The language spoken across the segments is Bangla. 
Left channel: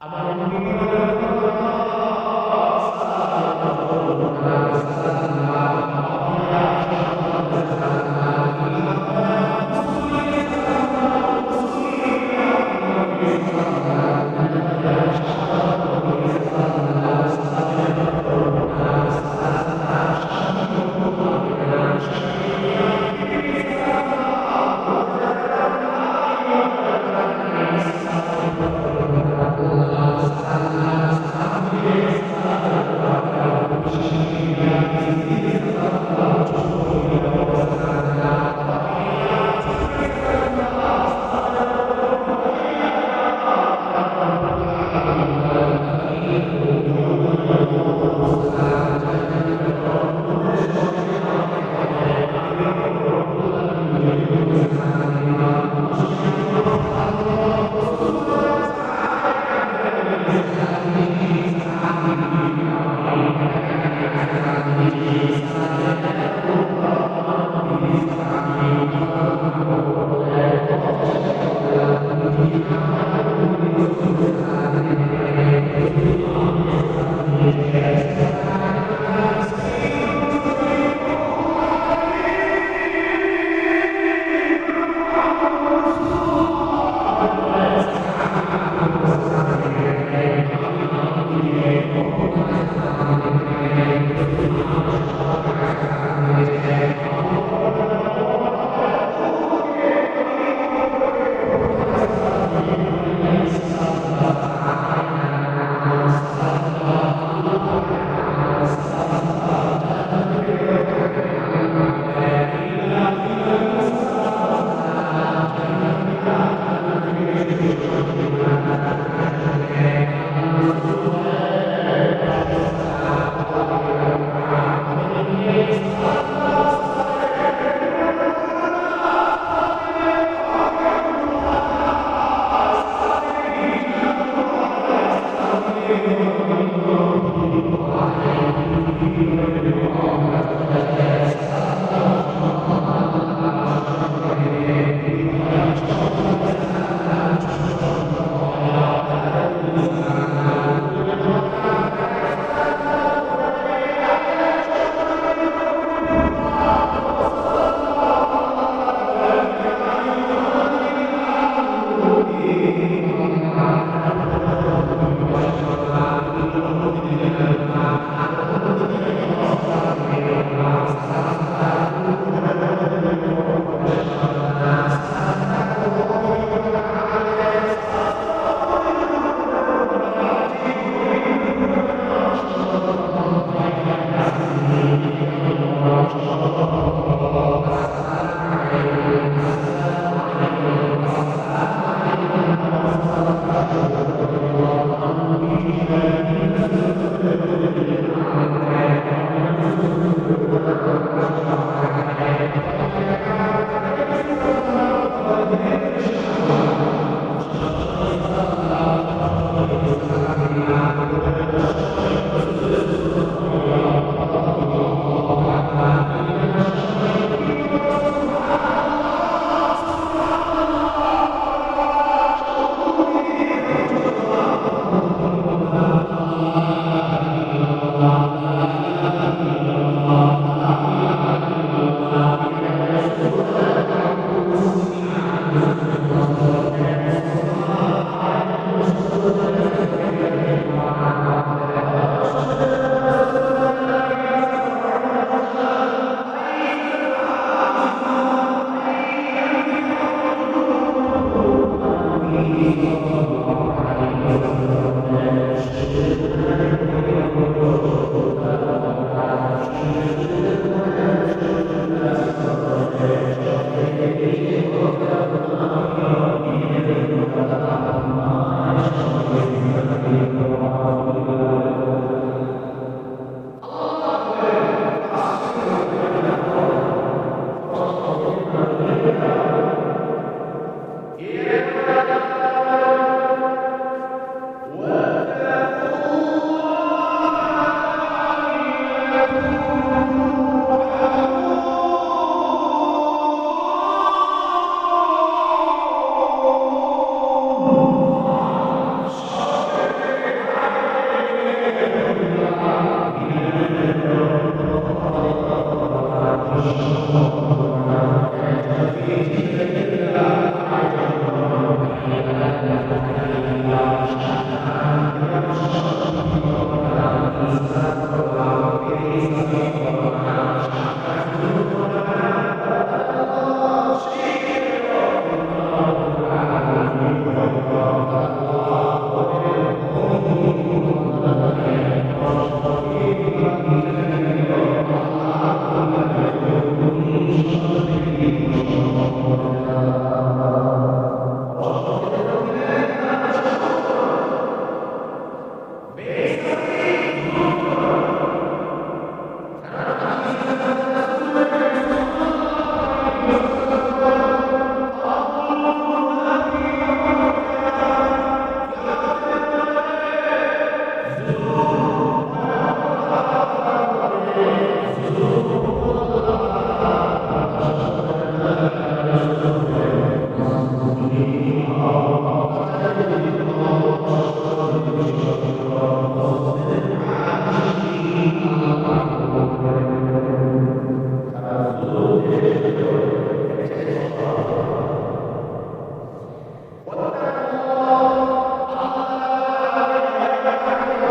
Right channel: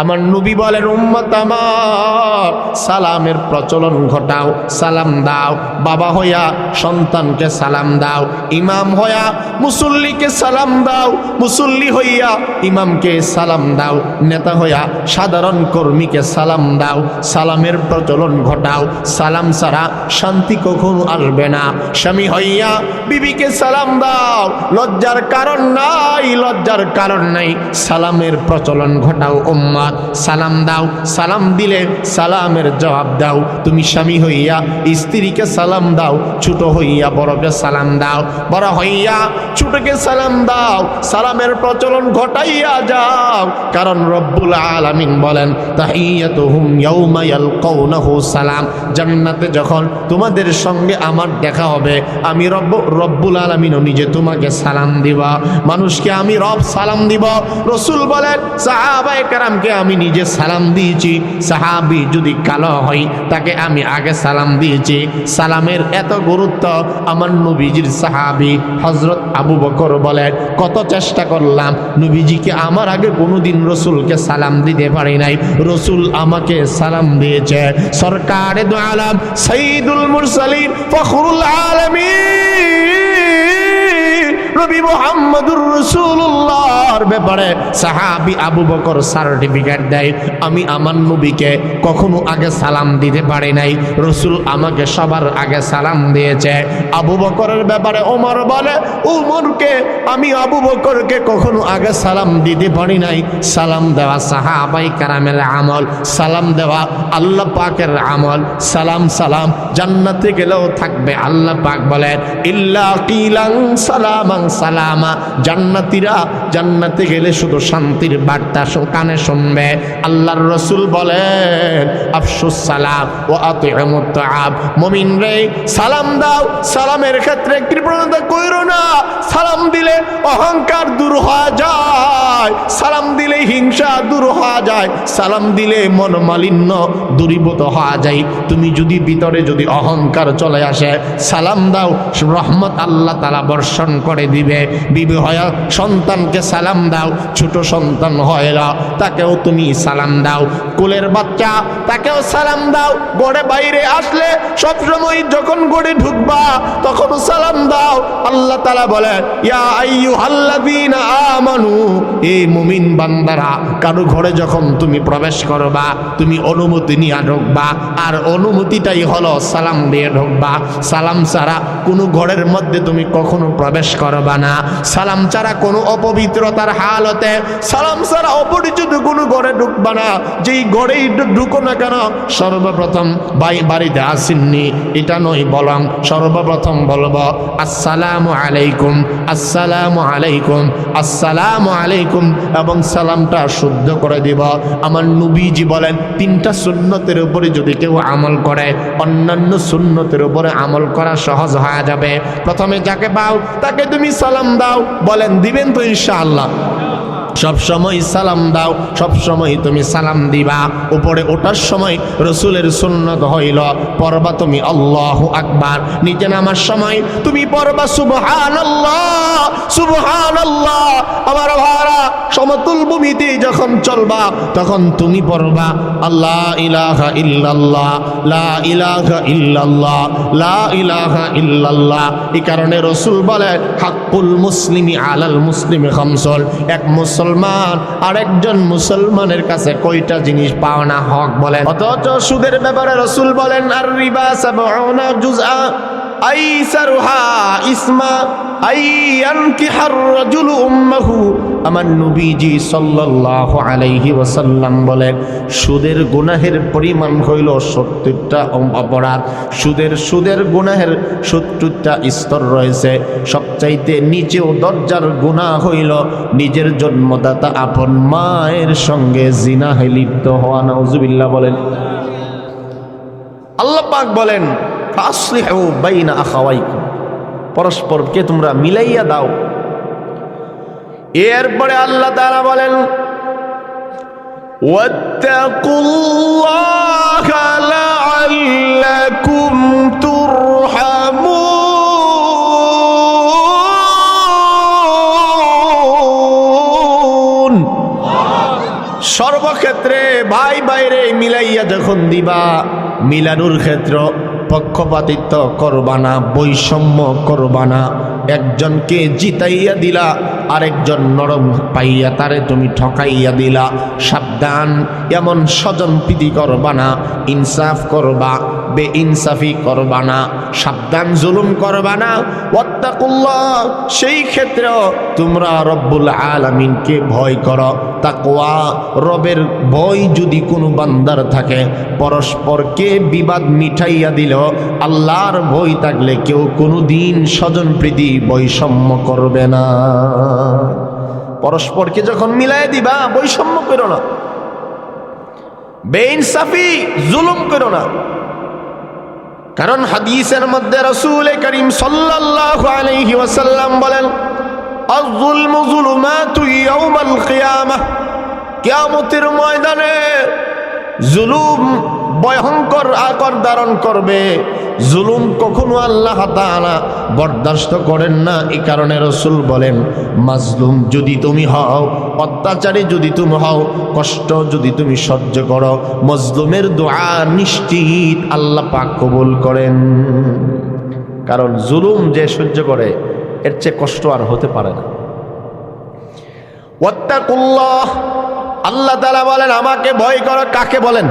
আমার নবী বলেন, উম্মত আমার সালামের প্রচলন ঘটাও, সালাম দাও। বাবা হইয়া সন্তানকে সালাম দাও, ইমাম হইয়া মুসল্লিকে সালাম দাও, মুসল্লি হইয়া ইমামকে সালাম দাও, নেতা হইয়া সাধারণ কর্মীকে সালাম দাও। সালামের প্রচলন ঘটাও। সালাম ছাড়া শান্তি কখনো আসবে না। স্বামী হইয়া বিবিকে সালাম দাও, লজ্জার কারণ নাই, লজ্জার কারণ নাই। সালামের প্রচলন ঘটাও উম্মত। সালাম দাও, সালাম দিলে সালামের জবাব দাও। তুমি স্বামী হইয়া স্ত্রীকে সালাম দাও, ছোট হইয়া বড়কে সালাম দাও, বড় হইয়া ছোটকে সালাম দাও। সালামের প্রচলন ঘটাইয়া যাও, কারণ রব্বুল আলামিন বলেন, তাহিয়াতুহুম ইয়াউমা ইয়ালকাউনাহু সালাম। জান্নাতে যখন তোমাদের সঙ্গে আমার দেখা হবে, আমি রব্বুল আলামিন নিজে তোমাকে সালাম দিব। মানুষকে আমি রব সালাম দিব। রাসূল বলেন, সাহাবায়ে কেরামকে আমি নিজে সালাম দিয়েছি। সাহাবী যদি কালো হয় তাকে আমি আগে সালাম দিয়েছি। সালামের এত গুরুত্ব। আমার নবীজির সাহাবী হযরত আবু বকর বলেন, কত চেষ্টা করলাম, নবীজিকে আমার আগে কোনোদিন রাসূলকে সালাম দিতে পারি নাই, রাসূল আমাকে সালাম দিয়েছে। সরকারে দু আলম সাইয়্যিদুল মুরসালিন ফখরুল আলামিন নবী মুহাম্মদুর রাসূলুল্লাহর ব্যাপারে সাহাবী আবু বকর সার্টিফিকেট দেয়, আমি আমার নবীকে কখনো আগে সালাম দিতে পারি নাই, রাসূল আমাকে সবার আগে সালাম দিয়েছে। আবু বকরের ব্যাপারে ওমর বলে, ওমরকে আমি আবু বকরকে কখনো আগে সালাম দিতে পারি নাই। সালাম দেওয়া সাহাবাই কারামের আমল, সালাম দেওয়া আল্লাহ পাকের আমল। সালাম সালাম জান্নাতে গেলেও থাকবে। আল্লাহ পাক বলেন, ইল্লা কিলান সালামান সালামা। জান্নাতীরা জান্নাতে গেলে শুধু শান্তির বার্তা কানে শুনবে। আল্লাহর রাসূল বলেন, আফশুস সালাম ওয়া আতিউমুত তাআম। মুমিন রে সালাম দাও, সালামের ক্ষেত্রে কৃপণতা কইরো না। সালাম দিলে অহংকার দূর হয়ে যায়, সালাম দিলে হিংসা দূর হয়ে যায়, সালাম দিলে মনোমালিন্য দূরীভূত হয়ে যায়। তুমি যদি ভিতরে যদি অহংকার চলে আসে, সালাম দাও, রহমত আল্লাহ তাআলা বর্ষণ করে দিবে। বিবি হয়ে সন্তানকে সালাম দাও, ছোট সন্তান হয় না তাকেও তুমি সালাম দাও, কোলের বাচ্চা তাকেও সালাম দাও। গড়ে বাইরে আসলে সবসময় যখন গড়ে ঢুকবা তখন সালাম দাও। আল্লাহ তাআলা বলে, ইয়া আইয়ুহাল্লাযীনা আমানু, এই মুমিন বান্দারা, কারো ঘরে যখন তুমি প্রবেশ করবা তুমি অনুমতি নিয়ে ঢুকবা, আর অনুমতিটাই হলো সালাম দিয়ে ঢুকবা। সালাম ছাড়া কোনো ঘরের মধ্যে তুমি কখনো প্রবেশ করবা না। সালাম ছাড়া কোনো অপবিত্রতার হালতে, সালাম ছাড়া অপরিচিত কোনো ঘরে ঢুকবা না। যেই ঘরেই ঢুকো না কেন, সর্বপ্রথম বাড়িতে আসেননি এটা নয়, বরং সর্বপ্রথম বলবো আসসালামু আলাইকুম, আসসালামু আলাইকুম, আসসালামু আলাইকুম, এবং সালামটা শুদ্ধ করে দিব। আমার নবীজি বলেন, তিনটা সুন্নতের উপরে যদি কেউ আমল করে, অন্যান্য সুন্নতের উপরে আমল করা সহজ হয়ে যাবে। প্রথমে যাকে পাও তাকে তুমি সালাম দাও। বলেন দিবেন তো ইনশাআল্লাহ? সব সময় সালাম দাও, সব সময় তুমি সালাম দিবা। উপরে ওঠার সময় রাসূলের সুন্নাত হইল পড়বা তুমি আল্লাহু আকবার। নিচে নামার সময় তুমি পড়বা সুবহানাল্লাহ, সুবহানাল্লাহ। আমার ভাইরা, সমতুল ভূমিতে যখন চলবা তখন তুমি পড়বা আল্লাহ ইলাহা ইল্লাল্লাহ, লা ইলাহা ইল্লাল্লাহ, লা ইলাহা ইল্লাল্লাহ। এই কারণে রাসূল বলে, হাক্কুল মুসলিমি আলাল মুসলিমি খামসুন। এক মুসলমান আরেকজন মুসলমানের কাছে কয়টা জিনিস পাওনা হক বলেন। অথচ সুদের ব্যাপারে রাসূল বলেন, আর রিবা সাবউনা জুজআ আইসারুহা ইসমা আইয়ানকিহার রাজুলু উম্মাহু। আমার নবীজি সাল্লাল্লাহু আলাইহি ওয়াসাল্লাম বলেন, সুদের গুনাহের পরিমাণ হইল 70টা অপরাধ। সুদের গুনাহের 70টা স্তর রয়েছে। সবচাইতে নিচেও দরজার গুনাহ হইল নিজের জন্মদাতা আপন মায়ের সঙ্গে জিনাহে লিপ্ত হওয়া। নাউজুবিল্লাহ বলেন। আল্লাহ পাক বলেন, ফাসলিহু বাইনা আখাওয়াইকুম, পরস্পরকে তোমরা মিলাইয়া দাও। এরপরে আল্লাহ তাআলা বলেন, ওয়াত্তাকুল্লাহা লাআল্লাকুম তুরহামুন। সর্বক্ষেত্রে ক্ষেত্রে ভাই বাইরে মিলাইয়া যখন দিবা, মিলানোর ক্ষেত্র পক্ষপাতিত্ব করবা না, বৈষম্য করবা না। একজনকে জিতাইয়া দিলা, আরেকজন নরম পাইয়া তারে তুমি ঠকাইয়া দিলা। সাবধান, এমন স্বজন প্রীতি করবা না, ইনসাফ করবা, বেইনসাফি করবা না। সাবধান, জুলুম করবা না। ওয়াত্তাকুল্লাহ, সেই ক্ষেত্রেও তোমরা রব্বুল আলামিনকে ভয় করো। তাকওয়া, রবের ভয় যদি কোনো বান্দার থাকে, পরস্পরকে বিবাদ মিঠাইয়া দিল, আল্লাহর ভয় থাকলে কেউ কোনো দিন স্বজন প্রীতি বৈষম্য করবে না। পরস্পরকে যখন মিলাই দিবা, বৈষম্য করো না, বেইনসাফি জুলুম করো না। কারণ হাদিসের মধ্যে রাসূল করিম সাল্লাল্লাহু আলাইহি ওয়াসাল্লাম বলেন, আয-যুলমু যুলুমাতু ইয়াউমাল কিয়ামাহ, কিয়ামতের ময়দানে জুলুম ভয়ঙ্কর আকার ধারণ করবে। জুলুম কখনো আল্লাহ তাআলা বরদাস্ত করেন না। এই কারণে রাসূল বলেন, মাজলুম যদি তুমি হও, অত্যাচারী যদি তুমি হও, কষ্ট যদি তুমি সহ্য করো, মজলুমের দোয়া নিশ্চিত আল্লাহ পাক কবুল করেন। কারণ জুলুম যে সহ্য করে, এর চেয়ে কষ্ট আর হতে পারে না। ওয়াত্তাকুল্লাহ, আল্লাহ তাআলা বলেন আমাকে ভয় করো। কাকে বলেন?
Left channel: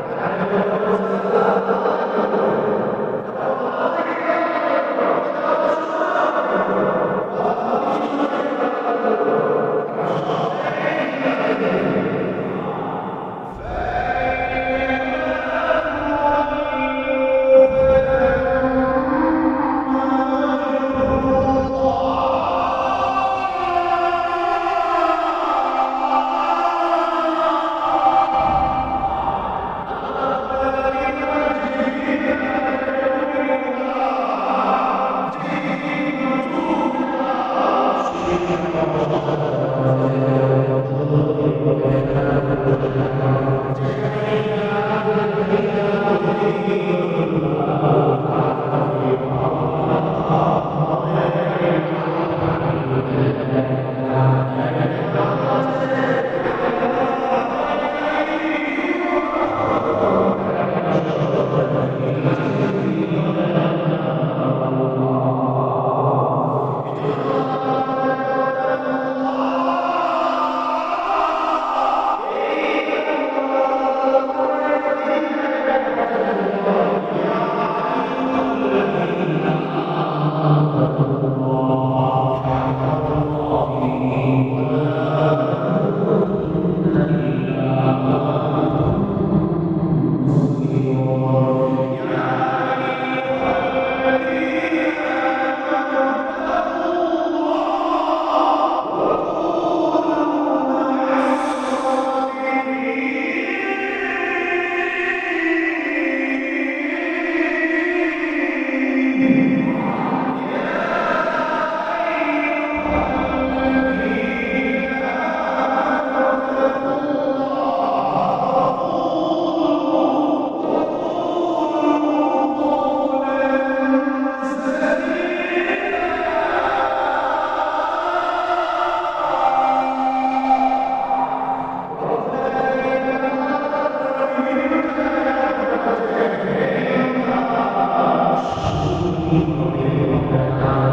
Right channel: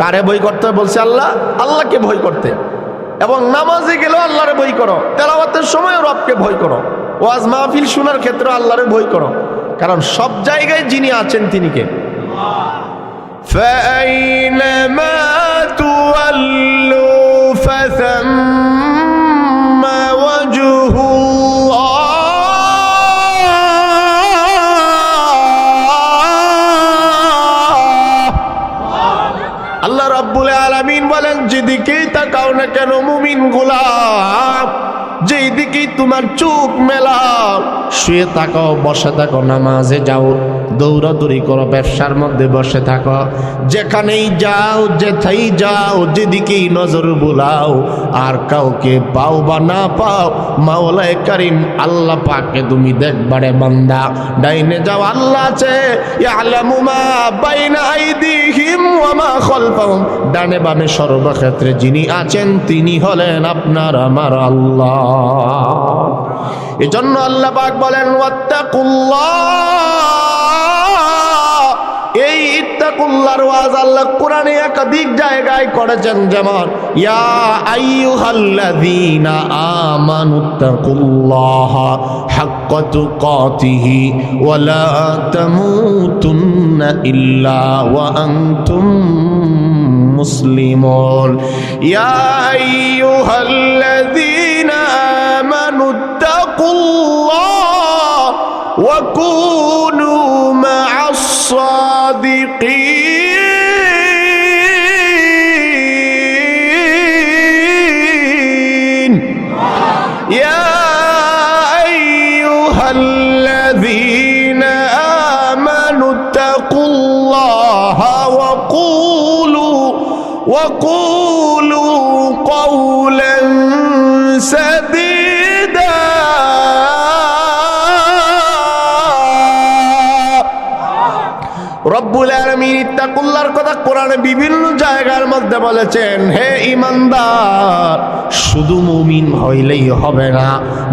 কারে ভয় করতে বলছে আল্লাহ? আল্লাহকে ভয় করতে। এবং নামাজে গেলেও আল্লাহরে ভয় করো, তেলাওয়াতের সময় রবকে ভয় করো, ওয়াজ মাহফিল শোনার ক্ষেত্রে আল্লাহরে ভয় করো। কারণ সব জায়গায় যিনি আছেন তিনি কে? ফাইনামা তুওয়াল্লু ফাসাম্মা ওয়াজহুল্লাহ। আল্লাহ রাব্বুল আলামিন বলেন, যেদিকেই তাকাও না কেন মুমিন গোলাম, যেই দিকেই তোমার চোখ মেলাও, শুয়ে থাকো, বসে থাকো, নামাজে যাও, দৌড়াদৌড়ি করো, ব্যবসার মধ্যে বসে থাকো, যেখানেই যাও, যেথাই যাও, যেদিকেই নজর বুলাও, আর কাউকে পাও বা না পাও, মাওলায়ে কারীম আল্লাহ পাককে তুমি দেখবারে বান্দা। ডাইনে যাও, আল্লাহ আছে, ইয়ালামু মা বাইনা আইদিহিম ওয়া মা খালফাহুম। ডানে বামে সর্বক্ষেত্রে যিনি আছেন তিনি হলেন আপনার আমার আল্লাহ। এজন্য আল্লাহ পাক বলেন, ওয়াত্তাকুল্লাহ। এই ইত্তাকুল্লাহর ওয়াজ আল্লাহ কোরআনে একাধিক জায়গায় করেছেন। যেমন, ইয়া আইয়ুহাল্লাযীনা আমানুত্তাকুল্লাহা হাক্কা তুকাতিহি ওয়া লা তামুতুন্না ইল্লা ওয়া আনতুম মুসলিমুন। ইয়া আইয়ুহাল্লাযীনা আমানুত্তাকুল্লাহ ওয়া কুনু মা'আস সাদিকিন। ইয়া আইয়ুহাল্লাযীনা আমানুত্তাকুল্লাহা ওয়া কুলু কওলান সাদীদা। রব্বুল আলামিন ইত্তাকুল্লাহর কথা কোরআনে বিভিন্ন জায়গার মধ্যে বলেছেন। হে ঈমানদার, শুধু মুমিন হইলেই হবে না,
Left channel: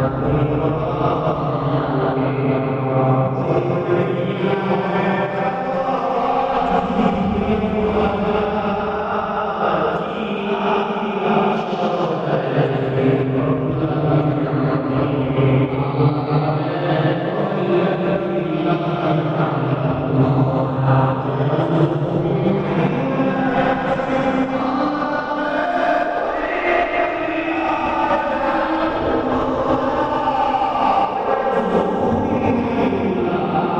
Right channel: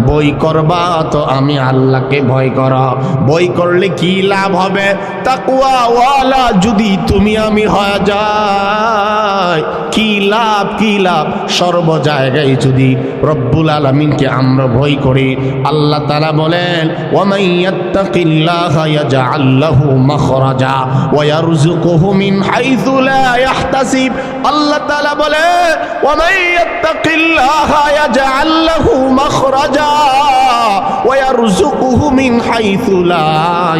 বই করবা তো আমি আল্লাহকে ভয় করো। বই করলে কি লাভ হবে? তাকওয়া ওয়ালা যদি তুমি আমি হয়ে যাই, কি লাভ, কি লাভ? সর্ব জায়গায় যদি রব্বুল আলামিনকে আমরা ভয় করি, আল্লাহ তাআলা বলেন, ওয়া মান ইয়াত্তাকিল্লাহা ইয়াজআল লাহু মাখরাজা ওয়া ইয়ারযুকুহু মিন হাইথু লা ইয়াহতাসিব। আল্লাহ তাআলা বলেন, ওয়া মান ইয়াত্তাকিল্লাহা ইয়াজআল লাহু মাখরাজা ওয়া ইয়ারযুকুহু মিন হাইথু লা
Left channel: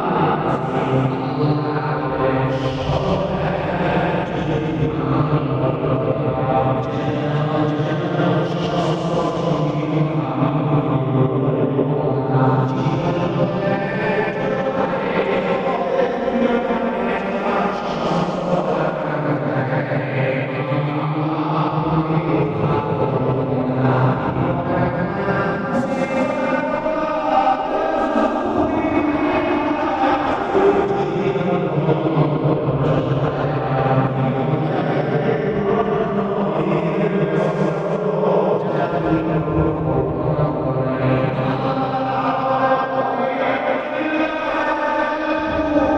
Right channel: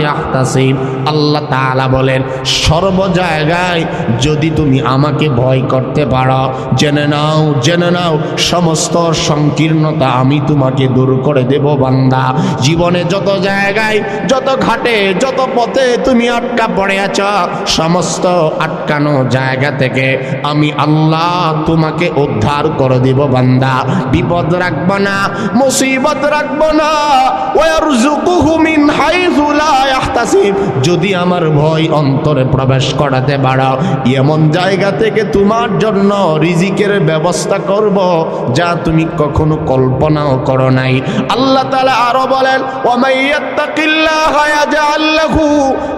ইয়াহতাসিব। আল্লাহ তাআলা বলেন, সর্ব জায়গায় যদি তুমি আমাকে ভয় করতে পারো, জেনে নাও সমস্ত সংকীর্ণতা আমি তোমাকে দূর করে দেব বান্দা। জীবনে যত জায়গায়, যত ঘাটে, যত পথে তুমি আটকা পড়ে আছো, সমস্ত আটকানো জায়গা থেকে আমি আল্লাহ তোমাকে উদ্ধার করে দেব বান্দা। বিপদ রাখবো না, মুসিবত রাখবো না। ওয়ারযুকু ওয়ারযুকহু মিন হাইসু লা ইয়াহতাসিব, যদি আমার ভয় অন্তরে প্রবেশ করাতে পারো এমন জায়গা থেকে তোমার জন্য রিজিকের ব্যবস্থা করব যা তুমি কখনো কল্পনাও করো নাই। আল্লাহ তাআলা আরো বলেন ওয়া মাইয়াত্তাকিল্লাহা ইয়াজআল লাহু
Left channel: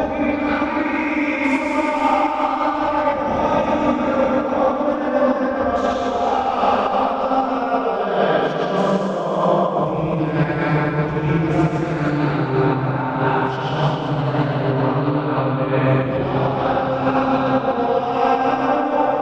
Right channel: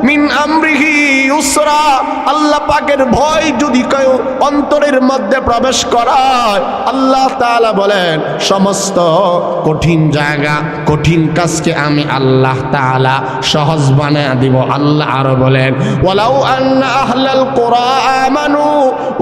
মিন আমরিহি ইউসরা, আল্লাহ পাকের ভয় যদি কেউ অন্তরের মধ্যে প্রবেশ করায় আল্লাহ তাআলা বলেন সমস্ত কঠিন জায়গা কঠিন কাজকে আমি আল্লাহ তাআলা সহজ বানায় দিব। আল্লাহ আরো বলেন ওয়ালাউ আন্না আহলাল কুরা আমানু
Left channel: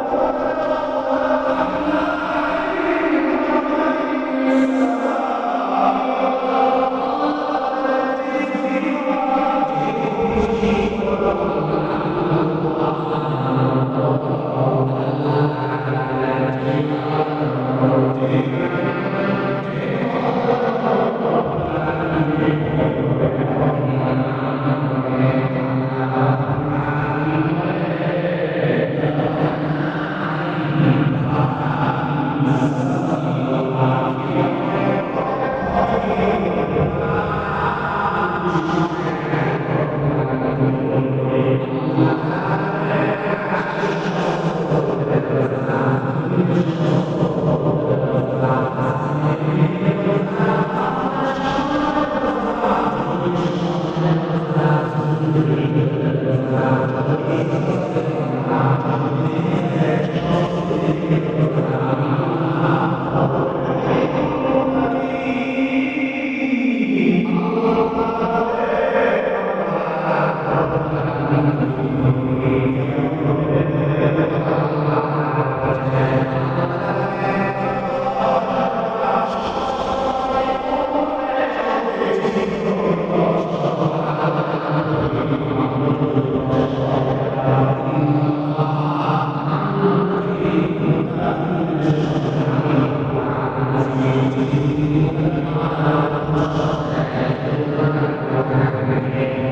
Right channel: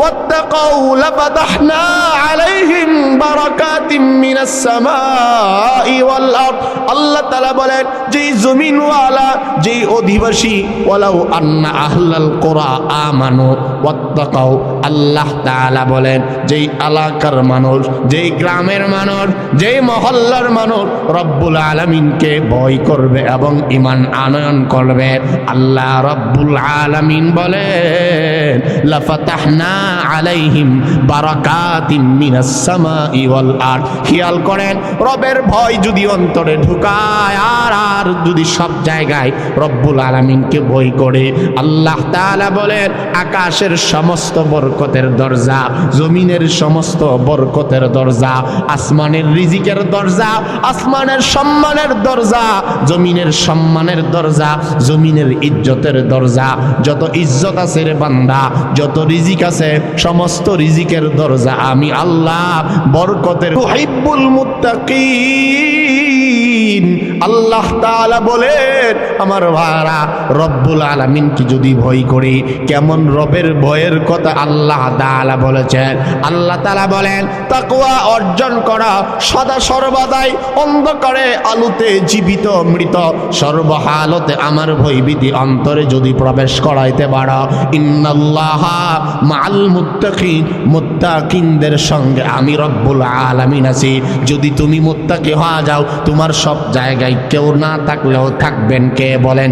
ওয়াত্তাকাউ লাফাতাহনা আলাইহিম বারাকাতিম মিনাস সামাই ওয়াল আরদ, আল্লাহ তাআলা বলেন যেই জমিনওয়ালা যেই অধিবাসী ওয়ালাউ আন্না আহলাল কুরা আমানু ওয়াত্তাকাউ, আল্লাহ তাআলা বলেন যেই এলাকার মানুষ যেই গ্রামের মানুষ যেই মহল্লার মানুষ রব্বুল আলামিনকে ভয় করবে এবং ঈমান আনয়ন করবে, আল্লাহ রব্বুল আলামিন বলেন লাফাতাহনা আলাইহিম বারাকাতিম মিনাস সামাই ওয়াল আরদ। খেয়াল করেন রবের ভয় যদি অন্তরে ঢুকায় আর যদি সব জায়গায় রব্বুল আলামিনকে ভয় করে আল্লাহ তাআলা বলেন আকাশের সমস্ত বরকতের দরজা জমিনের সমস্ত বরকতের দরজা আসমানের রিজিকের দরজা আসমানের সম্মানের দরজা জমিনের সম্মানের দরজা জমিনের ইজ্জতের দরজা, যত ইজ্জত আছে রে বান্দা যত রিজিক আছে সমস্ত রিজিকের দরজা আমি আল্লাহ বরকতের তুহিব্বুল মুত্তাকিন। আল্লাহ তাআলা বলেন আমার ভাইরা রব্বুল আলামিনকে যদি ভয় করি কেমন রবের ভয়ের কথা আল্লাহ তাআলা বলেছেন। আল্লাহ তাআলা বলেন তাকওয়া অর্জন করা সদা সর্বদাই অন্ধকারে আলোতে জীবিত মৃত সর্বহালতে আমার ভয়ভীতি অন্তরে যদি প্রবেশ করাইতে পারো ইন্নাল্লাহা মাআল মুত্তাকিন, মুত্তাকিনদের সঙ্গে আমি রব্বুল আলামিন আছি। যদি তুমি মুত্তাকি হয়ে যাও তোমার সব জায়গায় কেউ না থাকলেও থাকবেন কে বলেন,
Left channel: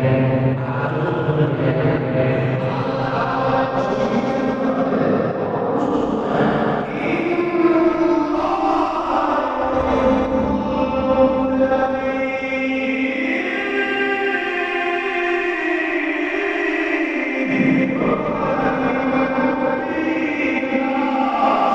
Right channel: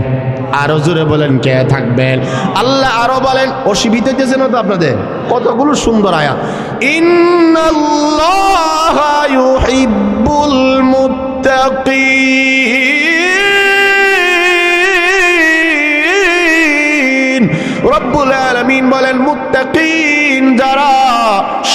আরো জোরে বলেন কে থাকবেন। আল্লাহ আরো বলেন অসুবিধা দিয়েছেন তো আপনাদের কতগুলো সুন্দর আয়াত, ইন্নাল্লাহা ইউহিব্বুল মুত্তাকিন, রব্বুল আলামিন বলেন মুত্তাকিন যারা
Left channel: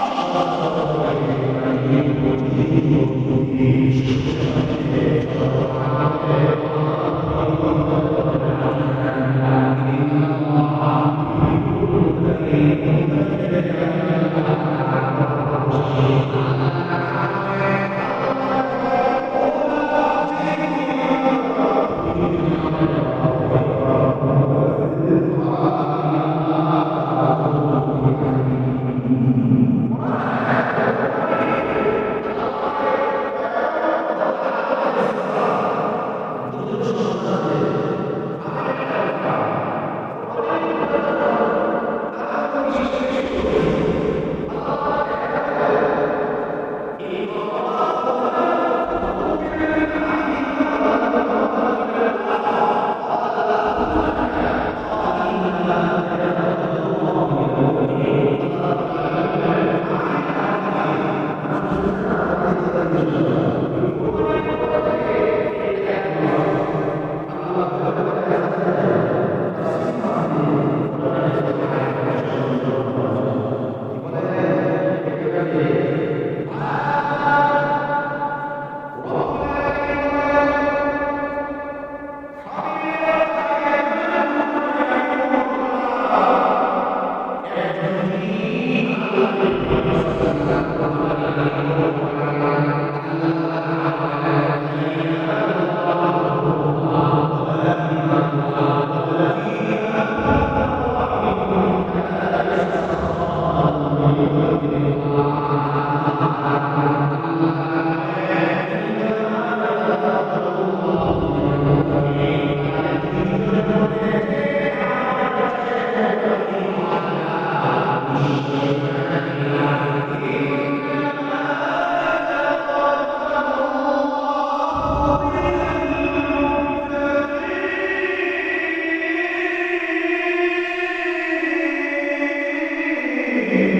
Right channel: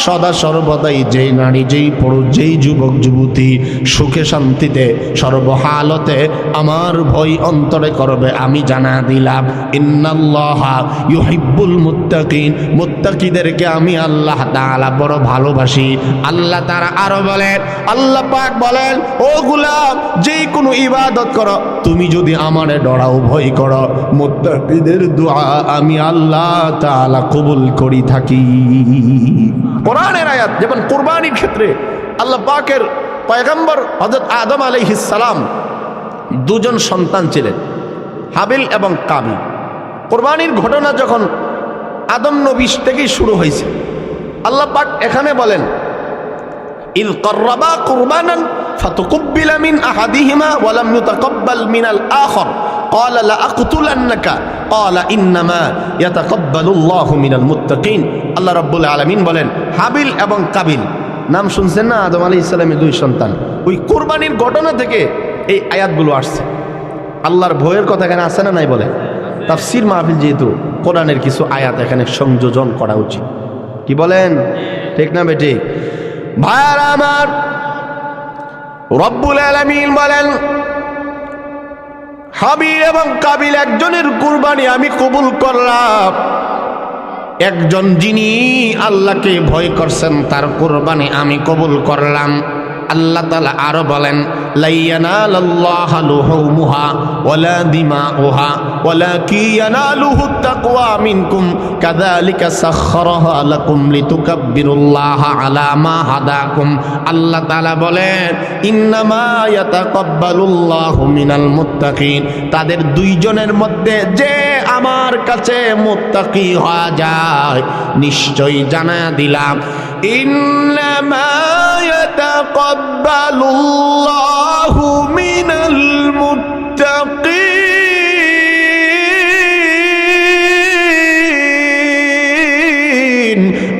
সদা সর্বদাই যেই নারী যেই পুরুষ যেই যুবক যুবতী সুখে শান্তিতে সর্বহালতে আমার ভয় অন্তরে করবে আমি জানা দিলাম ইন্নাল্লাহা ইউহিব্বুল মুত্তাকিন, মুত্তাকিদেরকে আমি আল্লাহ তাআলা বড় ভালোবাসি। আল্লাহ তাআলা আরো বলেন আল্লাহ পাক বলেন ও গোলাম যেই কোনো ইবাদত করো তুমি যদি আমারে ডরাও ভয় করো মুত্তাকিদের দোয়া আমি আল্লাহ তাআলা কবুল করি থাকি। কোরআনের আয়াত যেমন কুরবানির ক্ষেত্রে আল্লাহ পাকের পয়গম্বর হযরত আদম আলাইহিস সালাম দুজন সন্তান ছিলেন হাবিল এবং কাবিল। কুরবানির ঘটনা যখন আদম নবী থেকেই শুরু হয়েছে আল্লাহ পাক এখানে বলেন ইল কররাবা কুরবানান ফাতুকুব্বিলা মিন আহাদিহিমা ওয়া লাম ইউতাকাব্বাল মিনাল আখর قال لأقتلنك قال إنما يتقبل الله من المتقين। আল্লাহ রাব্বুল আলামিন বলেন হাবিল এবং কাবিল নাম শুনছেন না আদম আলাইহিস সালামের দুই সন্তান, ওই কুরবানির ঘটনা থেকে এই আয়াতগুলো আসছে। আল্লাহর ভয়ের কথা এখানে আছে না নাই বলে তাফসীর মাহফিল যেহেতু কোরআনের কিছু আয়াত এখানে সংযোজন করা উচিত, কি বলেন ঠিক না বেটি? ভাইরা আমার রব্বুল আলামিন বলেন হাবিল এবং কাবিল একজনের কুরবানি আমি কবুল করলাম, একজন যিনি আল্লাহকে ভয় করছেন তার কুরবানি আমি কবুল করলাম। আল্লাহ তাআলা আরো বলেন লা ইয়ানালাল্লাহু লুহুমুহা ওয়ালা দিমাউহা ওয়ালাকিন ইয়ানালুহুত তাকওয়া মিনকুম কাযালিকা সাখখারাহা লাকুম লিতুকাব্বিরুল্লাহা আলা মা হাদাকুম। আল্লাহ তাআলা বলেন ইন্নামা ইয়াতাকাব্বালুল্লাহু মিনাল মুত্তাকিন, তাদের দুইজনের মধ্যে যে আমার কাছে মুত্তাকি হওয়া যায় নিশ্চয়ই জানা দিলাম ইন্নামা ইয়াতাকাব্বালুল্লাহু মিনাল মুত্তাকিন।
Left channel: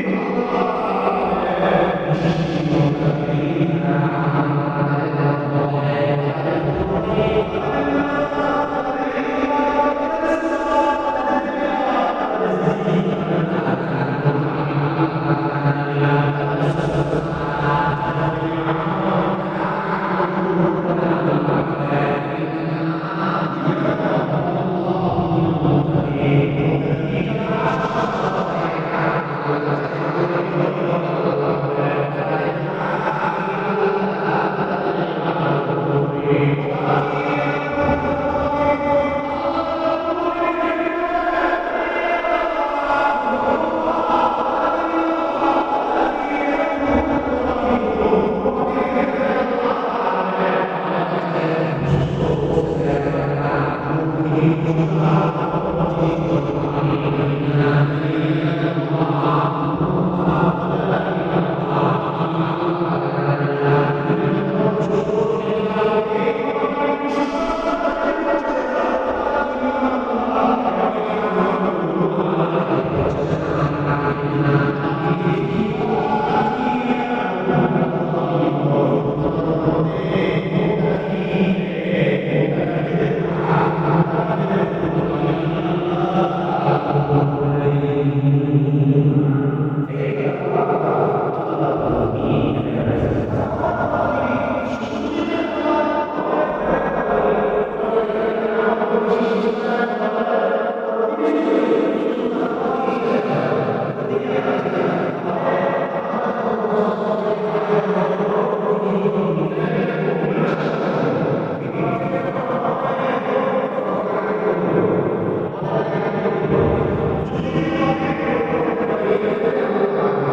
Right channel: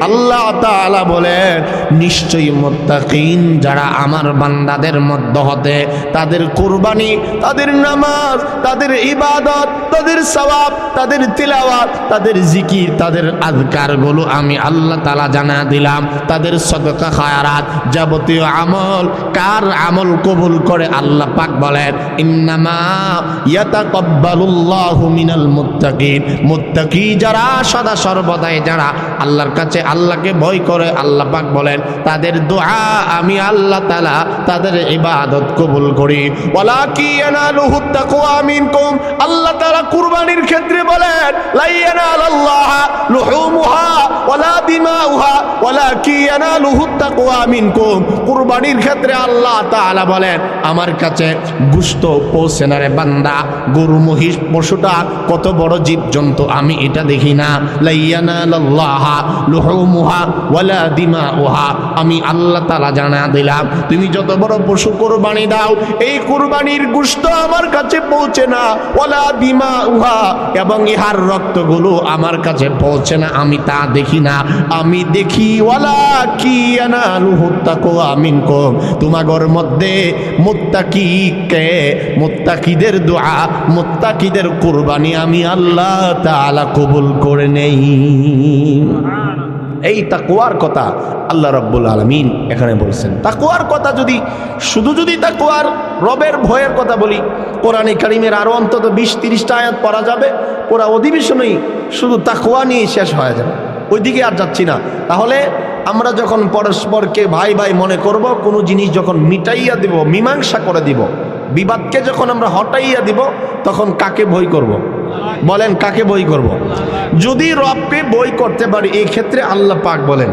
আল্লাহ তাআলা বলেন নিশ্চয়ই মুত্তাকিন যারা আমার বান্দাদের মধ্য হতে তাদের কুরবানি, তাদের নামাজ, তাদের ইবাদত, তাদের সওয়াব, তাদের তিলাওয়াত, তাদের জিকির, তাদের আযকারগুলো আমি আল্লাহ তাআলা জানা দিলাম। তাদের সদকা খায়রাত যাবতীয় আমল, কার আমল কবুল করে আল্লাহ পাক বলেন ইন্নামা ইয়াতাকাব্বালুল্লাহু মিনাল মুত্তাকিন। মুত্তাকি যারা সদা সর্বদাই যারা আল্লাহর কাছে আল্লাহকে ভয় করে আল্লাহ পাক বলেন তাদের দোয়া আমি আল্লাহ তাআলা তাদের ইবাদত কবুল করি। ওয়ালাকি ইয়ানালুহুত তাকওয়া মিনকুম। আল্লাহ তাআলা কুরবানির ক্ষেত্রে বলেন লা ইয়ানালাল্লাহা লুহুমুহা ওয়ালা দিমাউহা ওয়ালাকি ইয়ানালুহুত তাকওয়া মিনকুম। কুরবানির ক্ষেত্রে আল্লাহ তাআলা বলেন আমার কাছে গোশত পৌঁছে না রে বান্দা, গরু মহিষ পশুটা কত বড় জীবজন্তু আমি এটা দেখি না। লা ইয়ানালাল্লাহা লুহুমুহা ওয়ালা দিমাউহা। আমি আল্লাহ তাআলা জানা দিলাম তুমি যত বড় পশু কুরবানি দাও এই কুরবানির গোশত আমার কাছে পৌঁছে না। ওয়ালা দিমাউহা, এবং ইহার রক্তগুলো আমার কাছে পৌঁছে না, আমি তা দেখি না। আমি দেখি ওয়ালাকি ইয়ানালুহুত তাকওয়া মিনকুম। তোমাগর মধ্যে মুত্তাকিকে, মুত্তাকিদের দোয়া, মুত্তাকিদের কুরবানি আমি আল্লাহ তাআলা কবুল করে নেই। এই তাকওয়ার কথা আল্লাহ রাব্বুল আলামিন এখানে বলছেন। তাকওয়ার কথা যদি যদি তাকওয়ার রবের ভয়ের কথা বলি, কোরআনে কারীমের আরো অন্তত 20-30টা আয়াত পড়া যাবে। ওরা অধিবেশনেই শুধু তাকওয়া নিয়ে শেষ হয়ে যাবে, ওইদিকে আর যাচ্ছি না। তাহলে আমরা যখন পরস্পরকে ভাই ভাই মনে করব, কোনো জিনিস যখন মিটাইয়া দিব, মীমাংসা করে দিব, বিবাদকে যখন আমরা হটাইয়া দিব, তখন কাকে ভয় করব? বলেন কাকে বই করব? যদি রবকে বই করতে পারি, এই ক্ষেত্রে আল্লাহ পাক বলেন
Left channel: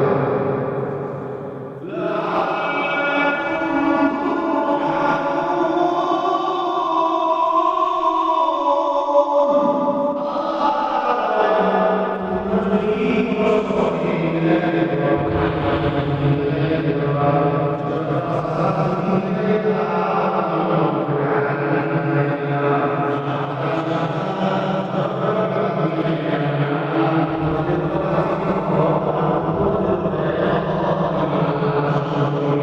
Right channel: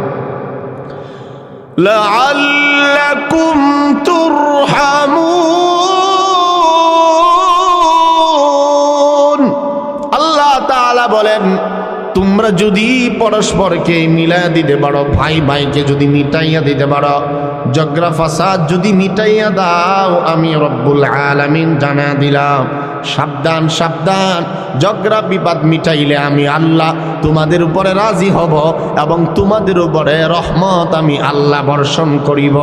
লাআল্লাকুম তুরহামুন। আল্লাহ তাআলা বলেন তোমরা যদি পরস্পরকে মিলাইয়া দিতে পারো, ভাই ভাইকে যদি মিটাইয়া দিতে পারো, ঝগড়া ফাসাদ যদি মিটাইয়া দাও, আমি রব্বুল আলামিন জানা দিলাম সাবধান সাবধান, ঝগড়া বিবাদ মিটাইলে আমি আল্লাহ তোমাদের উপরে রাজি হব এবং তোমাদের উপরে রহমত আমি আল্লাহ বর্ষণ করিব।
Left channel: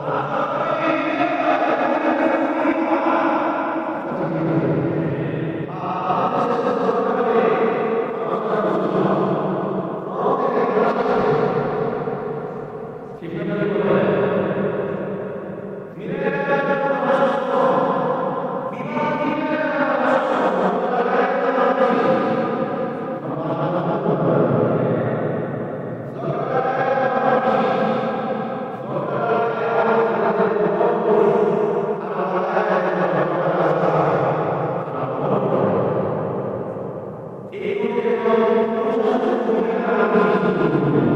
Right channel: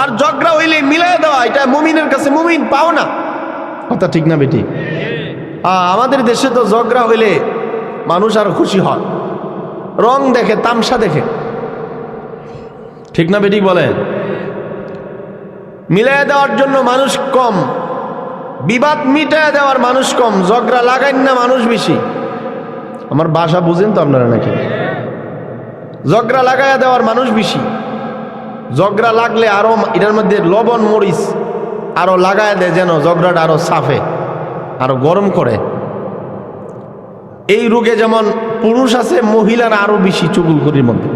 আর ঝগড়া হইলে মিলাই দেওয়া, এটা মুমিনের কাছে মুমিন পাও না। কথা ঠিক না বেটি? আমাদের দেশে তো ঝগড়া হইলে মানুষ আর খুশি হয়, রং দেখে, তামসা দেখে, ঠিক না বেটি বলেন? মিলাই দেওয়ার জন্য মানুষ কম, বিবাদ মিটায় দেওয়ার মানুষ কম, ঝগড়া লাগাইন না মানুষ বেশি। আমার ভাষা বুঝেন তো আপনারা নাকি? ঝগড়া লাগাইয়া দেওয়ার মানুষ বেশি। ঝগড়া লাগলে আরো এটার মধ্যে লবণ মরিচ আরো লাগায় দেয়, যেন ঝগড়াটা আরো সাফে, আরো গরম করে। এই রোগে যেমন পুরুষ আছে, মহিলার আরো বেশি চুগুলখড়ির মধ্যে।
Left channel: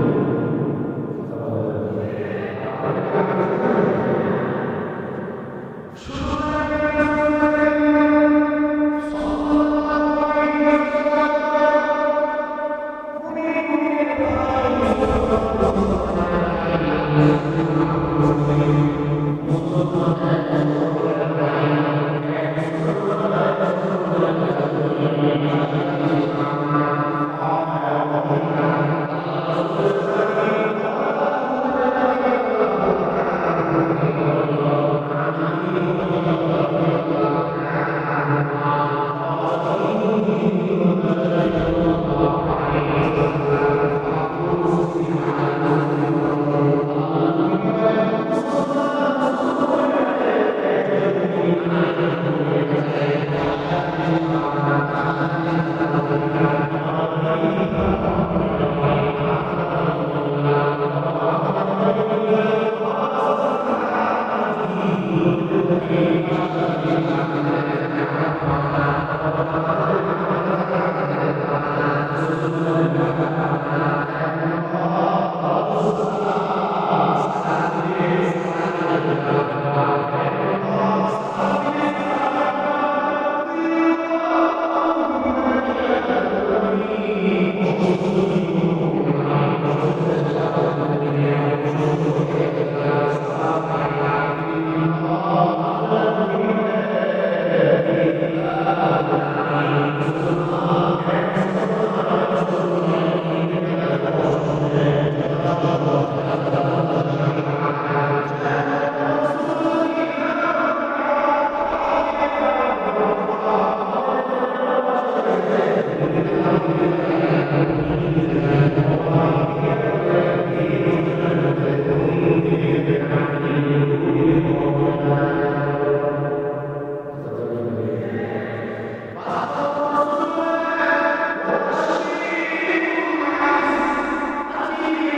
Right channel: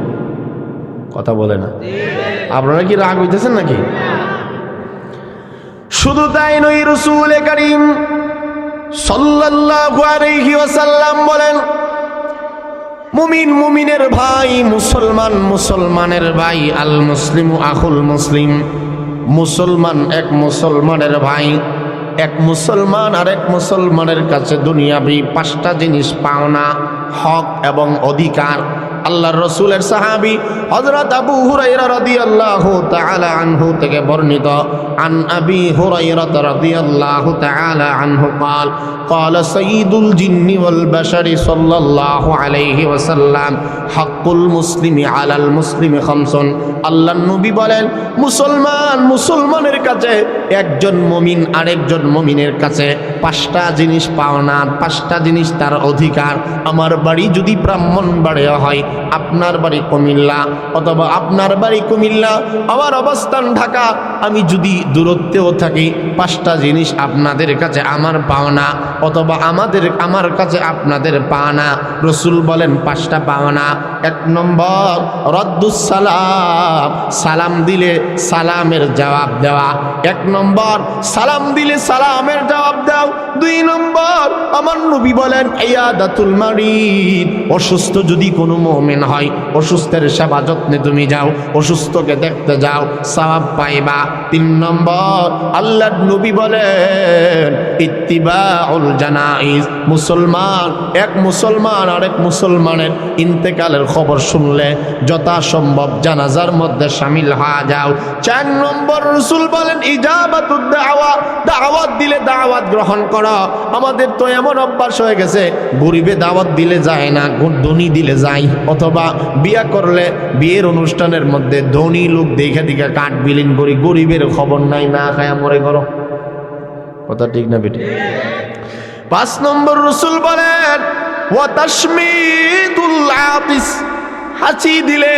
কথা বলে না? আপনারা কি রাগ হইতেছেন নাকি? শুধু তাই নয়, রাসূল কারীম সাল্লাল্লাহু আলাইহি ওয়াসাল্লাম বলেন মুমিন মুমিনের ভাই, মুসলমান মুসলমানের ভাই, আল মুসলিমু আখুল মুসলিম। মুসলমান এক মুসলমানের ভাই, এক মুসলমান আরেক মুসলমানের কাছে দুনিয়াবি 5টা জিনিস পাওনা, হক এবং অধিকার। আল্লাহর রাসূলের সাহাবী হযরত আবু হুরায়রা রাদিয়াল্লাহু তাআলা আনহু থেকে বর্ণিত, আন আবি হুরায়রা রাদিয়াল্লাহু তাআলা আনহু قال قال سيد الجن والبشر صلى الله عليه وسلم حق المسلم على المسلم خمس। আল্লাহর নবী বলেন মুসলমান মুসলমানের কাছে, একজন মুমিন আরেকজন মুমিনের কাছে 5টা জিনিস পাওনা, 5টা জিনিস তার অধিকার। আমার বাড়ি যদি ব্রাহ্মণবাড়িয়া হয়, আপনার বাড়ি কুমিল্লা, অথবা আপনার বাড়ি কুমিল্লা, আমার অবস্থান ঢাকা, আমি যদি দূরত্বেও থাকি, 5টা জিনিস আপনাদের কাছে আমার পাওনা, অথবা আমার কাছে আপনাদের পাওনা। রাসূল বলেন 5টা পাওনা। 1 নম্বর রদ্দুস সালাম, সালাম দিলে সালামের জবাব দেওয়া। 1 নম্বর সালাম দিলে সালামের জবাব দাও। 2 নম্বর আমার নবী বলেন ইয়াদাতুল মারিদ, অসুস্থ যদি কোনো মুমিন হয় অসুস্থের সেবা যত্নে তুমি যাও, অসুস্থকে দেখতে যাও, সওয়াব পাইবা। 3 নম্বর আল্লাহর নবী বলেন ইত্তিবাউল জানাইজ, মুসলমান এক মুসলমান আরেক মুসলমানের ইন্তেকালের খবর শুনলে যথাসম্ভব জানাজার মধ্যে শামিল হয়ে যাও। 4 নম্বর রাসূল বলেন ইজাবাতুদ দাওয়া, দাওয়াত দিলে দাওয়াত গ্রহণ করো। আমাদের তো এমন অভ্যাস হয়ে গেছে গরিবে দাওয়াত দিলে যায় না, ধনী দিলে যায়, অথবা বিয়া করলে বিয়ের অনুষ্ঠানের মধ্যে ধনী লোক দেখে দেখে কাঠ বিলীন করি, গরিবের খবর নাই, না খায়া মরে করো। কথা ঠিক না বেটি? 5 নম্বর রাসূল বলেন ওয়া তাশমিতুল আতিস, হাসি দিলে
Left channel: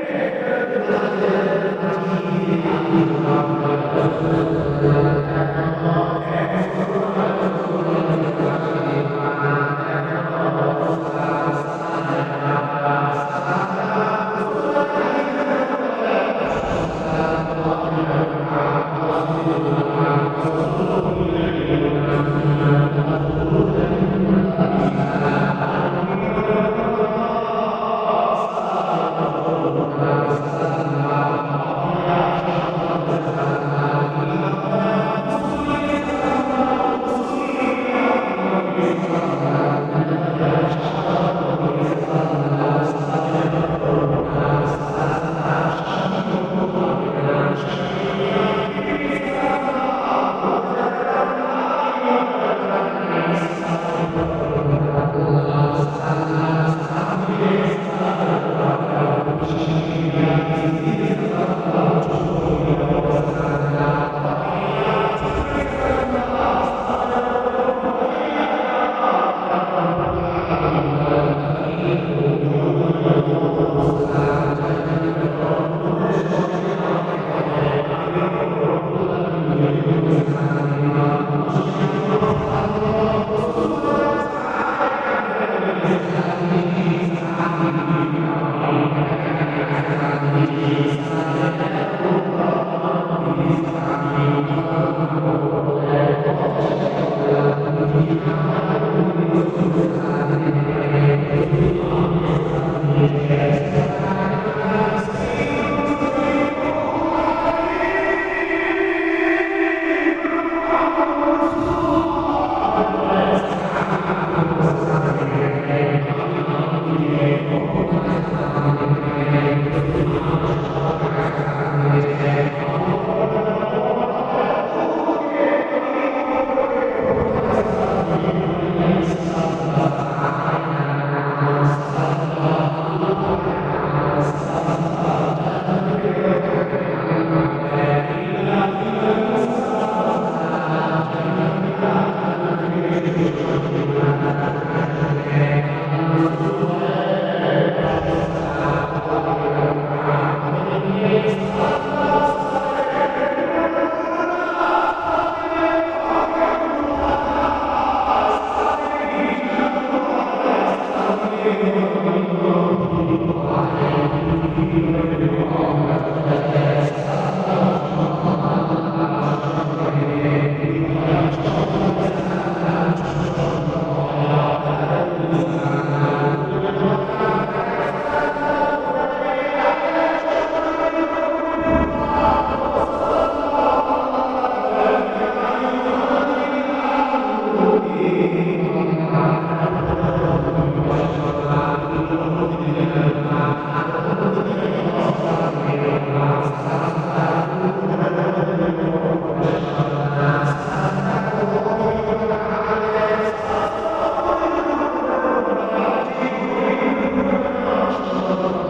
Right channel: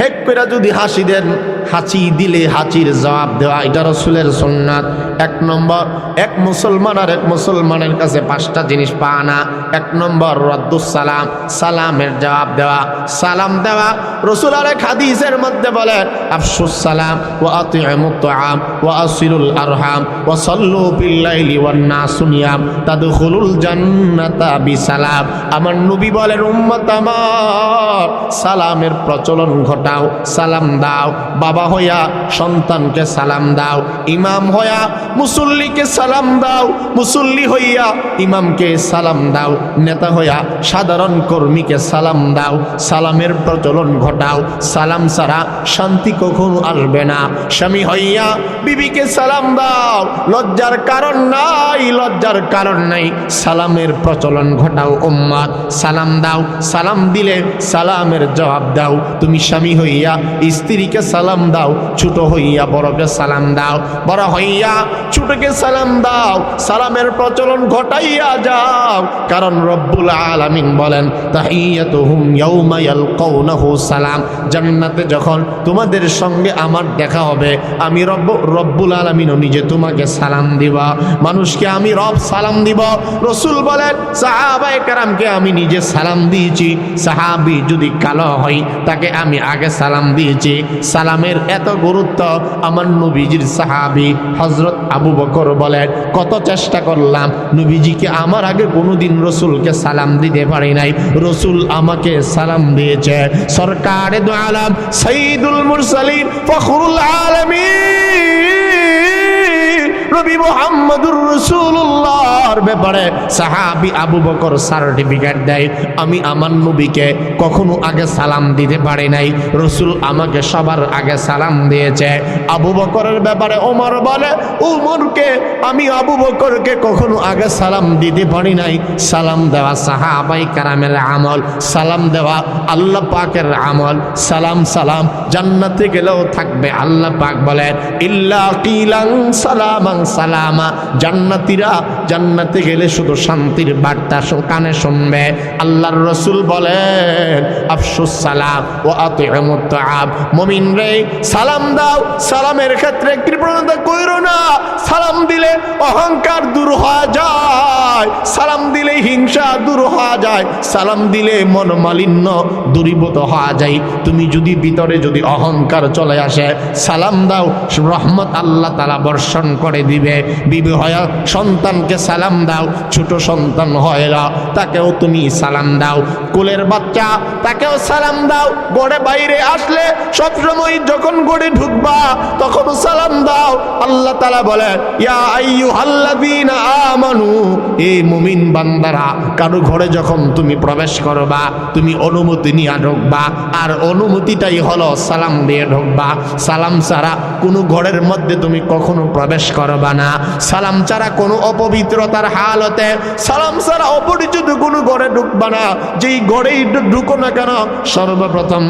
হেক করে যদি হাসি দেন, হাসি দিলে হাসির জবাব দেওয়া, এটা রাসূলের সুন্নাত। 1 নম্বর এক মুসলমান আর এক মুসলমানের কাছে 5টা জিনিস পায় না। 1 নম্বর রাদ্দুস সালাম, সালামের জবাব দেওয়া, সালাম দেওয়া। রাসূল আরেক হাদিসের মধ্যে বলেন আফশুস সালাম ওয়া আতিমুত তুআম ওয়া আসিলুল আরহাম ওয়া সাল্লু বিল লাইলি ওয়ান নাসু নিয়াম তাদখুলুল জান্নাতা বিসালাম। আমার নবী বলেন উম্মত আমার, সালামের প্রচলন ঘটাও, সালাম দাও। বাবা হইয়া সন্তানকে সালাম দাও, ইমাম হইয়া মুসল্লিকে সালাম দাও, মুসল্লি হইয়া ইমামকে সালাম দাও, নেতা হইয়া সাধারণ কর্মীকে সালাম দাও। সালামের প্রচলন ঘটাও, সালাম ছাড়া শান্তি কখনো আসবে না। স্বামী হইয়া বিবিকে সালাম দাও, লজ্জার কারণ নাই, লজ্জার কারণ নাই, সালামের প্রচলন ঘটাও উম্মত। সালাম দাও, সালাম দিলে সালামের জবাব দাও। তুমি স্বামী হইয়া স্ত্রীকে সালাম দাও, ছোট হইয়া বড়কে সালাম দাও, বড় হইয়া ছোটকে সালাম দাও। সালামের প্রচলন ঘটাইয়া যাও, কারণ রব্বুল আলামিন বলেন তাহিয়াতুহুম ইয়াউমা ইয়ালকাউনাহু সালাম। জান্নাতে যখন তোমাদের সঙ্গে আমার দেখা হবে, আমি রব্বুল আলামিন নিজে তোমাকে সালাম দিব। মানুষকে আমি রব সালাম দিব। রাসূল বলেন সাহাবায়ে কেরামকে আমি নিজে সালাম দিয়েছি। সাহাবী যদি কালো হয় তাকে আমি আগে সালাম দিয়েছি। সালামের এত গুরুত্ব, আমার নবীজির সাহাবী হযরত আবু বকর বলেন কত চেষ্টা করলাম, নবীজিকে আমার আগে কোনোদিন রাসূলকে সালাম দিতে পারি নাই, রাসূল আমাকে সালাম দিয়েছে। সরকারে দু আলম সাইয়্যিদুল মুরসালিন ফখরুল আলামিন নবী মুহাম্মদুর রাসূলুল্লাহর ব্যাপারে সাহাবী আবু বকর সার্টিফিকেট দেয়, আমি আমার নবীকে কখনো আগে সালাম দিতে পারি নাই, রাসূল আমাকে সবার আগে সালাম দিয়েছে। আবু বকরের ব্যাপারে ওমর বলে ওমরকে আমি আবু বকরকে কখনো আগে সালাম দিতে পারি নাই। সালাম দেওয়া সাহাবায়ে কেরামের আমল, সালাম দেওয়া আল্লাহ পাকের আমল। সালাম সালাম জান্নাতে গেলেও থাকবে। আল্লাহ পাক বলে ইল্লা কিলান সালামান সালামা, জান্নাতীরা জান্নাতে গেলে শুধু শান্তির বার্তা কানে শুনবে। আল্লাহর রাসূল বলেন আফশুস সালাম ওয়া আতিমুত তুআম, মুমিন রে সালাম দাও, সালামের ক্ষেত্রে কৃপণতা কইরো না। সালাম দিলে অহংকার দূর হয়ে যায়, সালাম দিলে হিংসা দূর হয়ে যায়, সালাম দিলে মনোমালিন্য দূরীভূত হয়ে যায়। তুমি যদি ভিতরে যদি অহংকার চলে আসে, সালাম দাও, রহমত আল্লাহ তাআলা বর্ষণ করে দিবে। বিবি হয়ে সন্তানকে সালাম দাও, ছোট সন্তান হয় না তাকেও তুমি সালাম দাও, কোলের বাচ্চা তাকেও সালাম দাও। গড়ে বাইরে আসলে সবসময় যখন গড়ে ঢুকবা তখন সালাম দাও। আল্লাহ তাআলা বলেন ইয়া আইয়ুহাল্লাযীনা আমানু, এই মুমিন বান্দারা, কারো ঘরে যখন তুমি প্রবেশ করবা তুমি অনুমতি নিয়ে ঢুকবা, আর অনুমতিটাই হলো সালাম দিয়ে ঢুকবা। সালাম ছাড়া কোনো ঘরের মধ্যে তুমি কখনো প্রবেশ করবা না। সালাম ছাড়া কোনো অপবিত্রতার হালতে, সালাম ছাড়া অপরিচিত কোনো ঘরে ঢুকবা না। যেই ঘরেই ঢুকো না কেন সর্বপ্রথম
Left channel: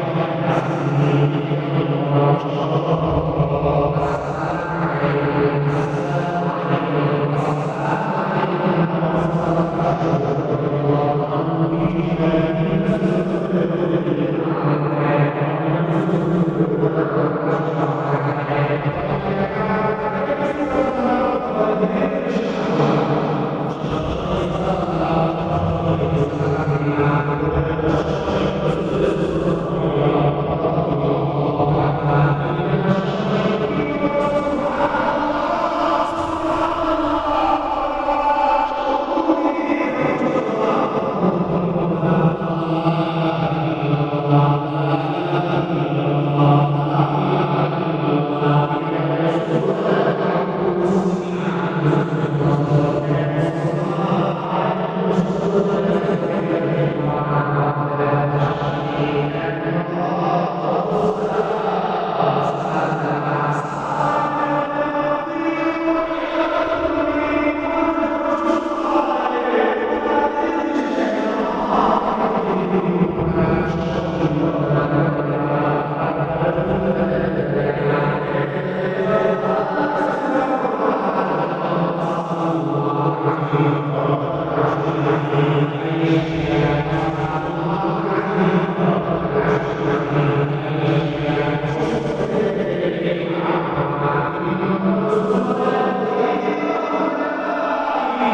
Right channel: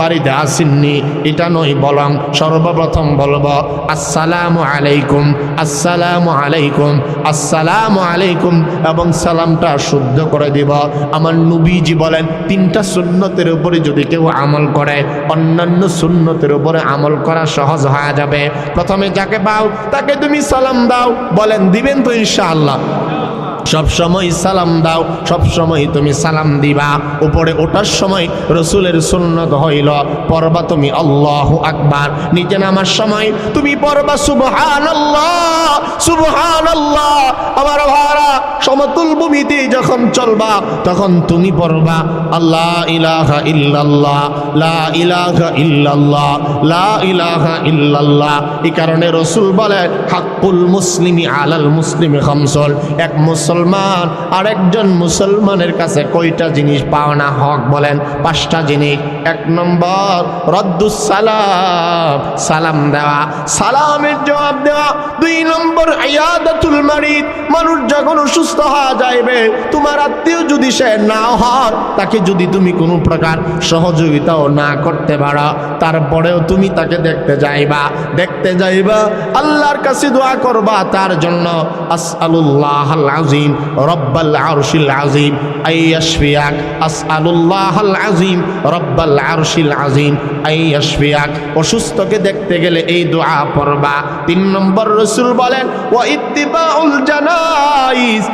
বাড়িতে আসেননি এটা নয়, বরং সর্বপ্রথম বলবো আসসালামু আলাইকুম, আসসালামু আলাইকুম, আসসালামু আলাইকুম, এবং সালামটা শুদ্ধ করে দিব। আমার নবীজি বলেন 3টা সুন্নতের উপরে যদি কেউ আমল করে অন্যান্য সুন্নতের উপরে আমল করা সহজ হয়ে যাবে। প্রথমে যাকে পাও তাকে তুমি সালাম দাও, বলেন দিবেন তো ইনশাআল্লাহ? সব সময় সালাম দাও, সব সময় তুমি সালাম দিবা। উপরে ওঠার সময় রসুলের সুন্নত হইল পড়বা তুমি আল্লাহু আকবার। নিচে নামার সময় তুমি পড়বা সুবহানাল্লাহ সুবহানাল্লাহ। আমার ভাইরা, সমতুল ভূমিতে যখন চলবা তখন তুমি পড়বা আল্লাহ ইলাহা ইল্লাল্লাহ লা ইলাহা ইল্লাল্লাহ লা ইলাহা ইল্লাল্লাহ। এই কারণে রসুল বলে হাক্কুল মুসলিমি আলাল মুসলিমি খামসুন। এক মুসলমান আরেকজন মুসলমানের কাছে কয়টা জিনিস পাওনা হক বলেন? 5টা জিনিস। 1 নম্বর রদ্দুস সালাম, সালাম দেওয়া, সালামের জবাব দেওয়া। 2 নম্বর ইয়াদাতুল মারিদ, মানুষ যখন অসুস্থ হয়ে যাইবে, তোমার আত্মীয় যদি সে না হয়, তাকে যদি তুমি কোনো প্রকার সহযোগিতাও না করতে পারো, তারপরেও তুমি তাকে দেখতে যাইবা, আল্লাহর কাছে দোয়া করবা তার জন্য। আসআলুল্লাহাল আযীম রব্বাল আরশিল আযীম আইয়াশফিয়াক, আসআলুল্লাহাল আযীম রব্বাল আরশিল আযীম আইয়াশফিয়াক। অসুস্থকে দেখতে গেলে এই দোয়া পড়বা। 3 নম্বর রাসূল বলেন ওয়া ইত্তিবাউল জানাইজ,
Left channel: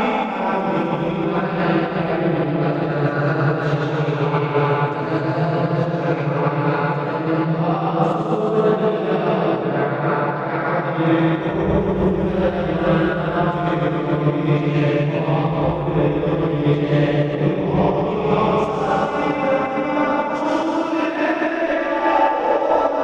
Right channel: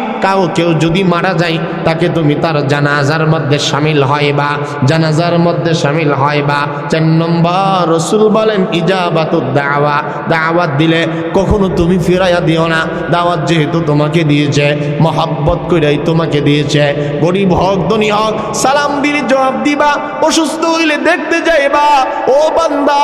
কেউ যদি মারা যায় তাকে তুমি তার জানাজার মধ্যে শামিল হইবা, জানাজার মধ্যে শামিল হইবা। 4 নম্বর রাসূল বলেন ইজাবাতুদ দাওয়া, দাওয়াত দিলে কখনো তুমি ফিরাইয়া দিও না। দাওয়াত যেহেতু তোমাকে দিয়েছে, মহব্বত কইরাই তোমাকে দিয়েছে, গরিব হোক ধনী হোক, সালাম দিলে জবাব দিবা, অসুস্থ হইলে দেখতে যাইবা। ও বান্দা,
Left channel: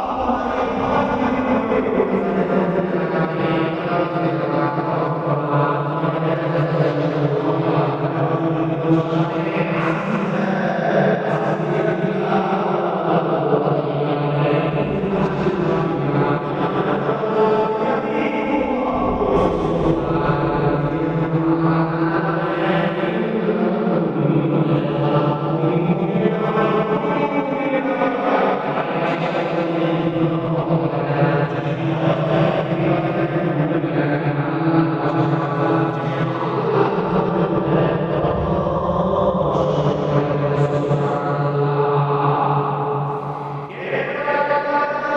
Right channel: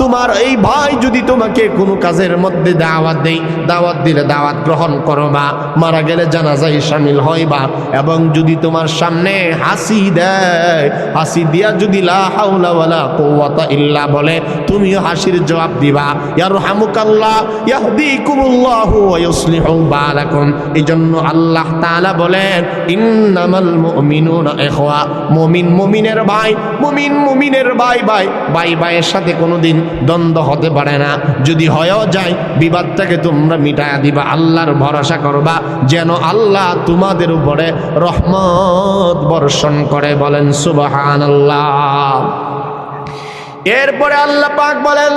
তোমার এই ভাই যদি তোমাকে কোনো কাজের মধ্যে দাওয়াত দেয়, দাওয়াত দিলে দাওয়াত গ্রহণ করবা, মারা গেলে জানাজায় শামিল হইবা। এবং যদি তোমার সামনে হাসি দেয়, হাসি দিয়া যদি লা হাওলা ওয়ালা কুওয়াতা ইল্লা বলে, তুমিও হাসির জবাব দিবা। ইয়ারহামুকাল্লাহ ইয়াহদিকুমুল্লাহু ওয়া ইউসলিহু বালাকুম। এজন্য আল্লাহ তাআলা বলেন ইন্নামাল মুমিনুনা ইখওয়া, মুমিন মুমিনের ভাই, মুমিন মুমিনের ভাই, ভাই ভাইয়ের সাথে কোনোদিন দ্বন্দ্ব হতে পারে না। যদি হয়েও যায়, বিবাদটাকে তোমরা মিটায়া দিবা, আল্লাহর ভরসা করবা যেন আল্লাহ তোমাদের উপরে রহমত বর্ষণ করে। বলেন সুবহানাল্লাহ। এরপরে আল্লাহ পাক বলেন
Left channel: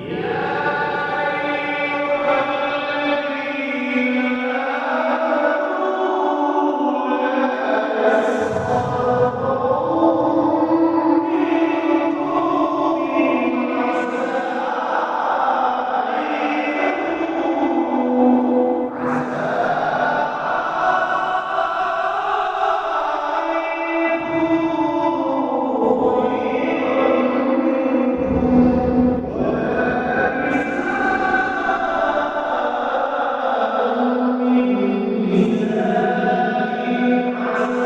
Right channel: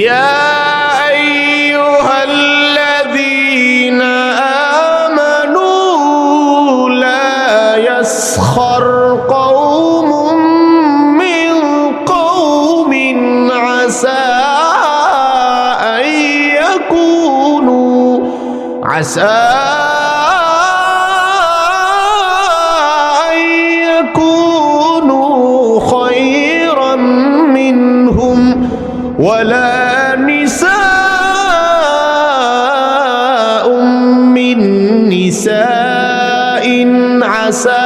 ইয়া আইয়ুহাল্লাযীনা আমানু লা ইয়াসখার কওমুম মিন কওমিন আসা আইয়াকুনু খায়রান মিনহুম ওয়ালা নিসাউম মিন নিসাইন আসা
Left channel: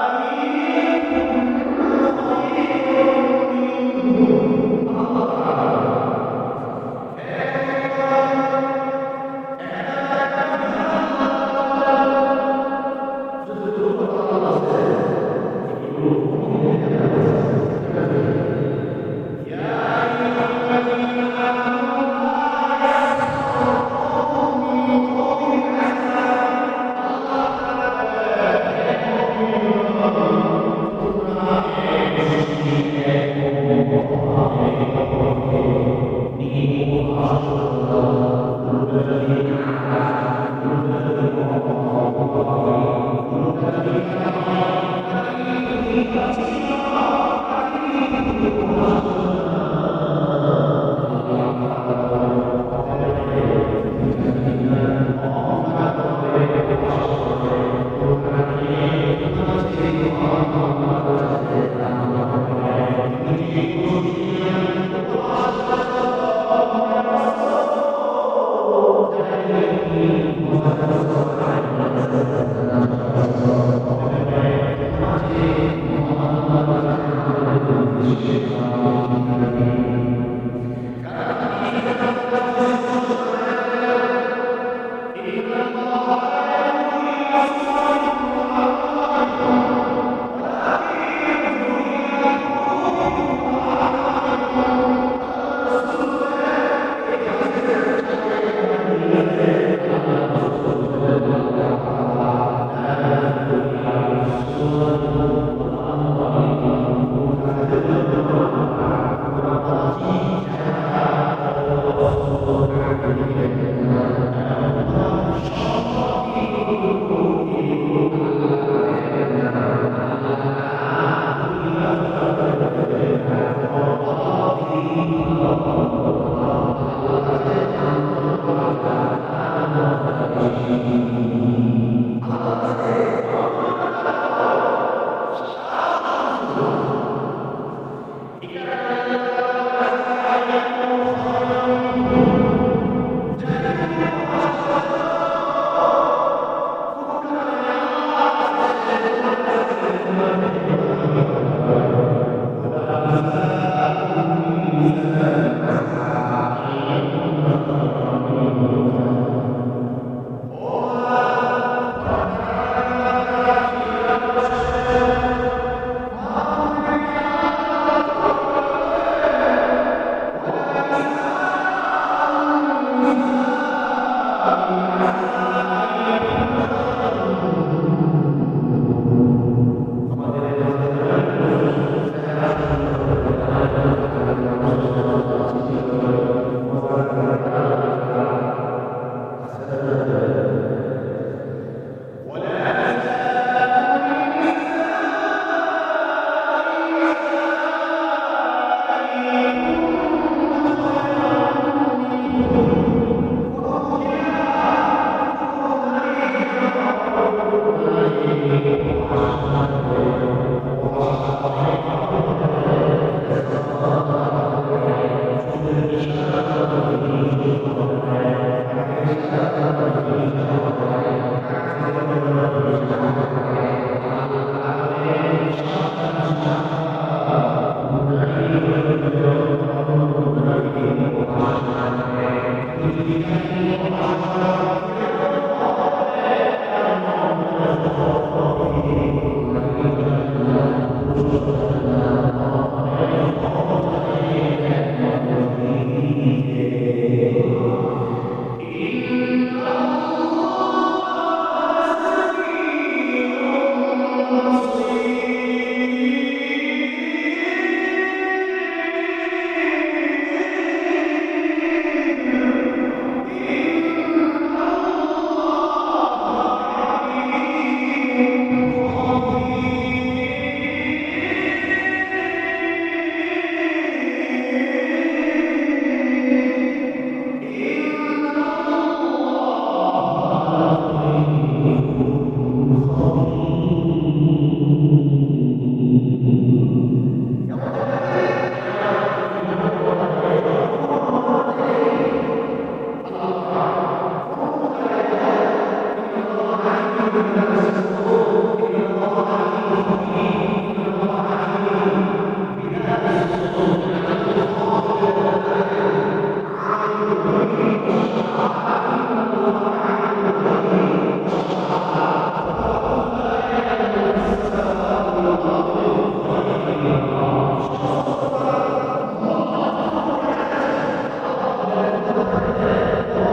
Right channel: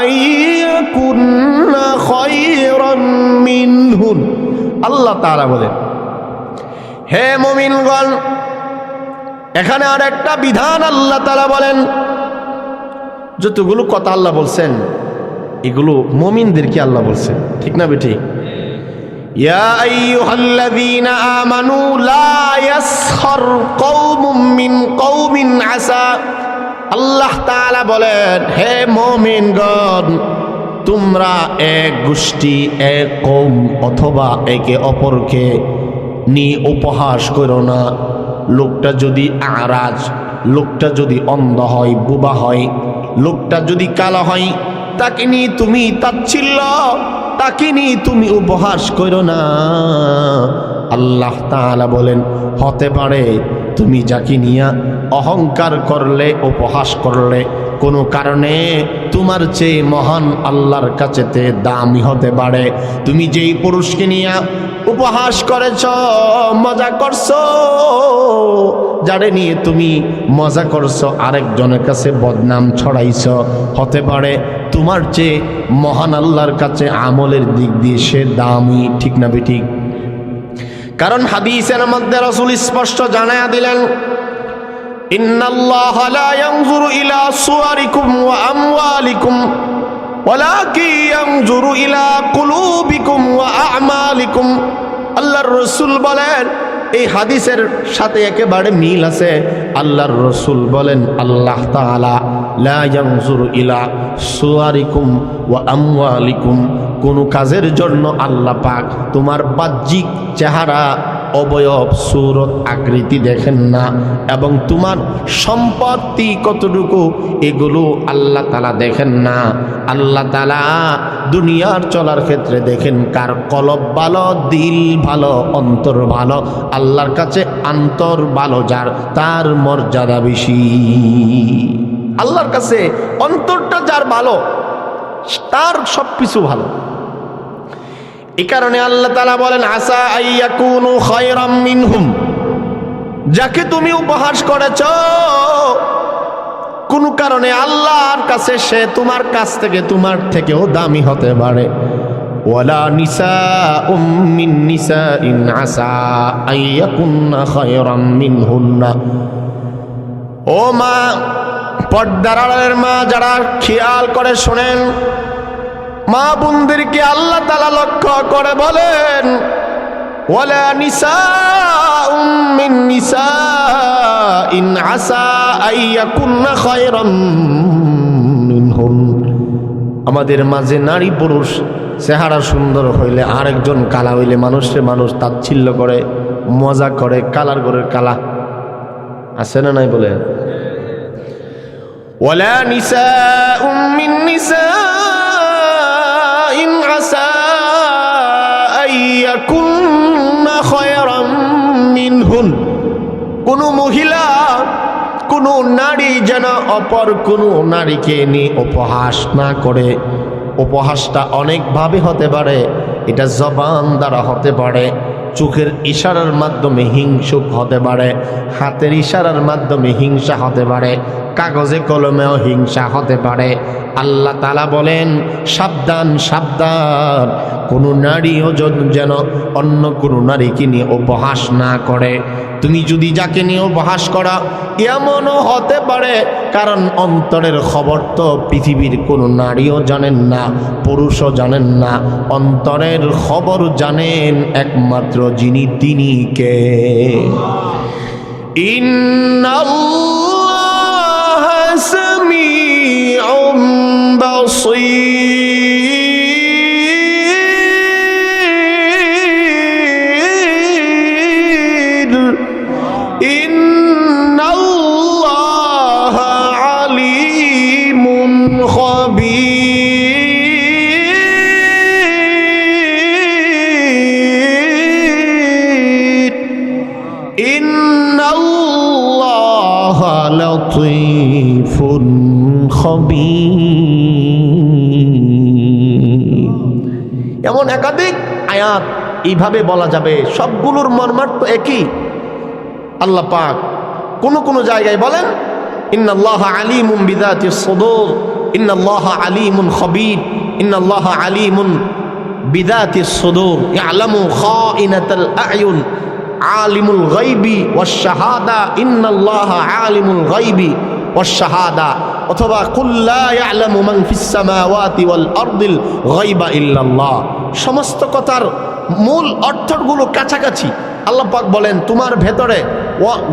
আইয়াকুন্না খায়রান মিনহুন। আল্লাহ তাআলা বলেন, হে মুমিনগণ, এখানে আর একটা বিধান আল্লাহ তাআলা বলেন। যতগুলো কথা আল্লাহ বলছেন এগুলো মুমিনদেরকে আল্লাহ বলছেন, ঠিক না বেটি? ইয়া আইয়ুহাল্লাযীনা আমানু লা ইয়াসখার কওমুম মিন কওমিন আসা। আল্লাহ তাআলা বলেন, হে মুমিনগণ, তোমরা এক গোষ্ঠী, এক কওম অথবা একে অপরকে নিয়ে উপহাস করো না। লোকটা যদি আরাজ, লোকটা যদি অন্ধ হয়, বোবা হয়, লোকটা যদি কালো হয়, তাকে নিয়ে তুমি তাচ্ছিল্য, তাকে নিয়ে তুমি উপহাস করো না। আল্লাহ তাআলা বলেন, হতে পারে তুমি যাকে নিয়ে অহংকার করলে, উপহাস করলে, কোনো কারণে তোমার চেয়ে মহান আল্লাহর কাছেতে দামি হতে পারে। তুমি যেই পুরুষকে নিয়ে উপহাস করেছ, মজা করছো, যারে নিয়ে তুমি মজা করছো, আরেকজনের কাছে বদনাম ছড়াইছ, হতে পারে তোমার চেয়ে মহান আল্লাহর কাছে আমলের দিক দিয়ে সে দামি, ঠিক না বেঠিক? কারণ হাদিসের মধ্যে রাসূল স্পষ্ট জানায়া দিলেন, ইন্নাল্লাহা লা ইয়ানজুরু ইলা সুওয়ারিকুম ওয়া আমওয়ালিকুম ওয়ালাকিন ইয়ানজুরু ইলা কুলুবিকুম ওয়া আ'মালিকুম। আল্লাহর রাসূল বলেন, এই হাদিসের সাথে একেবারে মিল আছে। আল্লাহর রাসূল বলেন, আল্লাহ তাআলা লা ইয়ানজুরু ইলা সুওয়ারিকুম ওয়া আমওয়ালিকুম, কোন কাজের জন্য আল্লাহ পাক তোমার বাহ্যিক চেহারা অবয়ব সূরত আকৃতি দেখেন না, এবং তোমার সম্পত্তি কতটুকু এগুলো আল্লাহ তাআলা দেখেন না। আল্লাহ তাআলা দুনিয়ার চলার ক্ষেত্রে দেখেন কার কলব ভালো, দিল ভালো, অন্তর ভালো। আল্লাহর কাছে অন্তর ভালো যার, তার মর্যাদা বেশি। আল্লাহর কাছে অন্তরটা যার ভালো, তার সবকিছু ভালো। এই কারণে আল্লাহ তাআলা বলেন আসা আইয়াকুনু খায়রাম মিনহুম, যাকে তুমি উপহাস করেছ কোন কারণে আল্লাহর কাছে সে তোমার কাছ থেকে, তোমার থেকেও দামি হতে পারে। ওয়ালা নিসাউম মিন নিসাইন আসা আইয়াকুননা খায়রাম মিনহুন্না। ও মা, পর্দার আড়ালের মা যারা খেয়াল করে শোনেন, মা বোনদেরকে আল্লাহ তাআলা লক্ষ্য করে বলেন ওয়ালা নিসাউম মিন নিসাইন আসা আইয়াকুননা খায়রাম মিনহুম। আমাদের মাঝে নারী পুরুষ চেহারা সুন্দর হইলে আরেকজন কালা হইলে মানুষ তাচ্ছিল্য করে, মজা করে, কালার করে কালা আছে না নাই বলে। ওয়ালা নিসাউম মিন নিসাইন আসা আইয়াকুননা খায়রাম মিনহুন। কোন মহিলা, কোন নারী যেন অপর কোন নারীকে নিয়ে উপহাস না করে। উপহাসটা অনেকভাবে হতে পারে, এটা জবান দ্বারা হতে পারে, চোখের ইশারার মাধ্যমে হিংসুক হতে পারে, হাতের ইশারার মাধ্যমে হিংসা হতে পারে, কাগজে কলমেও হিংসা হতে পারে। আল্লাহ তাআলা বলেন সাবধান সাবধান, কোনো নারীও যেন অন্য কোনো নারীকে নিয়ে উপহাস না করে। তুমি যদি যাকে নিয়ে উপহাস করা, এমনও হতে পারে কারণ অন্তরের খবর তো পৃথিবীর কোনো নারীও জানেন না, পুরুষও জানেন না। অন্তরের খবর জানেন একমাত্র যিনি, তিনি কে? ইন্নাল্লাহা সামিউম বাসীর। ইন্নাল্লাহা আলিমুন খাবীর। ইন্নাল্লাহা লাতীফুন খবীর। এমন একাধিক আয়াত এইভাবে বলা যাবে, সবগুলোর মর্মার্থ একই। আল্লাহ পাক কোন জায়গায় বলেন ইন্নাল্লাহা আলিমুন বিযাতিস সুদূর, ইন্নাল্লাহা আলিমুন খবীর, ইন্নাল্লাহা আলিমুন বিযাতিস সুদূর ইয়ালামু খাইনাতাল আ'য়ুন আলিমুল গায়বি ওয়াশ শাহাদা, ইন্নাল্লাহা আলিমুল গায়বি ওয়াশ শাহাদা। অথবা কুল লা ইয়ালামু মান ফিস সামাওয়াতি ওয়াল আরদিল গায়বা ইল্লাল্লাহ। সমস্ত কথার মূল অর্থগুলো কাছাকাছি। আল্লাহ পাক বলেন তোমার ভেতরে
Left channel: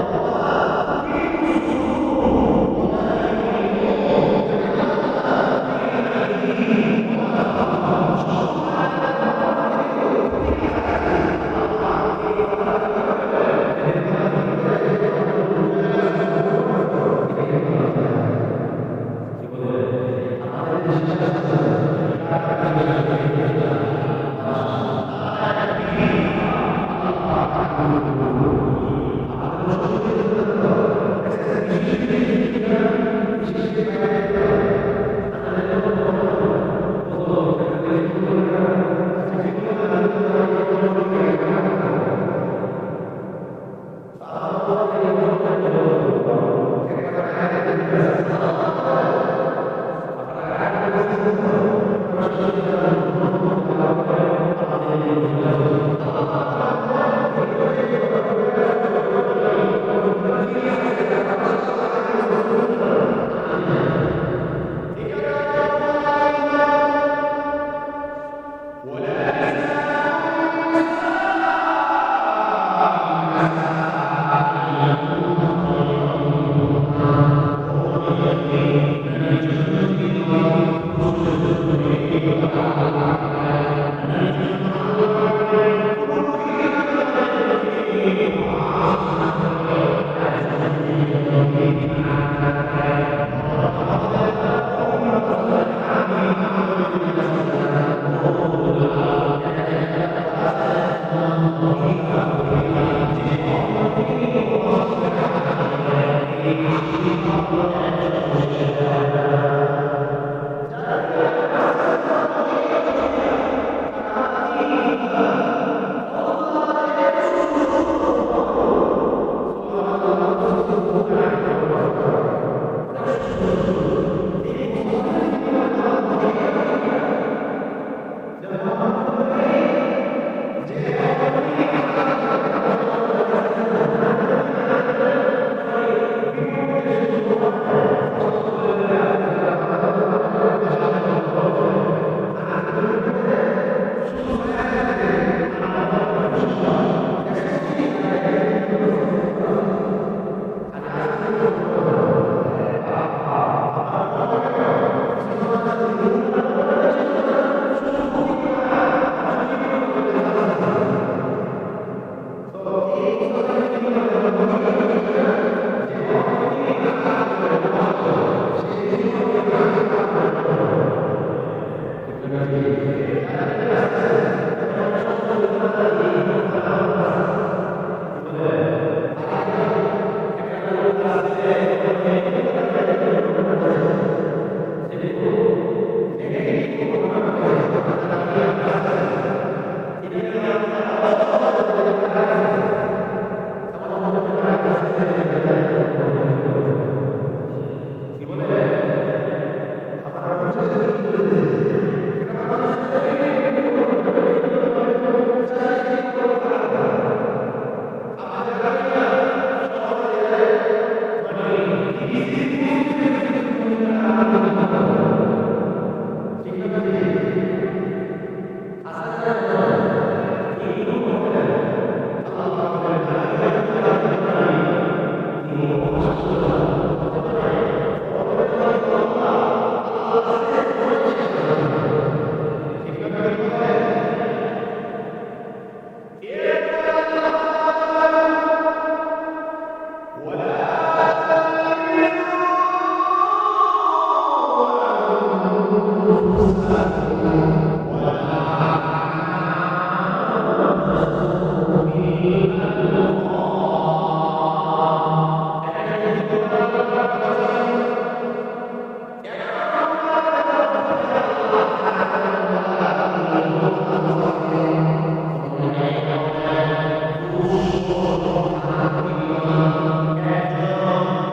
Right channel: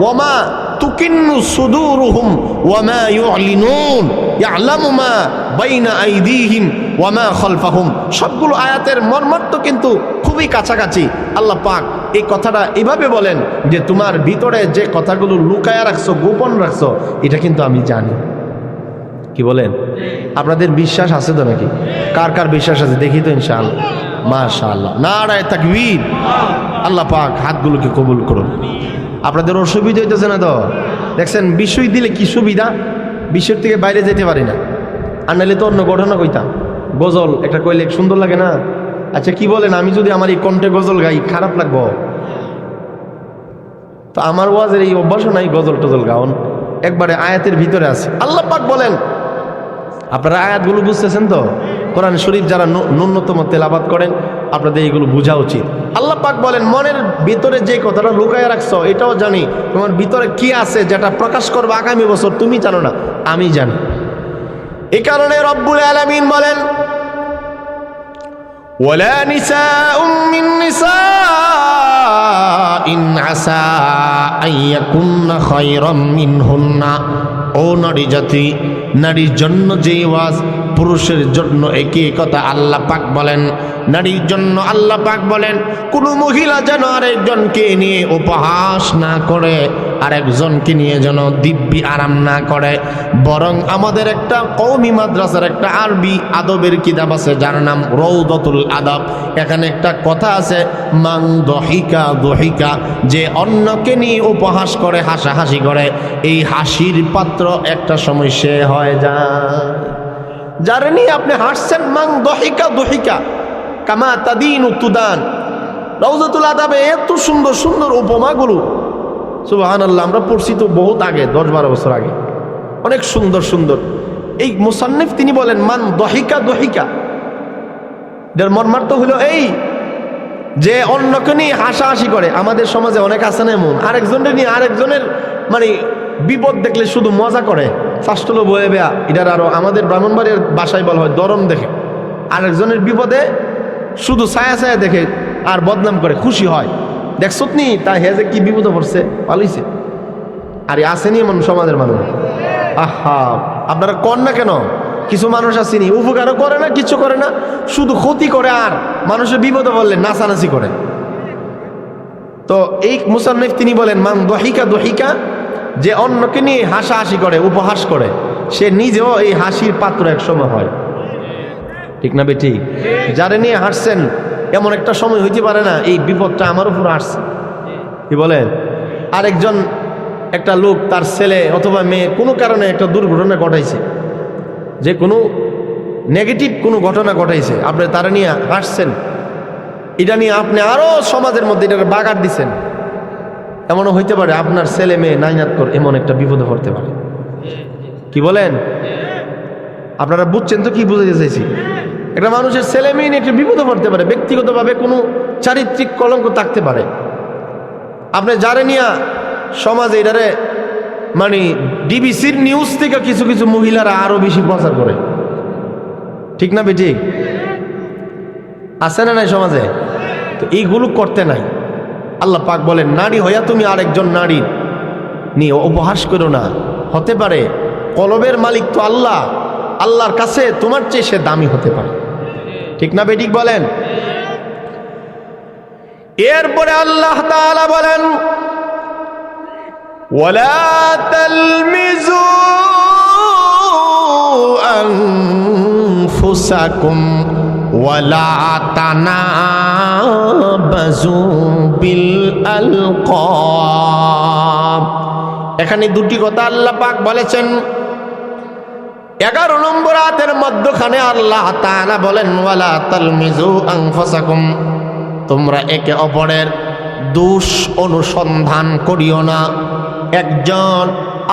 ওয়ামা তুকিন্নু সুদুরুহুম ওয়ামা ইউলিনুন ইয়ালামু মা বাইনা আইদিহিম ওয়ামা খালফাহুম। সবগুলো আয়াতের মর্মার্থ কিন্তু খুবই কাছাকাছি। আল্লাহ পাক এই কথাটা এভাবে বলেন যে তোমার ভিতরে যে কথাগুলো লুকায়া রাখছো, গোপন রাখছো, এটা কিন্তু আমি জানি। কি বলেন? আপনাদের বিশ্বাস আছে তো নাকি? কার কার বিশ্বাস আছে দেখি তো ইনশাআল্লাহ। মাশাআল্লাহ, নারায়ে তাকবীর। আল্লাহ পাক হাতগুলোকে কবুল করুন। আপনাদের অসুবিধা হইতেছে না তো? দেখছেন বিষয় দিলে কি সুবিধা, বিষয়ের থেকে বাইরে যেতে পারি না। আর নাহলে তো অন্য ঘটনা কইতাম। গজল একটা কইলে সুন্দর লাগে না? আচ্ছা কি বলেন, আমি যদি আমার এই কণ্ঠে গজল গাই খারাপ লাগবো? তো আমার ওয়াজের এই অভ্যাসও নাই গজল টজল গাওন, একবারে আয়াতের ভিতরে আছে। আল্লাহ পাক বলেন, আপনারা আয়াতগুলো বুঝতেছেন তো? কোরআন শরীফ যারা ন্যূনতম তেলাবাত করেন আপনাদের এইগুলো বোঝা উচিত। আল্লাহ পাক বলেন মনের ভিতরে যে কথাটা লুকায় রাখছো এটাও জানি, তোমার ভিতরে কি আছে যেটা প্রকাশ করবে আগামী বছর তুমি জানো না, আমি জানি। এই কারণে রব্বুল আলামিন বলেন ওয়ালা নিসাউম মিন নিসাইন আসা আইয়াকুন্না খায়রাম মিনহুন্না। ও নারী জাতি, নারীর জন্য যেই ওয়াজ, পুরুষের জন্য একই কথা। আল্লাহ পাক বলেন নারীর জন্য আল্লাহ পাক বলেন কোনো মহিলা যেন আরেকজনকে নিয়ে উপহাস না করে, আরেকজনকে নিয়ে যেন দিব্যি আরাম না করে, বরং আমাদের একটা কওমি মাদ্রাসার একটা আরবি আদবের কিতাব আছে যার নাম রৌদাতুল আদব। এখানে একটা কথা আছে, মান দহিকা দহিকা, যে অন্যকে নিয়ে উপহাস করে, হাসাহাসি করে, এই হাসির পাত্র একটা সময় সে হয়ে যায়। যারা নিয়ে আপনি হাসছেন, মান দহিকা দহিকা কামা তাদিনু তুদান। রওজাতুল আদাবে এত সুন্দর সুন্দর উপমাগুলো, সুবহানাল্লাহ, আমরা পড়ছি তো বহুত আগে, 10-12 বছর আগে, অনেক সুন্দর সুন্দর। এই মুসান্নিফ তিনি বলেন মান দহিকা দহিকা, এর মর্মার্থ হলো এই যে অন্যকে নিয়ে হাসাহাসি করে। আমাদের সমাজে অনেক আছে না এমন, আরেকজনের নিয়ে আরেকজনের মানে বিপদ দেখলে শুধু মজা করে, ফাস্টলো বয়ে বেয়া। এটার আরো আমাদের ব্রাহ্মণবাড়ির ভাষায় বলা হয় দরম দেখে। আরেকজনের বিপদে শুধু ছায়া ছায়া দেখে আর বদনাম করে, খুশি হয়, দেখছত নি তাই হে যে কি বিপদে পড়ছে, পালিয়েছে। আরে আসেনি এমন সমাজের মানুষ। আহা, আপনারা কর না কেন? কিছু মানুষ আসেনি, উপকারও করে না, কিছু করে না, শুধু ক্ষতি করে আর মানুষের বিপদে বললে নাচানাচি করে। তো এই মুসান্নিফ তিনি বলেন মান দহিকা দহিকা, যে অন্যকে নিয়ে হাসাহাসি করে, উপহাস করে, সে নিজেও এই হাসির পাত্র এক সময় হয়। ঠিক না বেটি? যারা নিয়ে হাসছেন এমন একটা সময় হইতে পারে না এই বিপদটা আমার উপর আসছে, কি বলেন? আরেকজন একটা লোক তার ছেলে অথবা মেয়ে কোনো কারণে একটা দুর্ঘটনা ঘটাইছে, যে কোনো নেগেটিভ কোনো ঘটনা ঘটাইছে, আপনি তারা নিয়ে হাসছেন, এটা নিয়ে আপনি আরো সমাজের মধ্যে এটাকে বাগার দিচ্ছেন। এমনও হইতে পারে আপনার ছেলে মেয়ে নাইনাত করে এমন একটা বিপদে পড়তে পারে। কি বলেন? আপনারা বুঝছেন তো কি বুঝাতে চাইছি? একটা মানুষের ছেলে মেয়ে নিয়ে একটা বিপদে পড়তে পারে, ব্যক্তিগতভাবে কোনো চারিত্রিক কলঙ্ক থাকতে পারে। আপনি যারে নিয়ে সমাজে এটারে মানে ডিবিসির নিউজ থেকে কিছু কিছু মহিলারা আরো বেশি প্রচার করে, ঠিক না বেটি? আছে না নাই সমাজে? তো এইগুলো করতে নাই। আল্লাহ পাক বলেন নারী হইয়া তুমি আরেকজন নারী নিয়ে উপহাস করো না। হতে পারে কলবের মালিক তো আল্লাহ, আল্লাহর কাছে তোমার চেয়ে সে দামি হতে পারে, ঠিক না বেটি? বলেন। এরপরে আল্লাহ তাআলা বলেন ওয়ালা তালমিজু আনফুসাকুম ওয়ালা তানাবাজু বিল আলকাব। এখানে দুটি কথা আল্লাহ পাক বলেছেন। 11 নম্বর আয়াতের মধ্যখানে আল্লাহ তাআলা বলেন ওয়ালা তালমিজু আনফুসাকুম, তোমরা একে অপরের দোষ অনুসন্ধান করিও না, একজন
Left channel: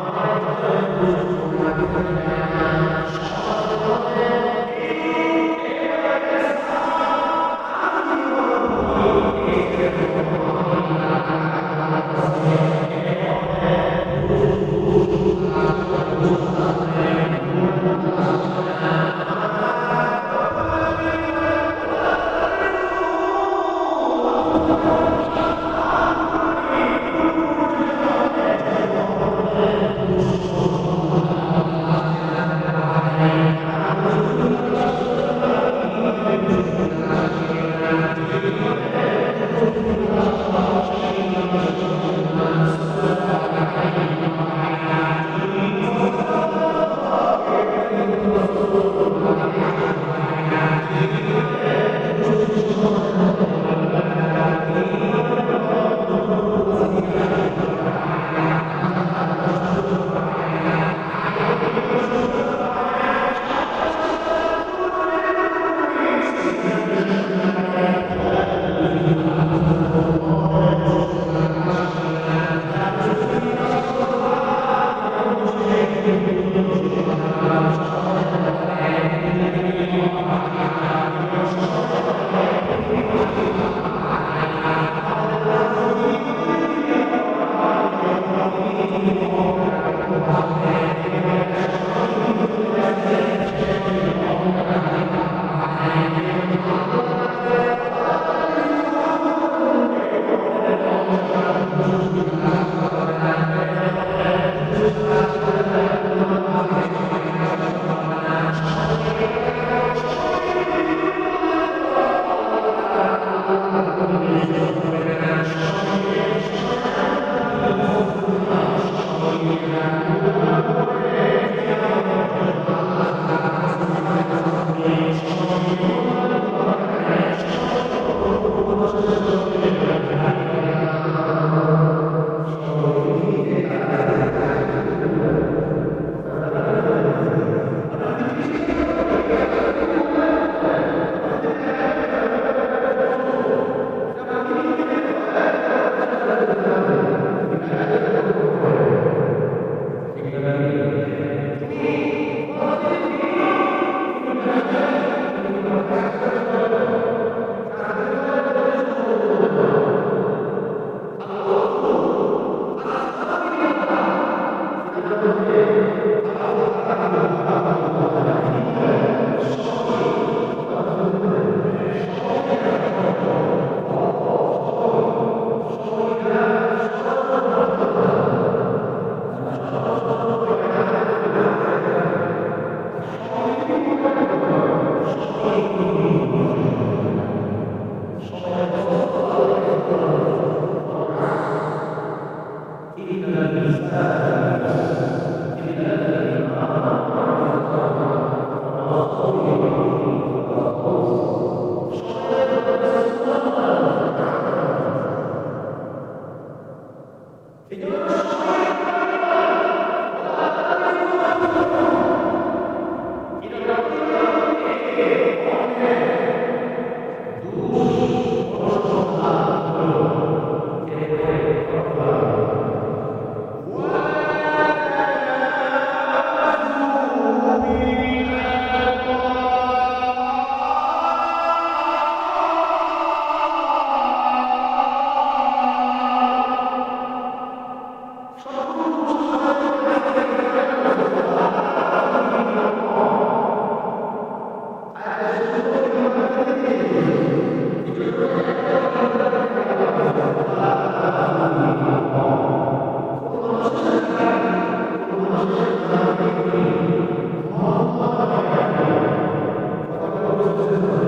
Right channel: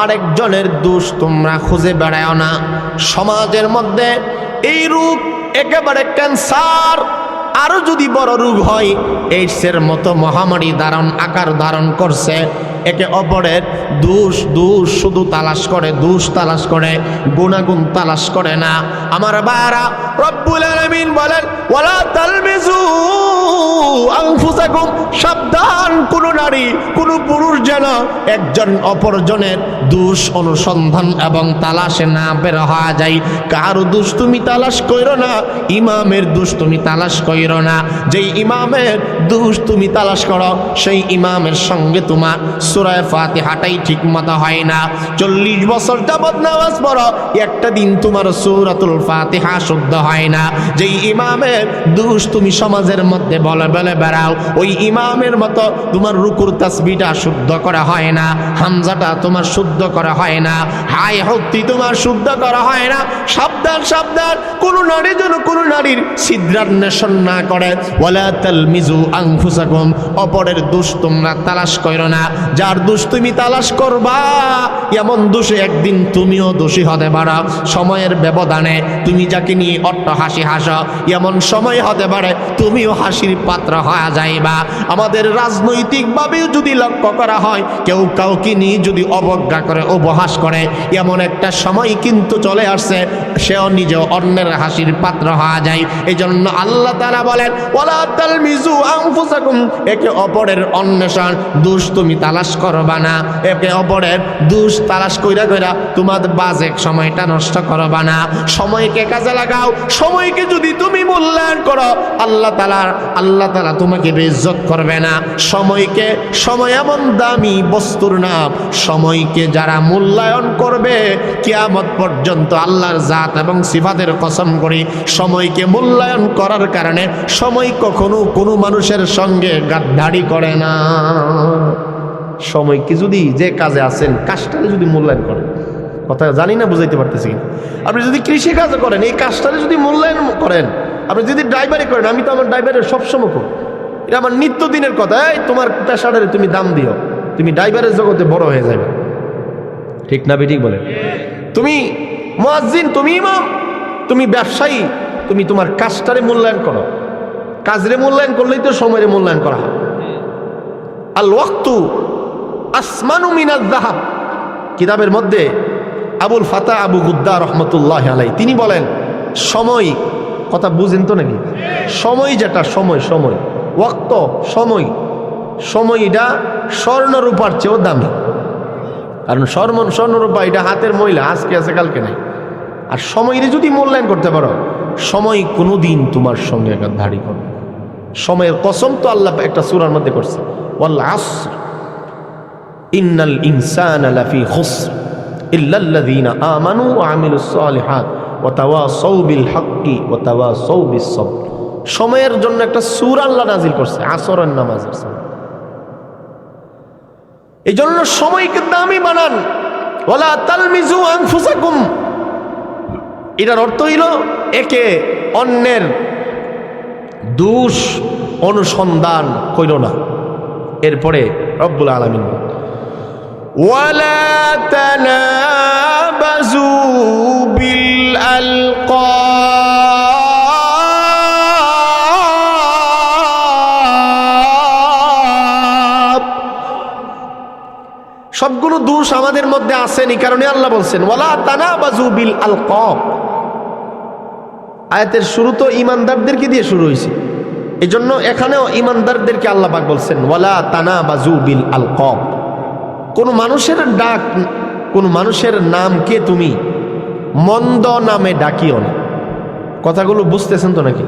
আরেকজনের দোষ তোমরা খুঁজে বেড়াও না। সমাজের মধ্যে এই রূপ একেবারে ক্যান্সার, আরো যদি বড় রোগ হয় এইডসের মতো মহামারী আকার ধারণ করছে। একে অপরের দোষ শুধু তালাশ করে, দোষ তালাশ করে, গুণাগুণ তালাশ করে না। আমার বারা রব্বুল আলামিন বলেন ওয়ালা তালমিজু আনফুসাকুম, সাবধান, কোন নারী কোন পুরুষ যেন একজন অপরজনের দোষ অনুসন্ধান এবং তালাশে না বের হওয়া যায়। কারো দোষ তুমি তালাশ করো না, ইমামের দোষ তুমি তালাশ করো না। যেই ইমামের দোষ তুমি তালাশ করো সেই ইমামের সঙ্গে তোমার সূরা ফাতিহাটাই ঠিক মতো হয় না। 40 বছর যাবত নামাজ পড়ো, একটা দিন তোমার সূরাতুল ফাতিহা শুদ্ধ হয় না। যেই ইমামের দোষ তুমি সমাজের মধ্যে বলে বলে বেড়াও, ওই ইমামের মতো তোমার রুকুর তাসবিহটা শুদ্ধ করা হয় না, হামজাটা তোমার শুদ্ধ করা হয় না, হাই হত্তি তোমার শুদ্ধ করা হয় না। সাবধান সাবধান, কোন নারী যেন কোন নারীর ছিদ্রান্বেষণ না করে। ওয়ালা তালমিজু আনফুসাকুম, অপরের দোষ তোমরা তালাশ করো না। যার দোষ তুমি তালাশ করবা এমন দোষে একদিন তুমিও দোষী হতে পারো। সময়ের ব্যবধানে তুমি যাকে নিয়ে অট্ট হাসি হাসো, এমন সময় হতে পারে তুমিও হাসির পাত্র হয়ে যাইবা। আমাদের রাজনৈতিকভাবেও যদি লক্ষ্য বিতর্ক করা হয়, কেউ কাউকে নিয়ে যদি অবজ্ঞা করে, উপহাস করে, এমন একটা সময় কিন্তু চলে আসছে সেও নিজে অন্যের হাসির পাত্র হওয়া যায়। এই জন্য আল্লাহ তাআলা বলেন ওয়ালা তালমিজু আনফুসাকুম, একে অপরের অন্বেষণ দোষ তুমি তালাশ করবা না, একে অপরের দোষ তালাশ কইরা কইরা তোমার বাজে সময়টা নষ্ট করবা না। সময়কে কাজে লাগাও। সময়কে যদি তুমি মূল্যায়ন করো, আল্লাহ তাআলা তোমাকে বেইজ্জত করবে না। সময়কে, সময় এমন দামি বস্তুর নাম, সময়কে যারা মূল্যায়ন করবে কিয়ামত পর্যন্ত আল্লাহর জাত এবং সিফাতের কসম করি, সময়কে মূল্যায়ন করার কারণে সময় কখনো কোনো মানুষের সঙ্গে গাদ্দারি করে না। সময়কে যদি যে কাজে আছেন কাজটাকে যদি মূল্যায়ন করেন, কথা জানি না বুঝাইতে পারতেছি কিনা, আপনি যদি কৃষি কাজ করেন এই কাজটাকে যদি মূল্যায়ন করেন, আপনি যদি ড্রাইভারি করেন, আমি তো আমার ড্রাইভারের সবসময় খুব, এটা আমার নিত্যদিনের কথা, এই তোমার পেশাটারে তুমি দাম দিও, তুমি ড্রাইভারের জগতে বড় হয়ে যাবে। ঠিক না বেঠিক বলে? তুমি মুয়াজ্জিন, তুমি ইমাম, তুমি ব্যবসায়ী, তুমি তোমার কাজটারে মূল্যায়ন করো। কাজরে মূল্যায়ন করলেই তো সময়ের মূল্যায়ন করা হয়। আল ওয়াক্তু আসমানু মিনাল যাহাব, কিতাবের মধ্যে আবুল ফাতা আবু গুদ্দা রহমতুল্লাহ আলাই তিনি বলেন, সময়, কথা বুঝেন তো নাকি? সময় যেটা, সময় ওয়াক্ত, সময়টা স্বর্ণ রূপার চেয়েও দামি। কারণ স্বর্ণ রূপা এটা হাতের ময়লা, আজকে আছে কালকে নেই। আর সময়কে যদি মূল্যায়ন করতে পারো, সময় কোনোদিন তোমার সঙ্গে ধারি করবে। সময়ের কসম তো আল্লাহ একটা সূরার মধ্যে করছে, ওয়াল আসর ইন্নাল ইনসানা লাফি খুসর ইল্লাল্লাযীনা আমানু ওয়া আমিলুস সালিহাত ওয়া তাওয়াসাউ বিল হাক্কি ওয়া তাওয়াসাউ বিস সবর। সময়ের জন্য একটা সূরা আল্লাহ নাজিল করছে, আসরের নামাজ আছে। এই জন্য সময়কে দামি বানান। ওয়ালা তালমিজু আনফুসাকুম, এটার অর্থ হইল একে অন্যের দোষ অনুসন্ধান কইরো না। এরপরে রব্বুল আলামিন ওয়ালা তানাবাজু বিল আলকাব, সবগুলো দোষ আমাদের মধ্যে আসেন। এই কারণে আল্লাহ বলছেন ওয়ালা তানাবাজু বিল আলকাব। আয়াতের শুরু তো ইমানদারদেরকে দিয়ে শুরু হয়েছে, এই জন্য এখানেও ইমানদারদেরকে আল্লাহ পাক বলছেন ওয়ালা তানাবাজু বিল আলকাব। কোন মানুষের ডাক, কোন মানুষের নামকে তুমি মন্দ নামে ডাকিও না। কথাগুলো বুঝতেছেন তো নাকি?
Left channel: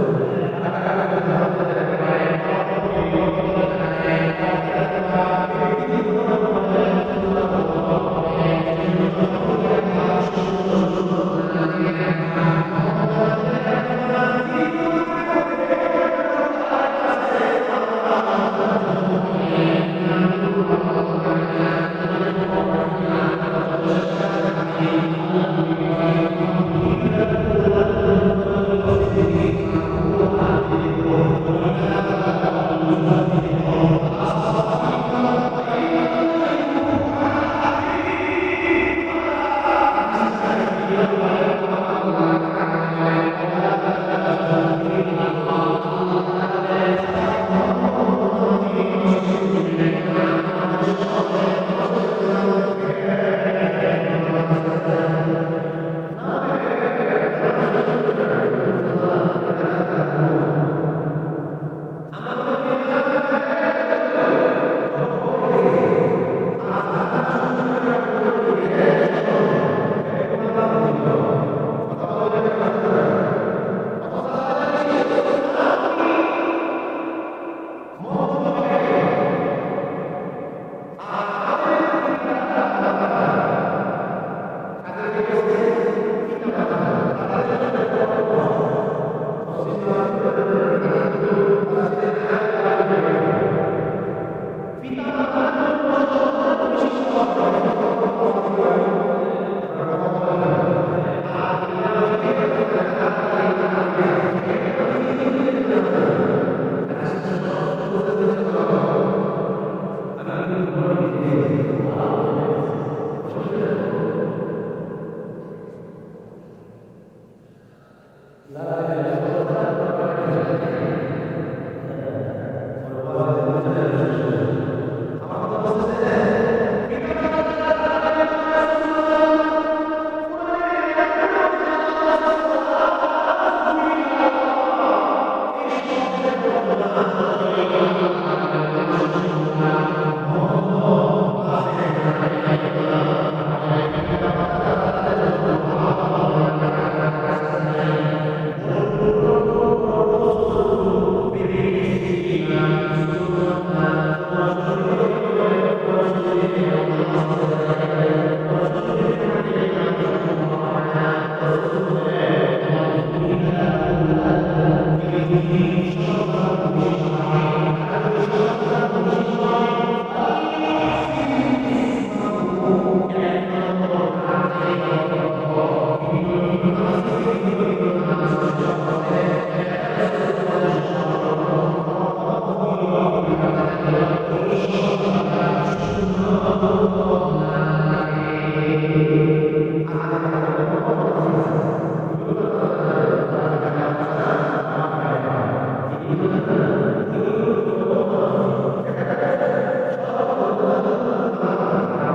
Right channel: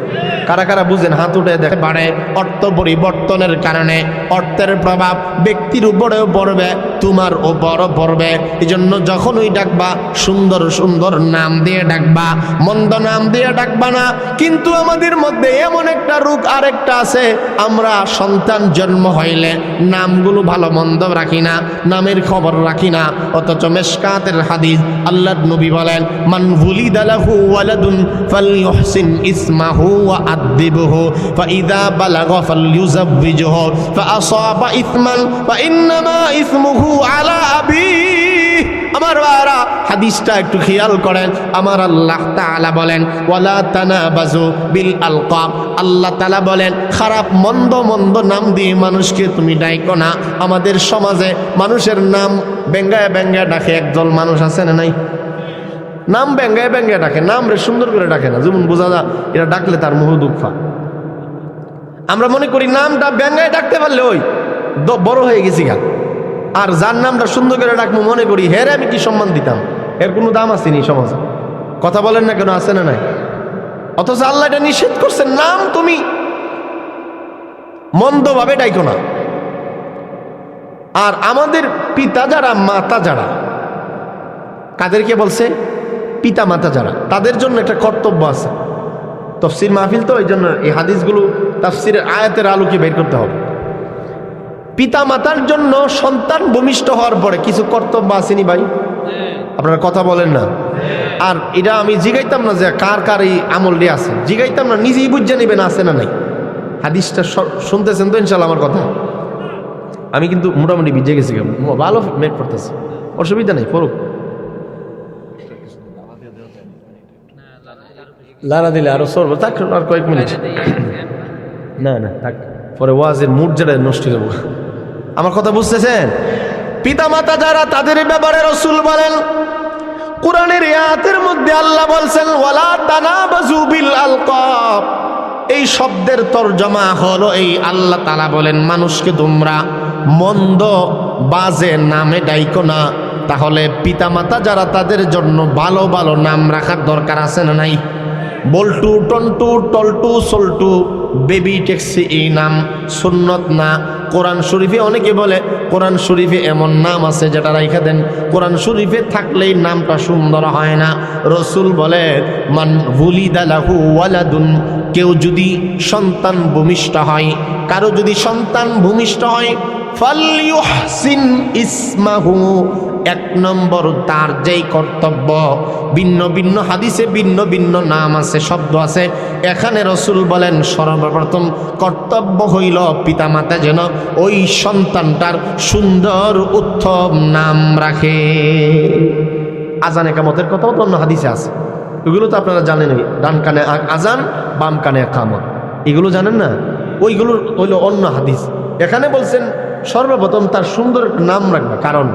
কারা কারা বুঝেন হাত উঠে দেখে। বাড়ে অর্থ পরিবর্তনের কারণে অর্থের প্রভাব ব্যক্তির উপরেও পড়বে, তোমার উপরও পড়বে। এই জন্য যখনই ডাকবা সুন্দর সুন্দর নাম দিয়ে ডাকবা, মন্দ নাম দিয়ে ডাকবা না। কিন্তু আমাদের মধ্যে এমন একটা রোগ আরেকটা আছে, আমরা সন্তান জন্ম হইলে নামগুলো ভালো মন্দ রাখি না, নামের খবর রাখি না। অথচ মিশকাতের হাদিস আল্লাহর নবী বলেন মান হুলিদা লাহু ওয়ালাদুন ফালইউহসিন ইসমাহু ওয়া আদিবহু ফাইদা বালাগা ফালইউযাওবিজহু ফাআসাবা ইসমান ফাইন্নামা ইসমুহু আলা আবিহি। আমার বারা হাদিসটা একটু খেয়াল করেন। আমার আল্লাহ তাআলা বলেন ওয়ালা তানাবাজু বিল আলকাব। আল্লাহ তাআলা বলেন খারাপ মন্দ মন্দ নাম দিয়ে মানুষকে তুমি ডাইকো না। আমাদের সমাজে মানুষের নাম ব্যঙ্গায় ব্যঙ্গায় ডাকে একদল মানুষ আছে না নাই? নাম ব্যঙ্গায় ব্যঙ্গায় ডাকে, নাম রে সুন্দর করে ডাকে না, যেমন বোঝা যায় এটা ডাকলে তার মুহ দুঃখ। আমরা মনে করি নামটা ব্যঙ্গায় ডাকতে পারলে ওই বড় হয়ে গেছি গা। আর যার নামটা সুন্দর করে ডাকবো মনে করি হেরে আমি কি সম্মান দিতাম, এর কোনো দাম আসেনি সমাজে। কথা বলেন না কেন, আছে না নাই? অথচ আল্লাহ এটা নিষেধ করছেন, নাম তুমি মন্দভাবে ডাইকো না। আর আমাদের পিতা যারা, মাতা যারা, কাদেরকে বলছে? পিতা মাতা যারা, তাদের জন্য একটা কর্তব্য আছে। তাফসীর মাহফিল তো, এই জন্য এই হাদিসগুলো তাফসীরের আয়াতের আলোকে বের করতে হবে। পিতা মাতার জন্য সন্তান ভূমিষ্ঠ হওয়ার পরে কিছু কর্তব্য আসেনি ভাই? আপনারা কথা বলেন না। আর এটা আমি জিগাইতাম না যে কার কার এই আমলটি আছে, জিগাইতাম না, নিজেই বুঝে নেবেন আছে না নাই। হাদিসটা শুনতেছেন তো ইনশাল্লাহ আমার কথা? আমি কিন্তু মোটামুটি ভিজে গেছি, ভালো মেট করতেছি, অসুবিধা নেই, পড়ুক। লানা দিলে আরো সরবো, থাক আর কয়েক মিনিট। না না থাক, পরে ওয়াজের মুড যেটা নষ্ট করবো। আমার কথা বুঝতেছেন? পিতামাতা যারা তাদের ব্যাপারে রাসূল বলেন, কোরআনের আয়াতের মধ্যে আল্লাহ বলছেন ওয়ালা তানাবাজু বিল আলকাব। এই শব্দের তরজমা হলো এই, আল্লাহ তাআলা বলেন মানুষকে তোমরা মন্দ বাজে নামে ডাইকো না। তাহলে পিতামাতা যারা তাদের জন্য ভালো ভালো নাম রাখার দরকার আছে না নাই? বল্টু, টন্টু, টলটু, সল্টু, বেবি ট্যাক্সি, এই নাম সুন্নত না। কোরআন শরীফে অনেকে বলে কোরআন শরীফে এমন নাম আছে যেটা রাইখা দেন, কোরআন শরীফে থাকলেই নামটা সুন্দর হয় না। রাসূল বলে মান ওয়ালিদা লাহু ওয়ালাদুন, কেউ যদি সন্তান ভূমিষ্ঠ হয়, কারো যদি সন্তান ভূমিষ্ঠ হয়, ফালইউহসিন ইসমাহু, এক নম্বর তার যেই কর্তব্য, ভিন্ন ভিন্ন হাদিসে ভিন্ন ভিন্ন নাম আছে, শব্দ আছে। এখানে রাসূল বলেন সর্বপ্রথম কর্তব্য হইল পিতামাতা যেন ওই সন্তানটার সুন্দর উত্তম নাম রাখে। আজান একামতের কথাও তো অন্য হাদিসে আছে, ওইগুলো তো আপনারা জানেনই। ডান কানে আজান, বাম কানে একামত, এগুলো জানেন না? ওইগুলো হইল অন্য হাদিস। এখানে বলছেন সর্বপ্রথম তার সুন্দর নাম রাখবে, কারণ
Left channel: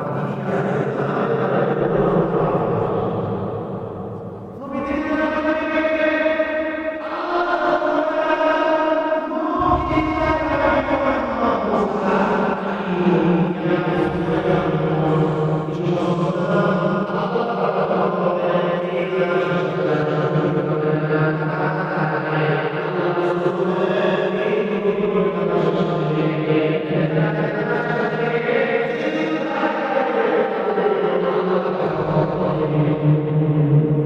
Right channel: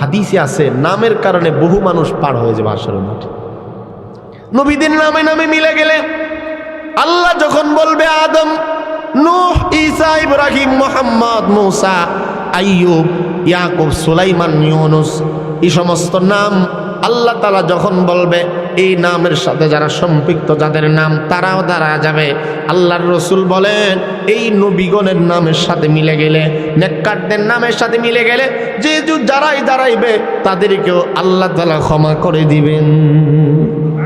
হাদিসে আছে নামের কারণে বহু মানুষ পার হয়ে যাবে আসল মাঠে। নবীদের নামে নামে মিলে গেলে আল্লাহ যখন বলবে আদম, নূহ, ঈসা, ইব্রাহিম, মুহাম্মদ, মুসা, আইয়ুব, ইয়াকুব, সুলাইমান, ইউনুস, এই সমস্ত নাম আল্লাহ তাআলা যখন বলবে, এই নামের সাথে যারা সম্পৃক্ত, যাদের নাম তারাও দাঁড়া যাবে। আল্লাহর রাসূল বলেন এই নবীগণের নামের সাথে মিলে গেলে, নেককারদের নামের সাথে মিলে গেলে যে যারাই দাঁড়াইবে তাদেরকেও আল্লাহ তাআলা ক্ষমা করে দিবেন।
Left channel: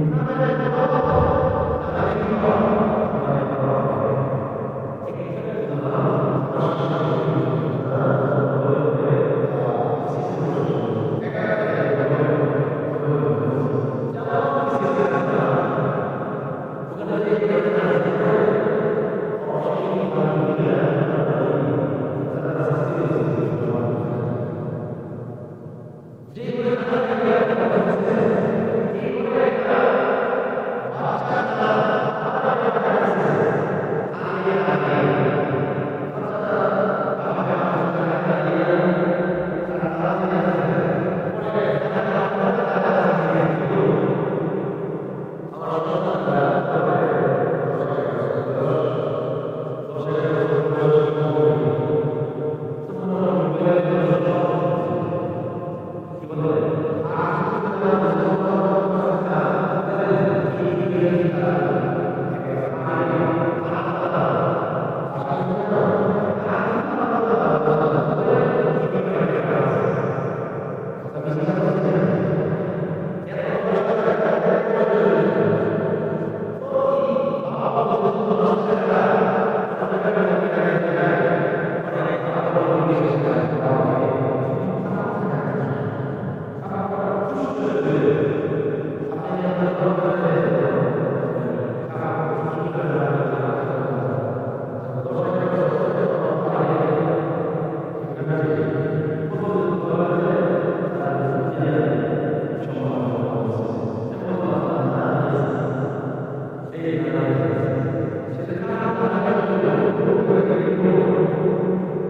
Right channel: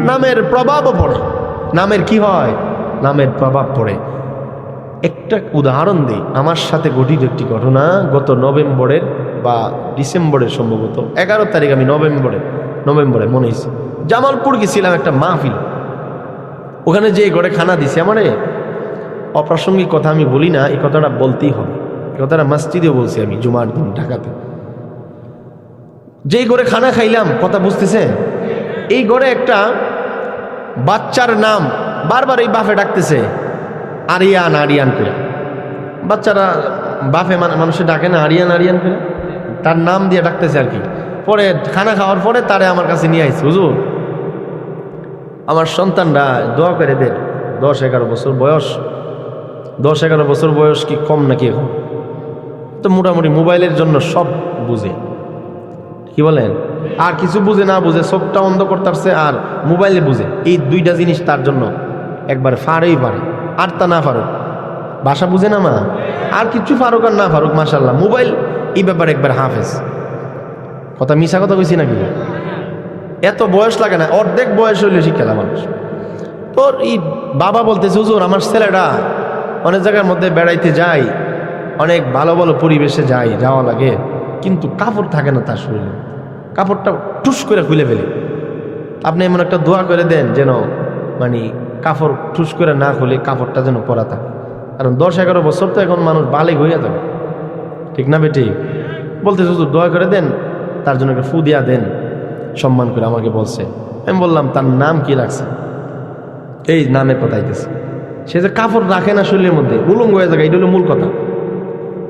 নামের প্রভাবও পড়ে। নামের কি হয়? নামের প্রভাব পড়ে। একটা উদাহরণ দিই, আমার সাথে গঠিত একটি ঘটনা। গত নভেম্বরের বা ডিসেম্বরের সম্ভবত 11 তারিখ, আমি নভেম্বরে মনে হয়েছে জামালপুর গেছিলাম একটা মাহফিল। ওখানে যে ঘরে খানা দিছে, আমারে অপ্রাসঙ্গিক কথা আমি বলি না, এই কথাটা বলতেই হবে। এই কথাটা মসজিদে বলছি আমি জুমার দিন ঢাকাতে। যেই ঘরে খানা খাইলাম, কথা বুঝতেছে, এই ঘরে একটা বাচ্চার নাম বারবার এই বাপে ডাকতেছে আরিয়ান আরিয়ান করে। বাচ্চারা বাপে মানুষে ডাকে না আরিয়ান আরিয়ান করে, তার নাম দিয়ে ডাকতেছে আর কি। পরে খানা খাওয়ার পরে তারে আমার কাছে নিয়ে আসছে, হুজুর আমার সন্তানরা দোয়া করে দেন, 10-11 বছর বয়স। 10-11 বছর বয়স কি কম নাকি এখন? তো মোটামুটি মোবাইলের জন্য সব বুঝে, কি বলেন? আর কিছু বুঝে না বুঝে চোখটা অন্ধ করতে পারছে আর মোবাইলে বুঝে, এই দুইটা জিনিস তার জন্য একবার ফারেই পারে। আর তা না ফারুক, ভাষা বুঝে না মা, আর কিছু ফারুক আর না ফারুক, মাশাআল্লাহ মোবাইল এই ব্যাপারে একবার হাফেজ। কথা মিশা কথা কইছি নাকি? এত বয়স লাগে না, অর্ধেক বয়স হইলে শিক্ষা মানুষ। তোর এই বাবা বলতেছে, হুজুর আমার ছেলেটা অনেক জায়গার মধ্যে বেড়াইতে যায়, অনেক ভালো ভালো পরিবেশে যাওয়া লাগে, কিন্তু কাপড় থাকে না তার শরীরে, কাপড়টা টুস করে খুলে ফেলে। আপনি এমন একটা দোয়া করে দেন যেন মানে কাপড় টুস করে না খুলে কাপড়টা যেন পরা থাকে। কারণ 10-11 বছর তো এখন মানুষ বালেগ হইয়া থাকে, ঠিক না বেটি? বলতেছে হুজুর দোয়া করে দেন, তার জন্য একটা ফু দিয়া দেন, সম্মান করে আমাকে বলছে। আমি বললাম তার নাম কি রাখছে? এই নামের কথা আইতেছে। সে যে কাপড় রাখে না শরীরের মধ্যে, উলঙ্গ হয়ে যাবে, এটা হলো মূল কথা।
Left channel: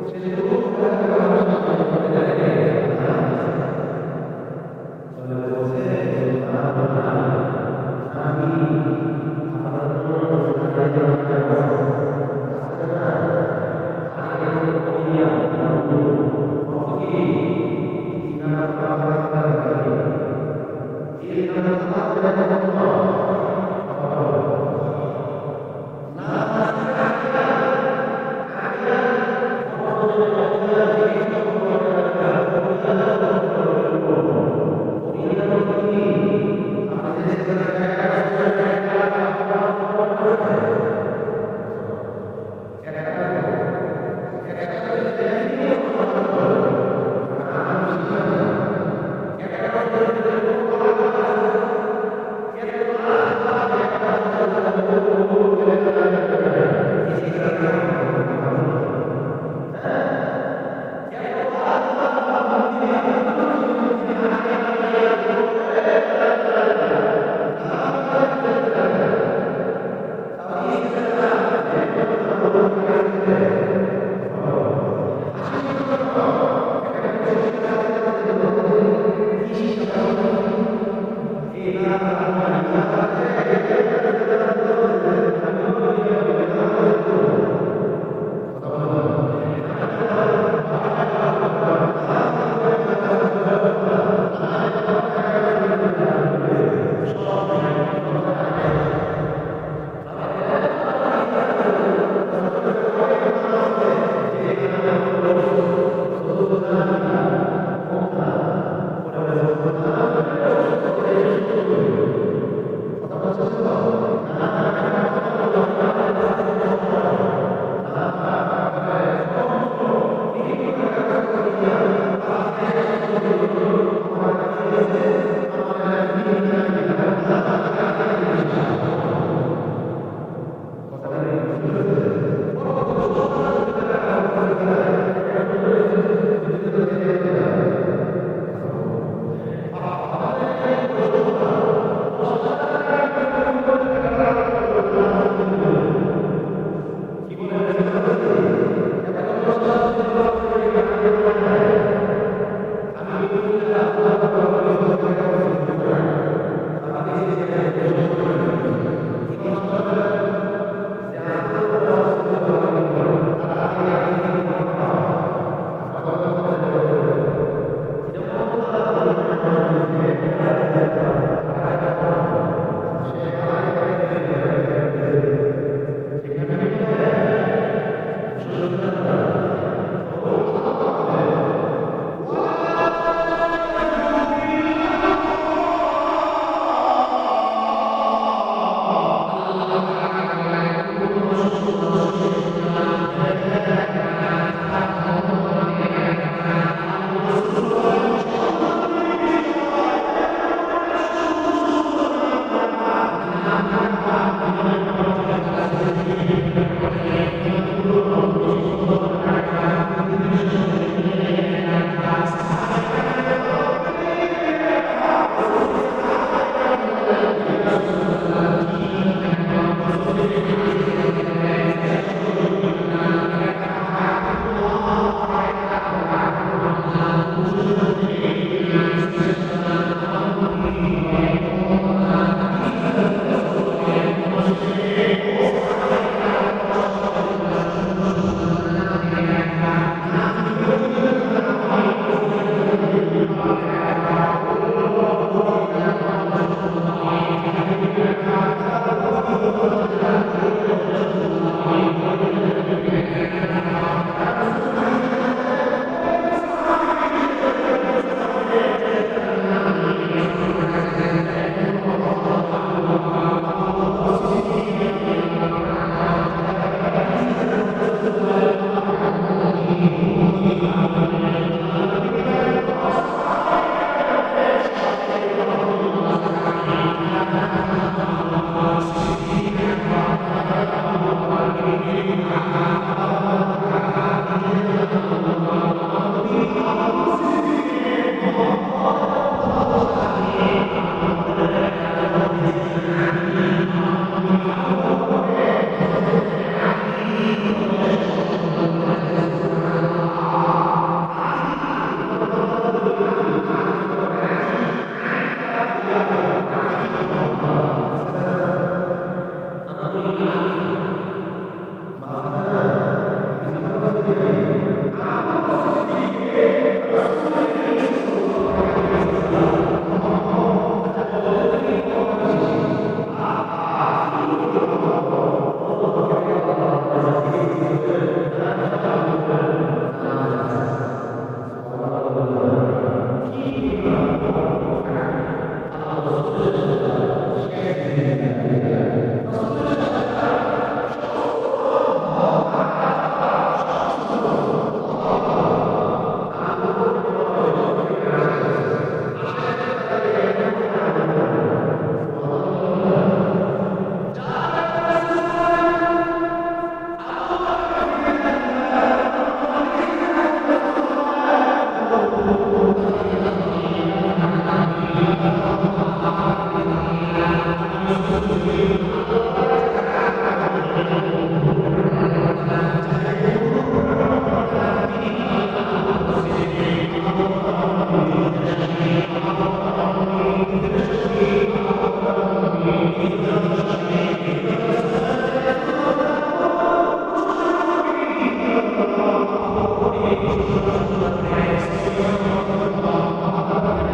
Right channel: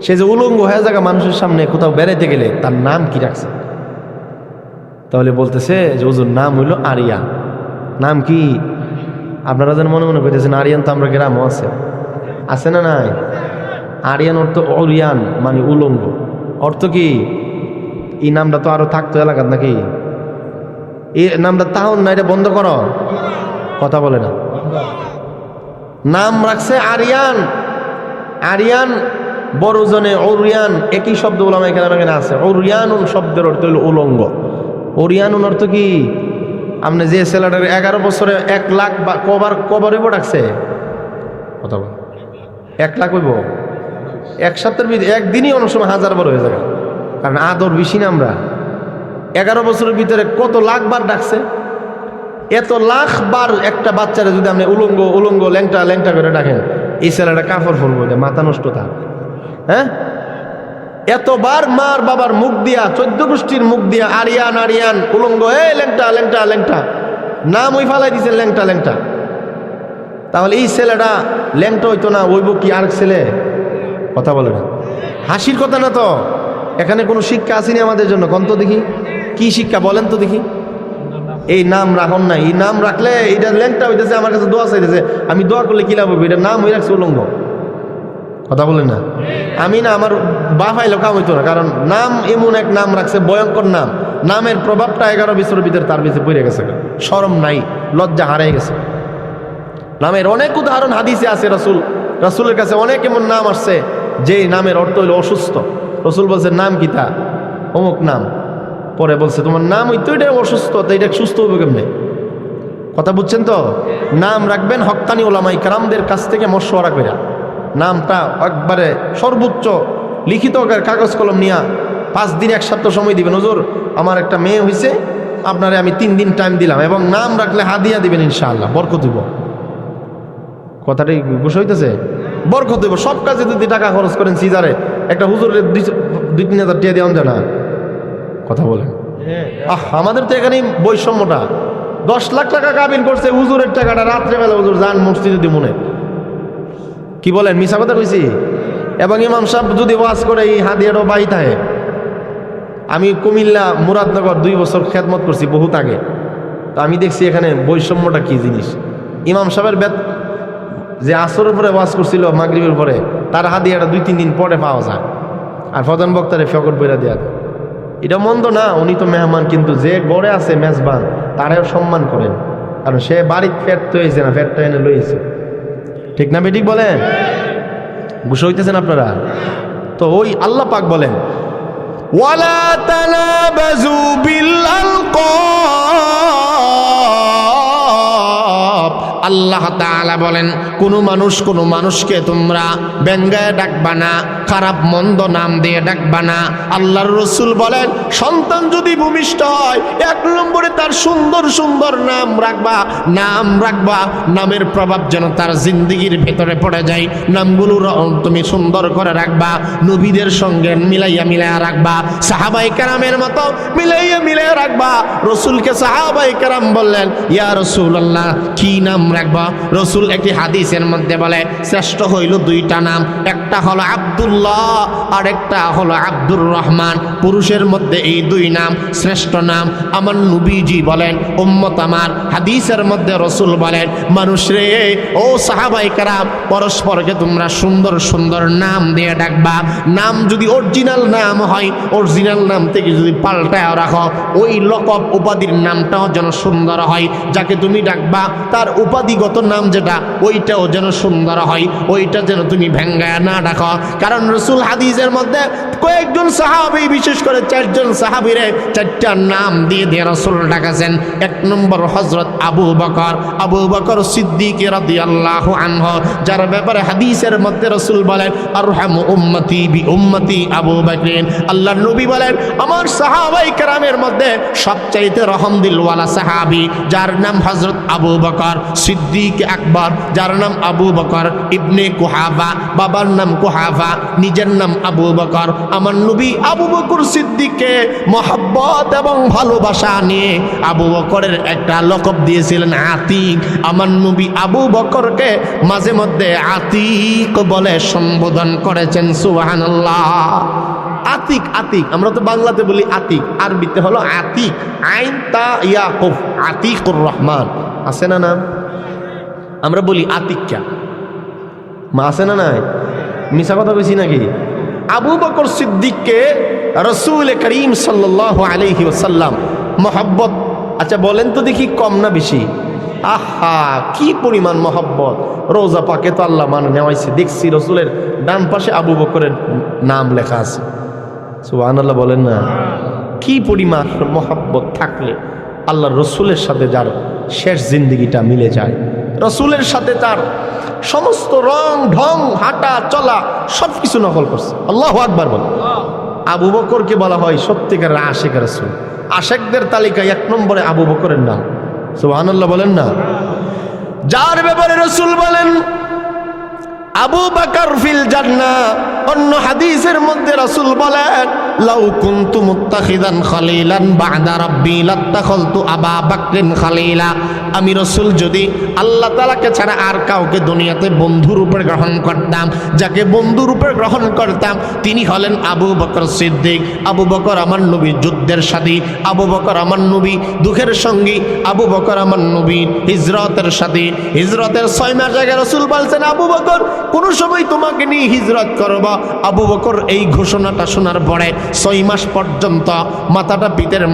সে যে উলঙ্গ হয়ে যাবে মানুষের সামনে কোথাও বেড়াইতে গেলে, তার নাম কি রাখছে? তাহলে বলতেছে যে হুজুর নাম হইল আরিয়ান। নাম কি? আপনারা যেন মনে মনে করতেছেন আরিয়ান তো আমরা গ্রামও আছে না নাই? আরিয়ান অর্থ ওরিয়ান, মানে উলঙ্গ। অর্থ কি? এই নামটা তো আরো থাকতো এলাকার নাকি? এই নামটা তাহলে না, এটা বন্ধ করো, কথা বলে না। নাম রাখছে আরিয়ান। আরিয়ান বড়জনে ওরিয়ান, একই শব্দ বললাম এখানে আছে। ওরিয়ানুন শব্দের অর্থ হল উলঙ্গ। ওরিয়ানুন অর্থ কি? আপনি যে ছেলেটার 11 বছরে 1 লাখ কবার হইব ডাকছে, কথা বল, 1 লাখ হইব এক সপ্তাহের ভিতরে, একদিনই অনেক সময় 1000 বার হয়ে যাবে, কারণ আদর বেশি না আমরা। 11 বছরের ভিতরে কত লাখ বার ডাকছে? এত লাখ বার একটা বাচ্চারা যদি আপনি উলঙ্গ উলঙ্গ ল্যাংটা ল্যাংটা করে ডাকেন, এই ছেলেটা কাপড় ফলবো, মাথা নষ্ট থাকে। হ্যাঁ, এতবার মার বাবার মুখ দিয়া, 14 গোষ্ঠীর মুখ দিয়া আরিয়ান আরিয়ান উলঙ্গ, ল্যাংটা ল্যাংটা ল্যাংটা, নাম ওই ফালাই দিচ্ছেন ল্যাংটা ল্যাংটা। তাহলে এই ছেলেটা ল্যাংটা হইতো না, ওইব কি আর ছেলে? কথা বলে না। হাসির কথা না তো, এখানে কোনো শিক্ষা আসেনি আমাদের জন্য। কোন তো দেখি কি শিক্ষা বলেন তো দেখি। এই নাম রাখুন না, এই নাম রাখলে এটা ল্যাংটা হইতেছে, আমার কাছে দোয়া চাইতেছে, আমি দোয়া করলে কি লাভ হবে? এটা নাম হয়ে রাখছে উলঙ্গ, কথা বলেন না। আমি না, আমার বা ফাইলে কাম হইতো না, কারণ নাম এমন এক নাম রাখছে, ভয়ঙ্কর নাম, নামের প্রভাবটা 11 বছরের ভিতরে তার ভিতরে পড়ে গেছে, শরম নাই, লজ্জা হারিয়ে গেছে। নামের অনেক উদাহরণ হাদিসে আছে, রাসূলের কাছে অনেক এমন নাম আসছে যে নামের অর্থ হইল অসুস্থ। রাসূল বলছে নাম কি তা? অমুক নাম। পরে বলছে তোমার নাম হইতো এটা অসুস্থ, তো এটা সুস্থ হবে কেমনে? কথা বুঝছেন তো? নাম রাখবেন হক্কানি ওলামাই কেরামদের কাছ থেকে মশওয়ারা করে, নামটা একবারে সর্বোচ্চ লিখিত কাগজ কলম নিয়ে 5 দিন 1 সপ্তাহ সময় দিবেন। হুজুর আমার একটা মেয়ে হয়েছে, আপনারে আমি 3 দিন টাইম দিলাম, এবং নাম রাখলে হাদিয়া দিবেন ইনশাআল্লাহ, বরকত হইব। কথাটাই বুঝ হইতেছে? বরকত হইব। সব কাজে যদি টাকা খরচ করেন, সিজারে একটা হুজুরের 2-3 হাজার টাকা দেওয়া যায় না? কথা বলেন। আমাদের তো এখানেই বৈষম্যটা। 10 লাখ টাকা কাবিন করছে, হুজুরের টাকাটা রাত্রেবেলা হুজুর যান মসজিদে দিব মনে। কি বলেন, মিছা কথা কইছি? এবং ইমাম সাহেব যদি ওয়াজ করে এই হাদিয়ারও বাই থাকে। আমি কুমিল্লা মুরাদনগর 2 বছর খেদমত করছি বহুত আগে, তো আমি দেখছি এখানে বৈষম্যটা কি জিনিস। ইমাম সাহেবের যে আসরের পরে ওয়াজ করছিল মাগরিবের পরে, তার হাদিয়াটা 2-3 দিন পরে পাওয়া যায়, আর প্রধান বক্তারে ফকর বইরা দেওয়া। এটা মন্দ না, উনি তো মেহমান, কিন্তু যে গড়ে আছে মেজবান তারেও সম্মান করেন, কারণ সে বাড়ির ফেট তো হয়েছে না, ফেটটা এনে লইছে। ঠিক না বেঠিক বলেন? বুঝে হইতেছেন আপনারা? তো ওই আল্লাহ পাক বলেন ওয়ালা তানাবাজু বিল আলকাব। আল্লাহ তাআলা বলেন কোনো মানুষকে তোমরা ব্যঙ্গায় ডাকবা না, খারাপ মন্দ নাম দিয়ে ডাকবা না। আল্লাহর রাসূল বলেন সন্তান যদি ভূমিষ্ঠ হয় 1 নম্বরে তার সুন্দর সুন্দর নাম রাখবা। নামের প্রভাব যেন তার জিন্দেগির ভেতরে পড়ে যায়। নামগুলো তুমি সুন্দর করে রাখবা, নবীদের সঙ্গে মিলাইয়া রাখবা, সাহাবায়ে কেরামের মতো মিলাইয়া রাখবা। রাসূলকে সাহাবায়ে কেরাম বললেন ইয়া রাসূলুল্লাহ কি নাম রাখবা? রাসূল একটি হাদিসের মধ্যে বলে শ্রেষ্ঠ হইল 2টা নাম, একটা হলো আব্দুল্লাহ আর একটা হলো আব্দুর রহমান। পুরুষের মধ্যে এই 2 নাম শ্রেষ্ঠ নাম। আমার নবীজি বলেন উম্মত আমার, হাদিসের মধ্যে রাসূল বলেন মানুষ রে, ও সাহাবায়ে কেরাম, পরস্পরকে তোমরা সুন্দর সুন্দর নাম দিয়ে ডাকবা। নাম যদি অরিজিনাল নাম হয়, অরিজিনাল নাম থেকে যদি পাল্টায় রাখো, ওই লকব উপাধির নামটাও যেন সুন্দর হয়। যাকে তুমি ডাকবা তার উপাধিগত নাম যেটা, ওইটাও যেন সুন্দর হয়, ওইটা যেন তুমি ভেঙ্গায় না ডাকো। কারণ রাসূল হাদিসের মধ্যে কয়েকজন সাহাবী, বিশেষ করে 4 জন সাহাবীরে 4টা নাম দিয়ে রাসূল ডাকাছেন। 1 নম্বর হযরত আবু বকর সিদ্দিক রাদিয়াল্লাহু আনহু, যার ব্যাপারে হাদিসের মধ্যে রাসূল বলেন আরহামু উম্মতি বি উম্মতি আবু বকর। আল্লাহর নবী বলেন আমার সাহাবায়ে কেরামের মধ্যে সবচাইতে রহম দিলওয়ালা সাহাবী যার নাম হযরত আবু বকর সিদ্দিক আকবর, যার নাম আবু বকর ইবনে কুহাফা, বাবার নাম কুহাফা, নিজের নাম আবু বকর। আমার নবী আবু বকর সিদ্দিককে মহব্বত এবং ভালোবাসা নিয়ে আবু বকরের একটা লকব দিয়েছিলেন আতিক। আমার নবী আবু বকরকে মাঝে মধ্যে আতিক বলে সম্বোধন করেছেন। সুবহানাল্লাহ। আতিক, আমরা তো বাংলাতে বলি আতিক, আরবিতে হলো আতিক, আইন তা ইয়াকুব, আতিকুর রহমান। আছে না নাম? আমরা বলি আতিকা, মা আছে না নাই? মিছা কথা কইছি নাকি? আবু বকর সিদ্দিককে রাসূল করিম সাল্লাল্লাহু আলাইহি ওয়াসাল্লাম মহব্বত, আচ্ছা বলেন তো দেখি কম না বেশি? আহা কি পরিমাণ মহব্বত! রোজা পাকে তো আল্লাহ নেওয়াইছে, দেখছি রাসূলের ডান পাশে আবু বকরের নাম লেখা আছে। সুবহানাল্লাহ বলেন না? কি পরিমাণ মহব্বত থাকলে আল্লাহর রাসূলের সাথে যার শেষ জিন্দেগিটা মিলে যায়, রাসূলের সাথে তার সমস্ত রং ঢং হাঁটা চলা সবকিছু নকল করছে। আল্লাহু আকবার বল। আবু বকরকে বলা হয় সত্যিকারের আশিক রাসূল। আশিকদের তালিকায় 1 নম্বরে আবু বকরের নাম। সুবহানাল্লাহ বলেন না? যার ব্যাপারে রাসূল বলেন আবু বকর ফিল জান্নাহ। অন্য হাদিসের মধ্যে রাসূল বলেন, লাউ কুনতু মুত্তাখিদান খলিলান বা'দা রাব্বি লাত্তাখালতু আবা বকরিন খলিলা। আমি রাসূল যদি আল্লাহ তাআলাকে ছাড়া আর কাউকে দুনিয়াতে বন্ধু রূপে গ্রহণ করতাম, যাকে বন্ধু রূপে গ্রহণ করতাম তিনি হলেন আবু বকর সিদ্দিক। আবু বকর আমার নবী যুদ্ধের সাথী, আবু বকর আমার নবী দুঃখের সঙ্গী, আবু বকর আমার নবী হিজরতের সাথী। হিজরতের 6 মাস আগে রাসূল বলছেন, আবু বকর কোন সময় তোমাকে নিয়ে হিজরত করব। আবু বকর এই ঘোষণাটা শোনার পরে 6 মাস পর্যন্ত মাথাটা পিঠের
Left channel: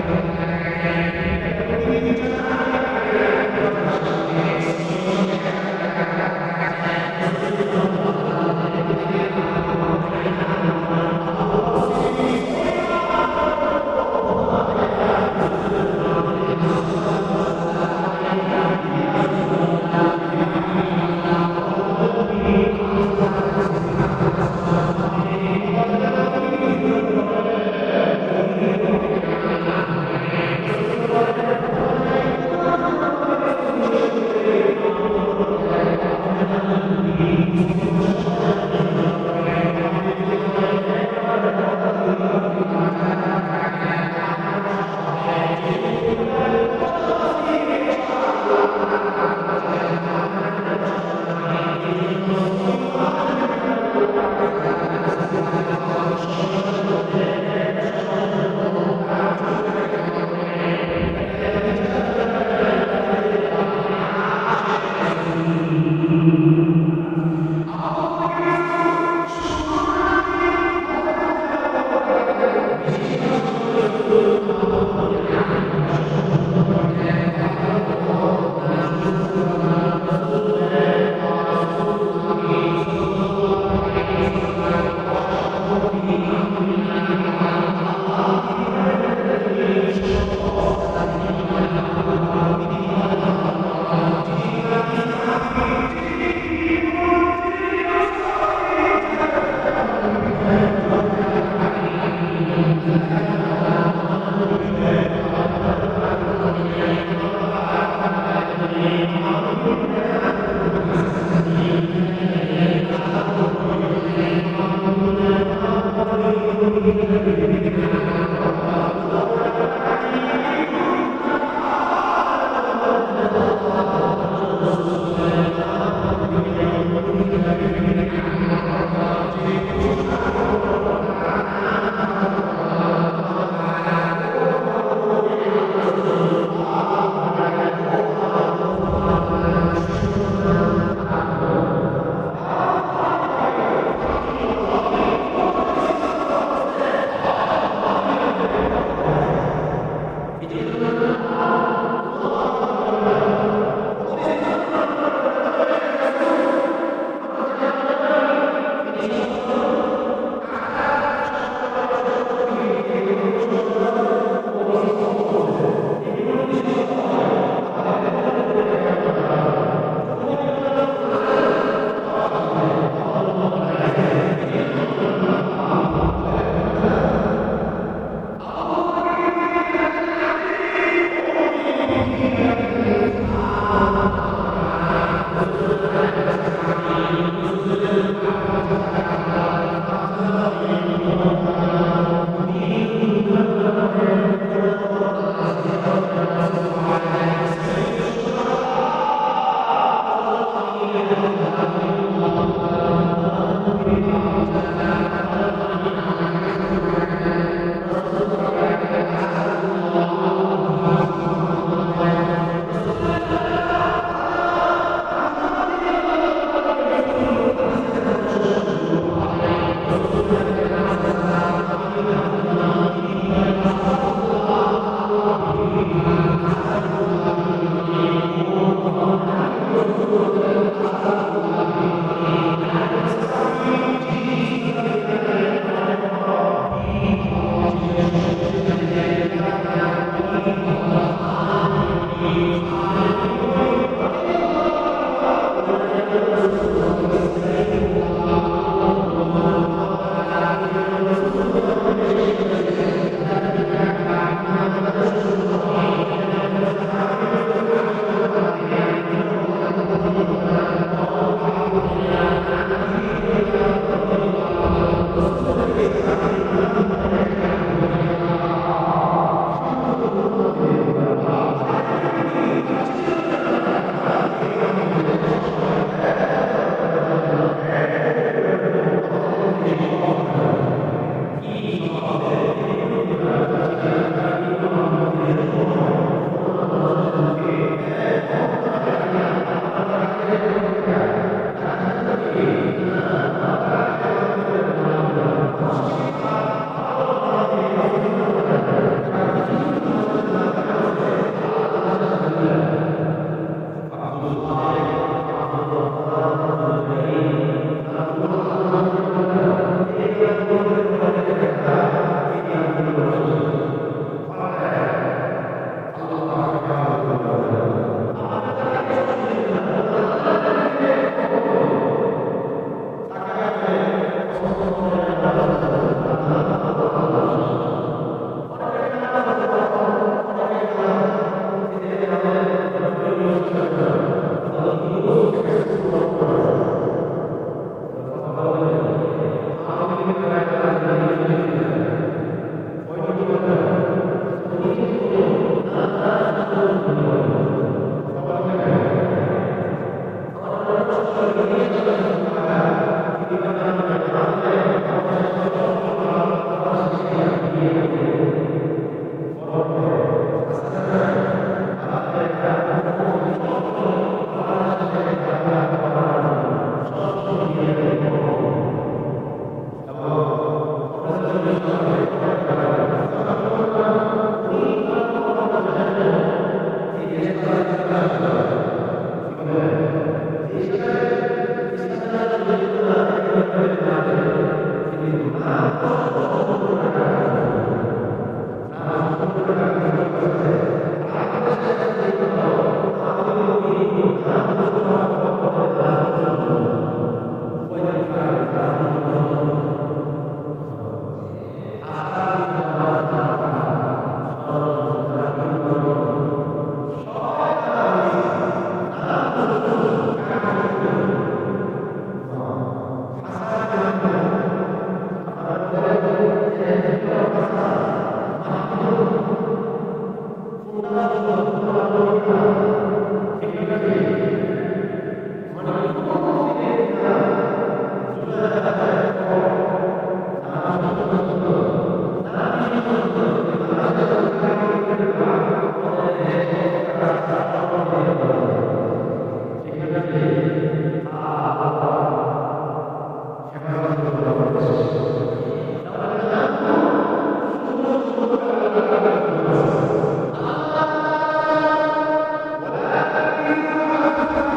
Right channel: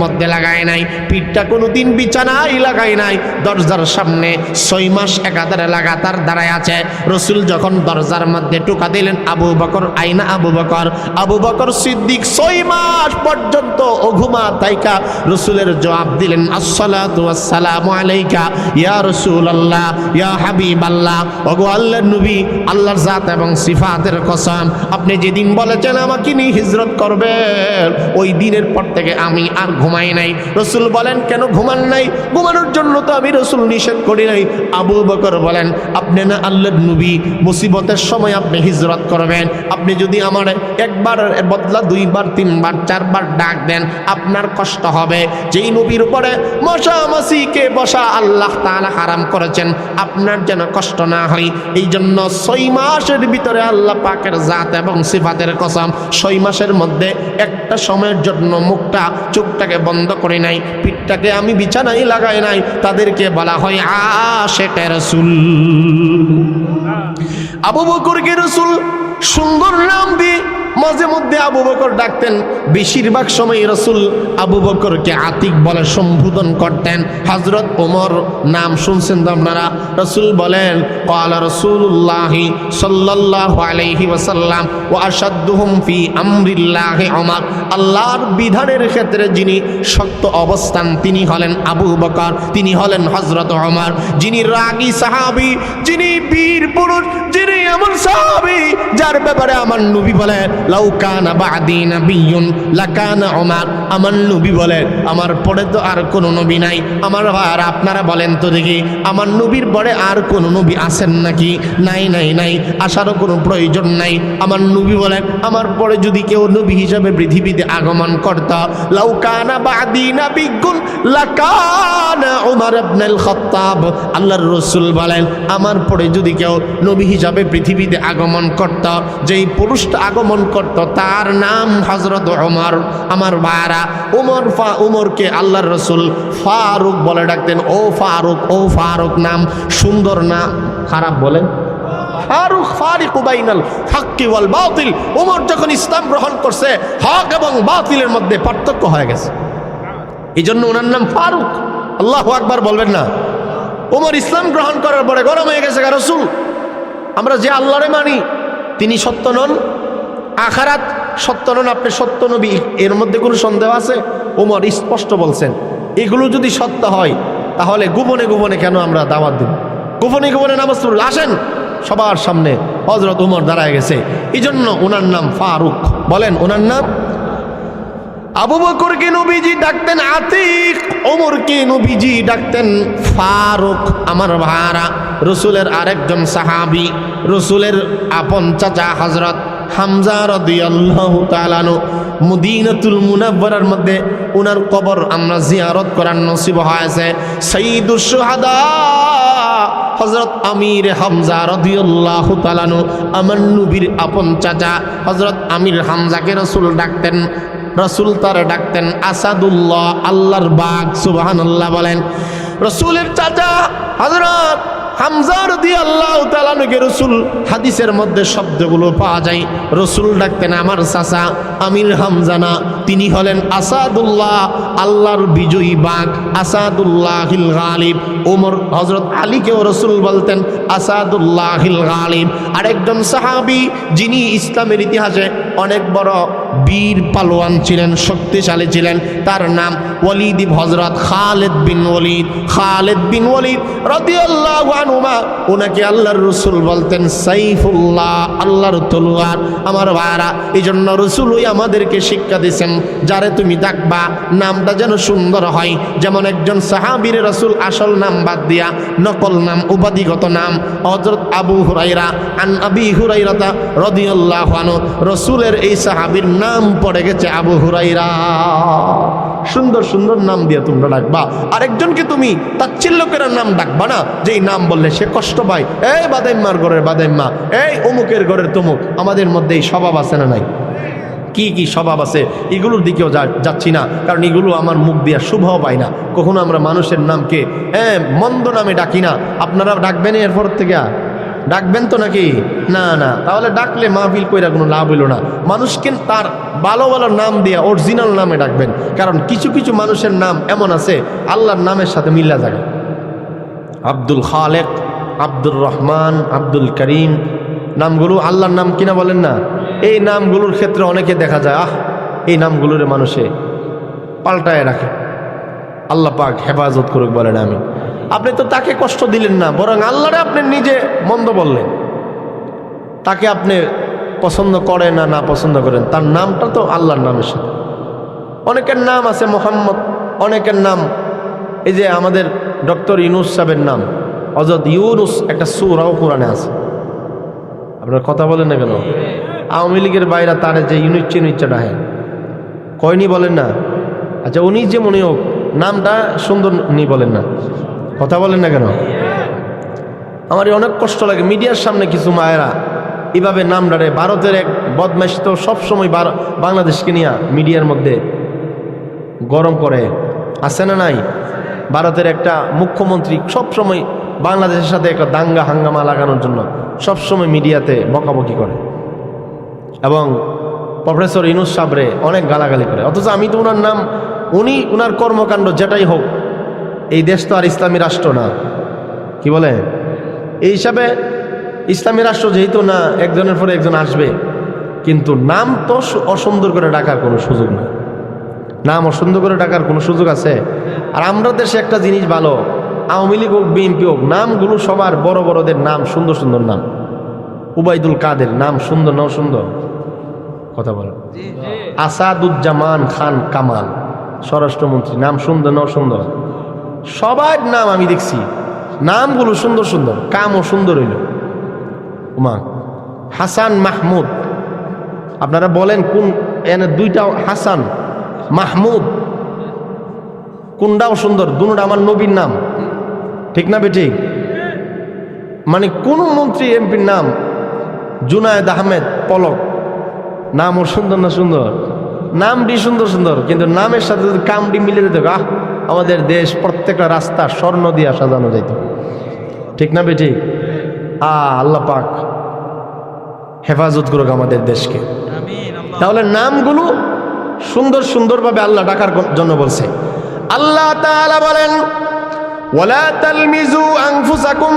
মধ্যে লাগায় নাই, পিঠটা কোনোদিন বিছানায় লাগায় নাই, দরজার সামনে 6 মাস একাধারে লাগাতার দাঁড়ায় আছে। রাসূল যখন দরজার মধ্যে টোকা দিলেন, আবু বকর আইনা আবু বকর, আবু বকর সিদ্দিক 6 মাস পর্যন্ত অঘুমা তাইকা রাসূলের জবাব দিলেন, আসসালাতু ওয়াসসালামু আলাইকা ইয়া রাসূলুল্লাহ ইয়া হাবিবাল্লাহ। ওগো আল্লাহর নবী, আল্লাহর জাত এবং সিফাতের কসম, আপনি যেদিন বলেছেন আমাকে নিয়ে হিজরত করবেন, ওই দিনের পর থেকে আমি আর ঘুমাই নাই। রাসূল বলেন, কেন ঘুমান নাই? ঘুমানোর জন্য তো আমি রাসূল নিষেধ করি নাই। আবু বকর বলেন, আপনি না আল্লাহর নবী, মুসিবতের সময় আপনি হিজরত করবেন, আপনি যদি আমার একবার বদলা 2 বার 3 বার 4 বার ডাক দেন আপনার কষ্ট হবে। যেই নবীর উপরে মশা মাছিকে বসা আল্লাহ তাআলা হারাম করেছেন, আপনার যেন কষ্ট না হয়। এই জন্য 6 মাসের ভিতরে আল্লাহ পাকের জাত এবং সিফাতের কসম 6 মাসের মধ্যে একটা সময়ের জন্য মুখটা চোখটাকে বন্ধ করে নাই, পিঠটাকে আমি বিছানায় লাগাই নাই। তাদেরকে বলা হয় আশিকে রাসূল। আবু বকরকে রাসূল সুন্দর নাম দিয়ে মাঝে মধ্যে আবু বকর ডাকতেন। বেশিরভাগ সময় রাসূল আবু বকরকে আতিক বলে সম্বোধন করতেন। হযরত ওমর নাম শুনছেন তো আপনারা? রাসূল বলেন, ক্বালা রাসূলুল্লাহ সাল্লাল্লাহু আলাইহি ওয়াসাল্লাম ওয়া আশাদ্দুহুম ফি আমরিল্লাহি ওমর। আল্লাহর বিধানের ক্ষেত্রে যিনি শক্ত অবস্থান তিনি হলেন আবু বকর, তিনি হলেন হযরত ওমর। যিনি রাগী সাহাবী, যিনি বীর পুরুষ, যিনি এমন সাহাবী যার ব্যাপারে আমার নবী বলেন, লাউ কানা বা'দি নাবিয়্যুন লাকানা ওমর। আমার নবী বলেন, আমার পরে তো আর কোন নবী নাই। আমার ভাইরা আপনারা বলেন তো দেখি, আমার নবীর পরে আর কোন নবী আছেন নাকি? নাই নাই নাই, আসারও কোনো প্রয়োজন নাই। আমার নবী বলেন, আমার পরে যদি কেউ নবী হিসাবে পৃথিবীতে আগমন করত, লাউ কানা বা'দি নাবিয়্যুন লাকানা ওমর ইবনুল খাত্তাব। আল্লাহর রাসূল বলেন, আমার পরে যদি কেউ নবী হিসাবে পৃথিবীতে আগমন করত, যেই পুরুষটা আগমন করত তার নাম হযরত ওমর। আমার ভাইরা, ওমরকে আল্লাহর রাসূল ফারুক বলে ডাকতেন। ও ফারুক, ও ফারুক নাম সুন্দর না খারাপ বলেন? ফারুক ফারিকু বাইনাল হাক্কি ওয়াল বাতিল। ওমর যখন ইসলাম গ্রহণ করছে, হক এবং বাতিলের মধ্যে পার্থক্য হয়ে গেছে, এই জন্য ওনার নাম ফারুক। আল্লাহু আকবার বলবেন না? ওমর ইসলাম গ্রহণ করার পরে গরম হয়ে গেছে, রাসূল আমরা যে আল্লাহরে মানি তিনি সত্য নন, আখিরাত সত্য নন, আপনি সত্য নবী, এর মধ্যে কোনো সন্দেহ আছে? ওমর স্পষ্ট বলছেন, এগুলো যদি সত্য হয় তাহলে গোপনে গোপনে কেন আমরা দাওয়াত দিব? গোপনে গোপনে নামাজ পড়ুন, আসেন। সবার সামনে হযরত ওমর দাঁড়ায় গেছে, এই জন্য ওনার নাম ফারুক। বলেন, ওনার নাম? আবু বকরকে নবীজি ডাকতেন আতিক, ওমরকে নবীজি ডাকতেন ফারুক। আমার ভাইরা, রাসূলের আরেকজন সাহাবী, রাসূলের আপন চাচা হযরত হামজা রাদিয়াল্লাহু তাআলা আনহু, মদিনাতুল মুনাওয়ারার মধ্যে ওনার কবর আমরা জিয়ারত করার নসিব হয়েছে। সাইয়্যিদুশ শুহাদা হযরত আমির হামজা রাদিয়াল্লাহু তাআলা আনহু, আমার নবীর আপন চাচা হযরত আমির হামজাকে রাসূল ডাকতেন। রাসূল তার ডাকতেন আসাদুল্লাহ, আল্লাহর বাগ। সুবহানাল্লাহ বলেন। রাসূলের চাচা হযরত হামজা রাদিয়াল্লাহু তাআলা আনহুকে রাসূল হাদিসের মধ্যে শব্দগুলো পাওয়া যায়, রাসূল ডাকতেন আমার চাচা আমির হামজা না, তিনি হলেন আসাদুল্লাহ, আল্লাহর বিজয়ী বাঘ, আসাদুল্লাহিল গালিব। ওমর হযরত আলীকেও রাসূল বলতেন আসাদুল্লাহিল গালিব। আরেকজন সাহাবী যিনি ইসলামের ইতিহাসে অনেক বড় বীর পালোয়ান ছিলেন, শক্তিশালী ছিলেন। তার নাম ওয়ালিদ হযরত খালিদ বিন ওয়ালিদ রাদিয়াল্লাহু আনহু। ওনাকে আল্লাহর রাসূল বলতেন সাইফুল্লাহ, আল্লাহর তলোয়ার। আমার ভাইরা, এই জন্য রাসূলই আমাদেরকে শিক্ষা দিয়েছেন, যারে তুমি ডাকবা নামটা যেন সুন্দর হয়। যেমন একজন সাহাবীর রাসূল আসল নাম বাদ দিয়া নকল নাম, উপাধিগত নাম হযরত আবু হুরায়রা আন আবি হুরায়রা রাদিয়াল্লাহু আনহু, রাসূলের এই সাহাবীর নাম পড়ে গেছে আবু হুরায়রা। সুন্দর সুন্দর নাম দিয়ে তোমরা ডাকবা। আরেকজনকে তুমি তাচ্ছিল্য করে নাম ডাকবা না, যেই নাম বললে সে কষ্ট পায়। এই বাদাইম্মার ঘরের বাদাইম্মা, এই অমুকের ঘরের তমুক। আমাদের মধ্যে এই স্বভাব আছে না নাই? কি কি স্বভাব আছে, এগুলোর দিকেও যাচ্ছি না, কারণ এগুলো আমার মুখ দিয়া শুভ পাই না। কখনো আমরা মানুষের নামকে মন্দ নামে ডাকি না। আপনারা ডাকবেন এরপর থেকে? ডাকবেন তো নাকি? না না, তাহলে ডাকলে মাহফিল কইরা কোনো লাভ হইল না। মানুষকে তার ভালো ভালো নাম দিয়া অরিজিনাল নামে ডাকবেন, কারণ কিছু কিছু মানুষের নাম এমন আছে আল্লাহর নামের সাথে মিল্লা যায়। আব্দুল খালেক, আব্দুর রহমান, আব্দুল করিম, নামগুলো আল্লাহর নাম কিনা বলেন না? এই নামগুলোর ক্ষেত্রে অনেকে দেখা যায় এই নামগুলোরে মানুষে পাল্টায় রাখে। আল্লাহ পাক হেফাজত করুক বলেন আমি। আপনি তো তাকে কষ্ট দিলেন না, বরং আল্লাহরে আপনি নিজে মন্দ বললেন। তাকে আপনি পছন্দ করেন না পছন্দ করেন, তার নামটা তো আল্লাহর নামের সাথে। অনেকের নাম আছে মোহাম্মদ, অনেকের নাম এই যে আমাদের ডক্টর ইউনুস সাহেবের নাম হযরত ইউনুস, একটা সূরাও কোরআনে আছে। আপনার কথা বলেন না কেন? আওয়ামী লীগের বাইরে তার যে ইউনিট রাহে কয়নি বলেন না? আচ্ছা, উনি যে মনে হোক নামটা সুন্দর নি বলেন না, কথা বলেন না কেন? আমার অনেক কষ্ট লাগে মিডিয়ার সামনে কিছু মায়েরা এভাবে নাম ডারে। ভারতের এক বদমাইশ তো সবসময় বাংলাদেশকে নিয়ে মিডিয়ার মধ্যে গরম করে, আছে না নাই? ভারতের একটা মুখ্যমন্ত্রী সবসময় বাংলাদেশের সাথে একটা দাঙ্গা হাঙ্গামা লাগানোর জন্য সবসময় মিডিয়াতে বকাবকি করে এবং প্রফেসর ইউনুস সাহেবরে অনেক গালাগালি করে। অথচ আমি তো ওনার নাম, উনি ওনার কর্মকাণ্ড যেটাই হোক, এই দেশ তো আর ইসলামী রাষ্ট্র না, কি বলে? এই হিসাবে ইসলামী রাষ্ট্র যেহেতু না, একজনের পরে একজন আসবে, কিন্তু নাম তো অসুন্দর করে ডাকার কোনো সুযোগ নেই। নাম অসুন্দর করে ডাকার কোনো সুযোগ আছে? আর আমরা দেশে একটা জিনিস ভালো, আওয়ামী লীগ হোক বিএনপি হোক, নামগুলো সবার বড় বড়দের নাম সুন্দর সুন্দর নাম। উবাইদুল কাদের নাম সুন্দর, নাও সুন্দর, কথা বলো। আসাদুজ্জামান খান কামাল স্বরাষ্ট্রমন্ত্রী, নাম সুন্দর, নাও সুন্দর। সবার নাম আমি দেখছি, নামগুলো সুন্দর সুন্দর, কামও সুন্দর হইল। উমা হাসান মাহমুদ, আপনারা বলেন কোন? এনে দুইটা হাসান মাহমুদ, কোনটাও সুন্দর, দুটোটা আমার নবীর নাম, ঠিক না বেঠিক? মানে কোন মন্ত্রী এমপির নাম জুনায়েদ আহমেদ পলক, নামও সুন্দর না সুন্দর? নামটি সুন্দর সুন্দর, কিন্তু নামের সাথে যদি কামটি মিলে যেত, আমাদের দেশ প্রত্যেকটা রাস্তা স্বর্ণ দিয়া সাজানো যেত, ঠিক না বেঠিক? আল্লাহ পাক হেফাজত করুক আমাদের দেশকে। তাহলে নামগুলো সুন্দর সুন্দরভাবে আল্লাহ ডাকার জন্য বলছে। আল্লাহ তাআলা বলেন ওয়ালা তালমিজু আনফুসাকুম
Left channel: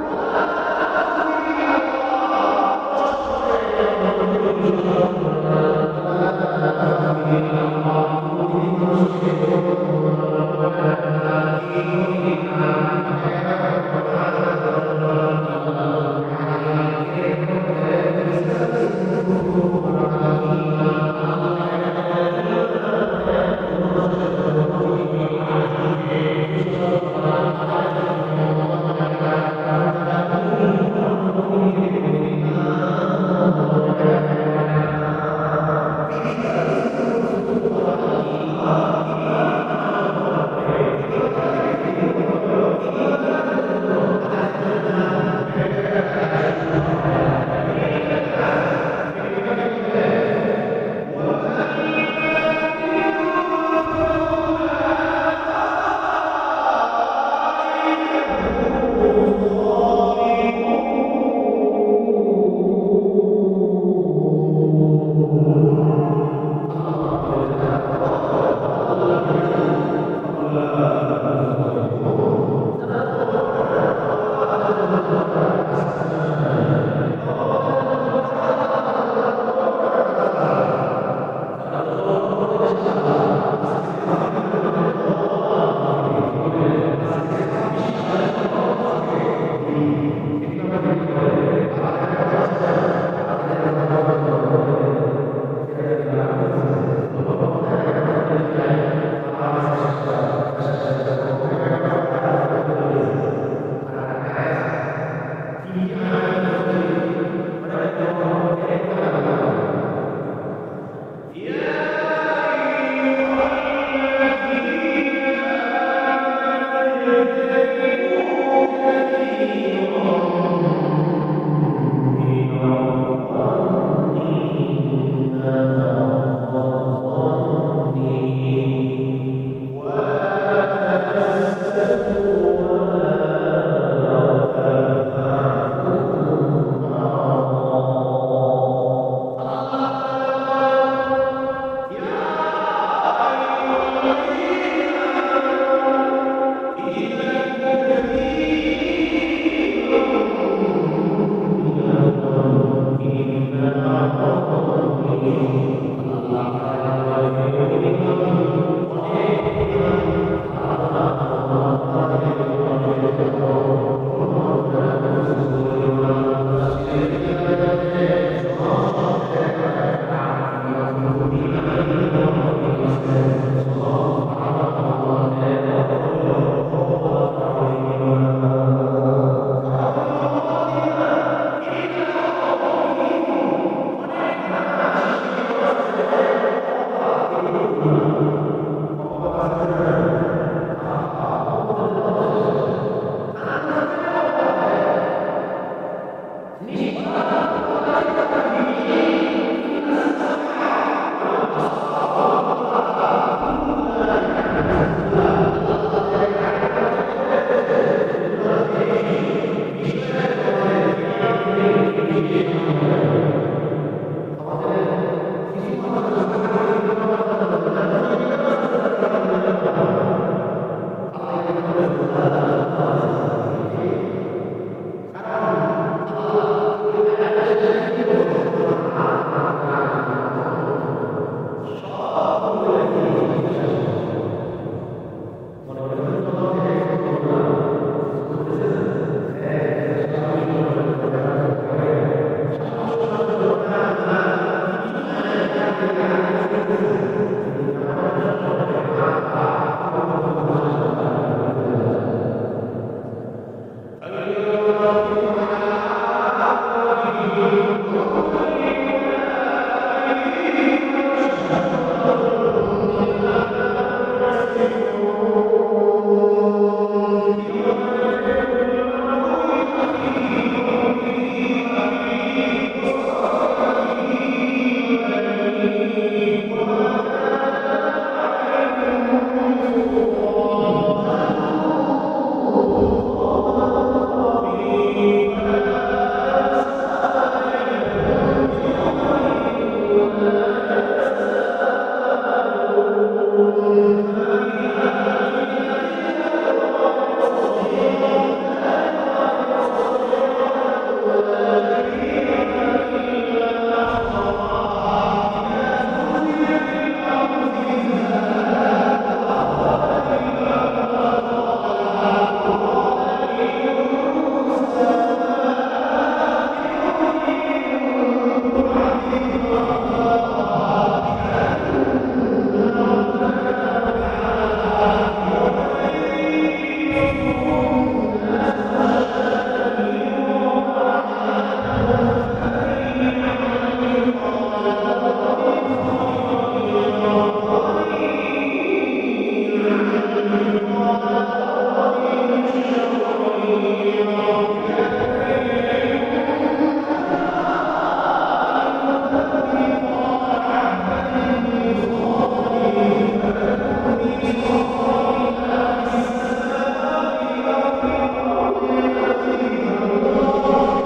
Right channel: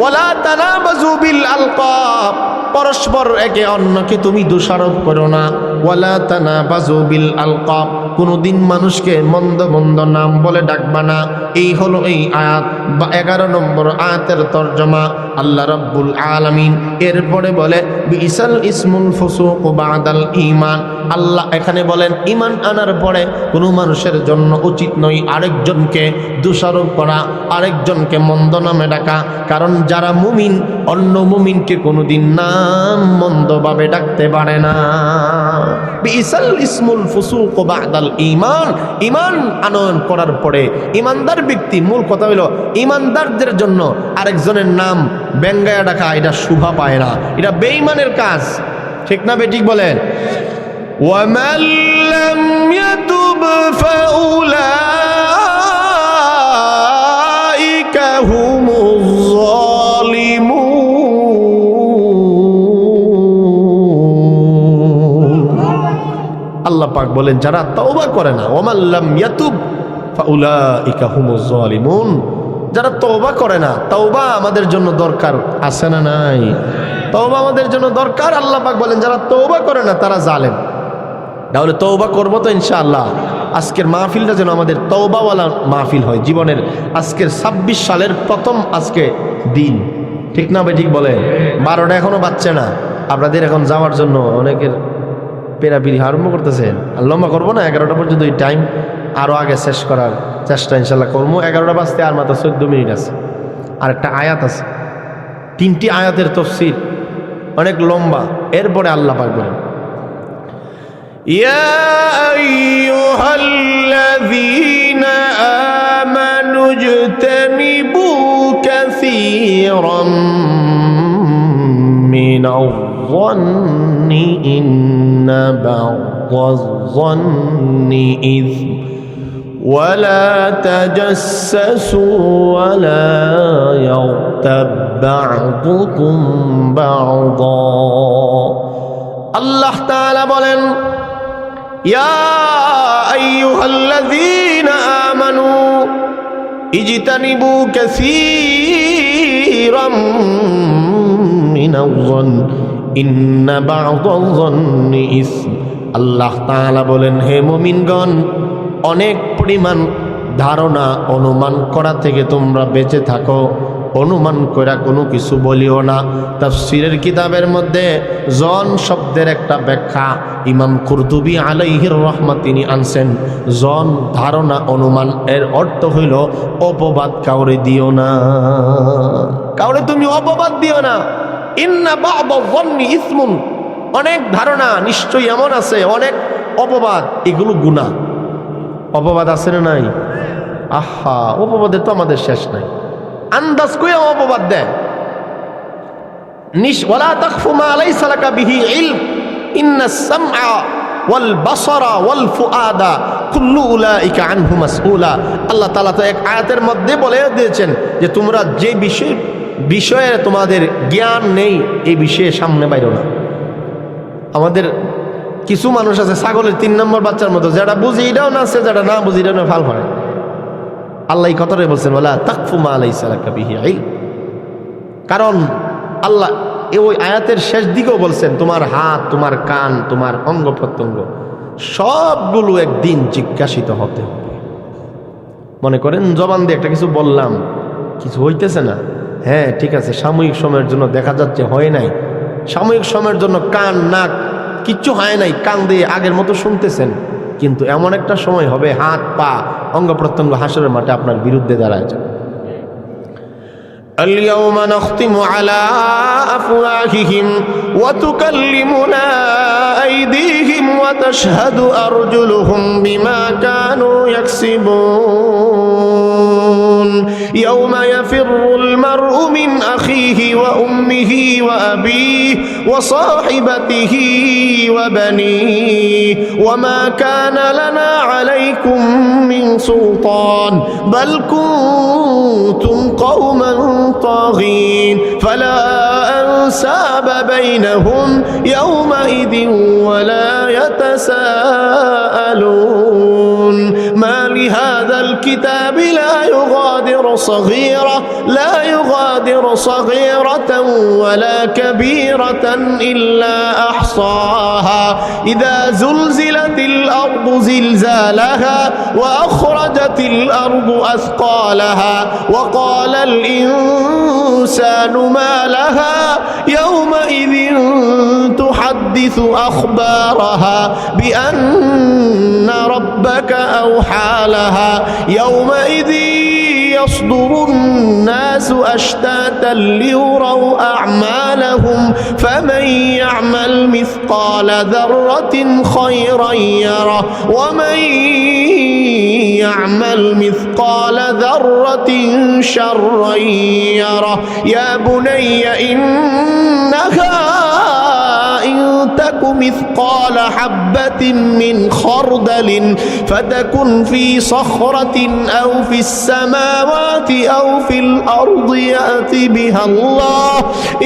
ওয়ালা তানাবাজু বিল আলকাব, পরস্পর একে অন্যকে তুমি দোষারোপ করো না। ওয়ালা তানাবাজু বিল আলকাব, কোনোদিন মানুষকে মন্দ মন্দ নাম বলে ডাকবা না। এই হলো এই আয়াত বা 11 নম্বর আয়াতের তরজমা। আল্লাহ রাব্বুল আলামিন এরপরে বলে বিসাল ইসমুল ফুসুক বাদাল ঈমান। আল্লাহ এখানে বলেন ঈমান আনার পরে কোনো মানুষের জন্য উচিত নয় আরেকজনকে দোষারোপ করা, আরেকজনকে মন্দ নামে ডাকা। কারণ যারা মুমিন অন্য মুমিনকে কোনোদিন নাম মন্দভাবে ডাকতে পারে না। বিসাল ইসমুল ফুসুক বাদাল ঈমান, ঈমান আনয়ন করার পরে ঈমানদার ব্যক্তি, মূল কথা হলো ঈমানদারদের জন্য আরেকজনের নাম ব্যঙ্গায়া ডাকা, এটা শোভা পায় না, এটা বেঈমানের কাজ, ঠিক না বেঠিক বলেন? ওয়ামান লাম ইয়াতুব ফাউলাইকা হুমুজ যালিমুন। আল্লাহ পাক বলেন যারা তওবা করে না, ওয়ামান লাম ইয়াতুব ফাউলাইকা হুমুজ যালিমুন, যারা তওবা করে না, তওবা আমাদের জন্য দরকার আছে না নাই? তওবা আমাদের জন্য দরকার। আল্লাহ পাক বলেন যারা তওবা করে না তারা জালেম। তাহলে তওবা করবো তো ইনশাআল্লাহ। আজকের মাহফিলটা যেন আমাদের তওবাওয়ালা মাহফিল হয়। জীবনের আজকের 26 সালের প্রথম আজকে দিন, ঠিক না ভাই? ঠিক বলে 12টা এখনো বাচ্চা না, আপনাদের এখন যাওয়ার জন্য অনেকের পেরাপিরি আরম্ভ করতেছে। আর লম্বা করবো না, 11টা পর্যন্ত এই টাইম, আরও আগে শেষ করার চেষ্টা ইনশাল্লাহ করবো। 11টা বাজতে আর মাত্র 14 মিনিট আছে। আর একটা আয়াত আছে, 3টি আয়াতের তাফসীর অনেক লম্বা। এরপরে আল্লাহ পাক বলেন, ইয়া আইয়ুহাল্লাযীনা আমানু ইজতানিবু কাসীরাম মিনায-যন্নি ইন্না বা'দায-যন্নি ইসম ولا تجسسوا ولا يغتب بعضكم بعضا। আল্লাহ তাআলা বলেন, ইয়া আইয়ুহাল্লাযীনা আমানু ইজতানিবু কাসীরাম মিনায-যন্নি ইন্না বা'দায-যন্নি ইসম। আল্লাহ তাআলা বলেন, হে মুমিনগণ, অনেক পরিমাণ ধারণা অনুমান করা থেকে তোমরা বেঁচে থাকো। অনুমান করা কোনো কিছু বলিও না। তাফসীরের কিতাবের মধ্যে জন শব্দের একটা ব্যাখ্যা ইমাম কুরতুবী আলাইহির রহমাত তিনি আনছেন। জন ধারণা অনুমান, এর অর্থ হইল অপবাদ কাউরে দিও না, কাউরে তুমি অপবাদ দিও না। ইন্না বা'দায-যন্নি ইসমুন, অনেক ধারণা নিশ্চয়ই এমন আছে, অনেক অপবাদ, এগুলো গুনাহ। অপবাদ আছে না নাই? আহা, অপবাদের তো আমাদের শেষ নাই। আন্দাজ করে অপবাদ দেয়। ওয়ালা তাকফু মা লাইসা লাকা বিহি ইলম ইন্নাস সামআ ওয়াল বাসারা ওয়াল ফুআদা কুল্লু উলাইকা আনহু মাসউলা। আল্লাহ তাআলা তো এক আয়াতের মধ্যে বলে দিয়েছেন যে তোমরা যে বিষয়ে তোমাদের জ্ঞান নেই এই বিষয়ে সামনে বাইরো না। আমাদের কিছু মানুষ আছে ছাগলের 3 নম্বর বাচ্চার মতো, যেটা বুঝি এটাও না আছে, যেটা না বুঝি এটাও না, ফাল ফাল। আল্লাহ এই কথাটাই বলছেন, ওয়ালা তাকফু মা লাইসা লাকা বিহি ইলম। কারণ আল্লাহ ওই আয়াতের শেষ দিকেও বলছেন, তোমার হাত, তোমার কান, তোমার অঙ্গ প্রত্যঙ্গ সবগুলো একদিন জিজ্ঞাসিত হতে হবে। মনে করেন জবান দিয়ে একটা কিছু বললাম, কিছু হইতেছে না, হ্যাঁ ঠিক আছে, সাময়িক সময়ের জন্য দেখা যাচ্ছে হয় নাই, সাময়িক সময়ের জন্য কান নাক কিচ্ছু হয় নাই, কান দিয়ে আগের মতো শুনতেছেন, কিন্তু এমন একটা সময় হবে হাত পা অঙ্গ প্রত্যঙ্গ হাসরের মাঠে আপনার বিরুদ্ধে দাঁড়ায় যাবে। اليوم نختم على أفواههم وتكلمنا أيديهم وتشهد أرجلهم بما كانوا يكسبون يوم يفر المرء من أخيه وأمه وأبيه وصاحبته وبنيه وما كان لنا عليكم من سلطان بل كنتم قوما طاغين فلا أنساب بينهم يومئذ ولا يتساءلون ما لهذا الكتاب لا يغادر صغيرة ولا كبيرة إلا أحصاها إذا زلزلت الأرض زلزالها وأخرجت الأرض أثقالها وقال الإنسان ما لها يومئذ تحدث أخبارها بأن ربك أوحى لها يومئذ يصدر الناس أشتاتا ليروا أعمالهم فمن يعمل مثقال ذرة خيرا يره ومن يعمل مثقال ذرة شرا يره يا بني إنها إن تك مثقال حبة من خردل فتكن في صخرة أو في السماوات أو في الأرض يأتي بها الله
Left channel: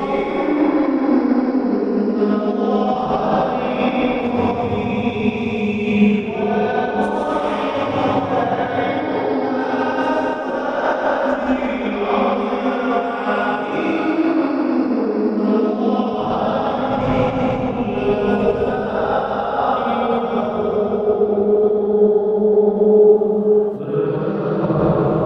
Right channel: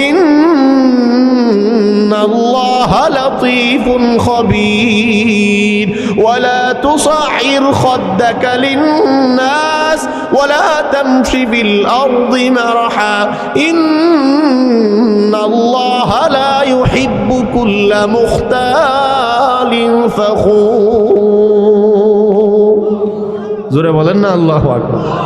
إن الله لطيف خبير ولا تصعر خدك للناس ولا تمش في الأرض مرحا إن الله لا يحب كل مختال فخور. জোরে বলেন না আল্লাহু আকবার।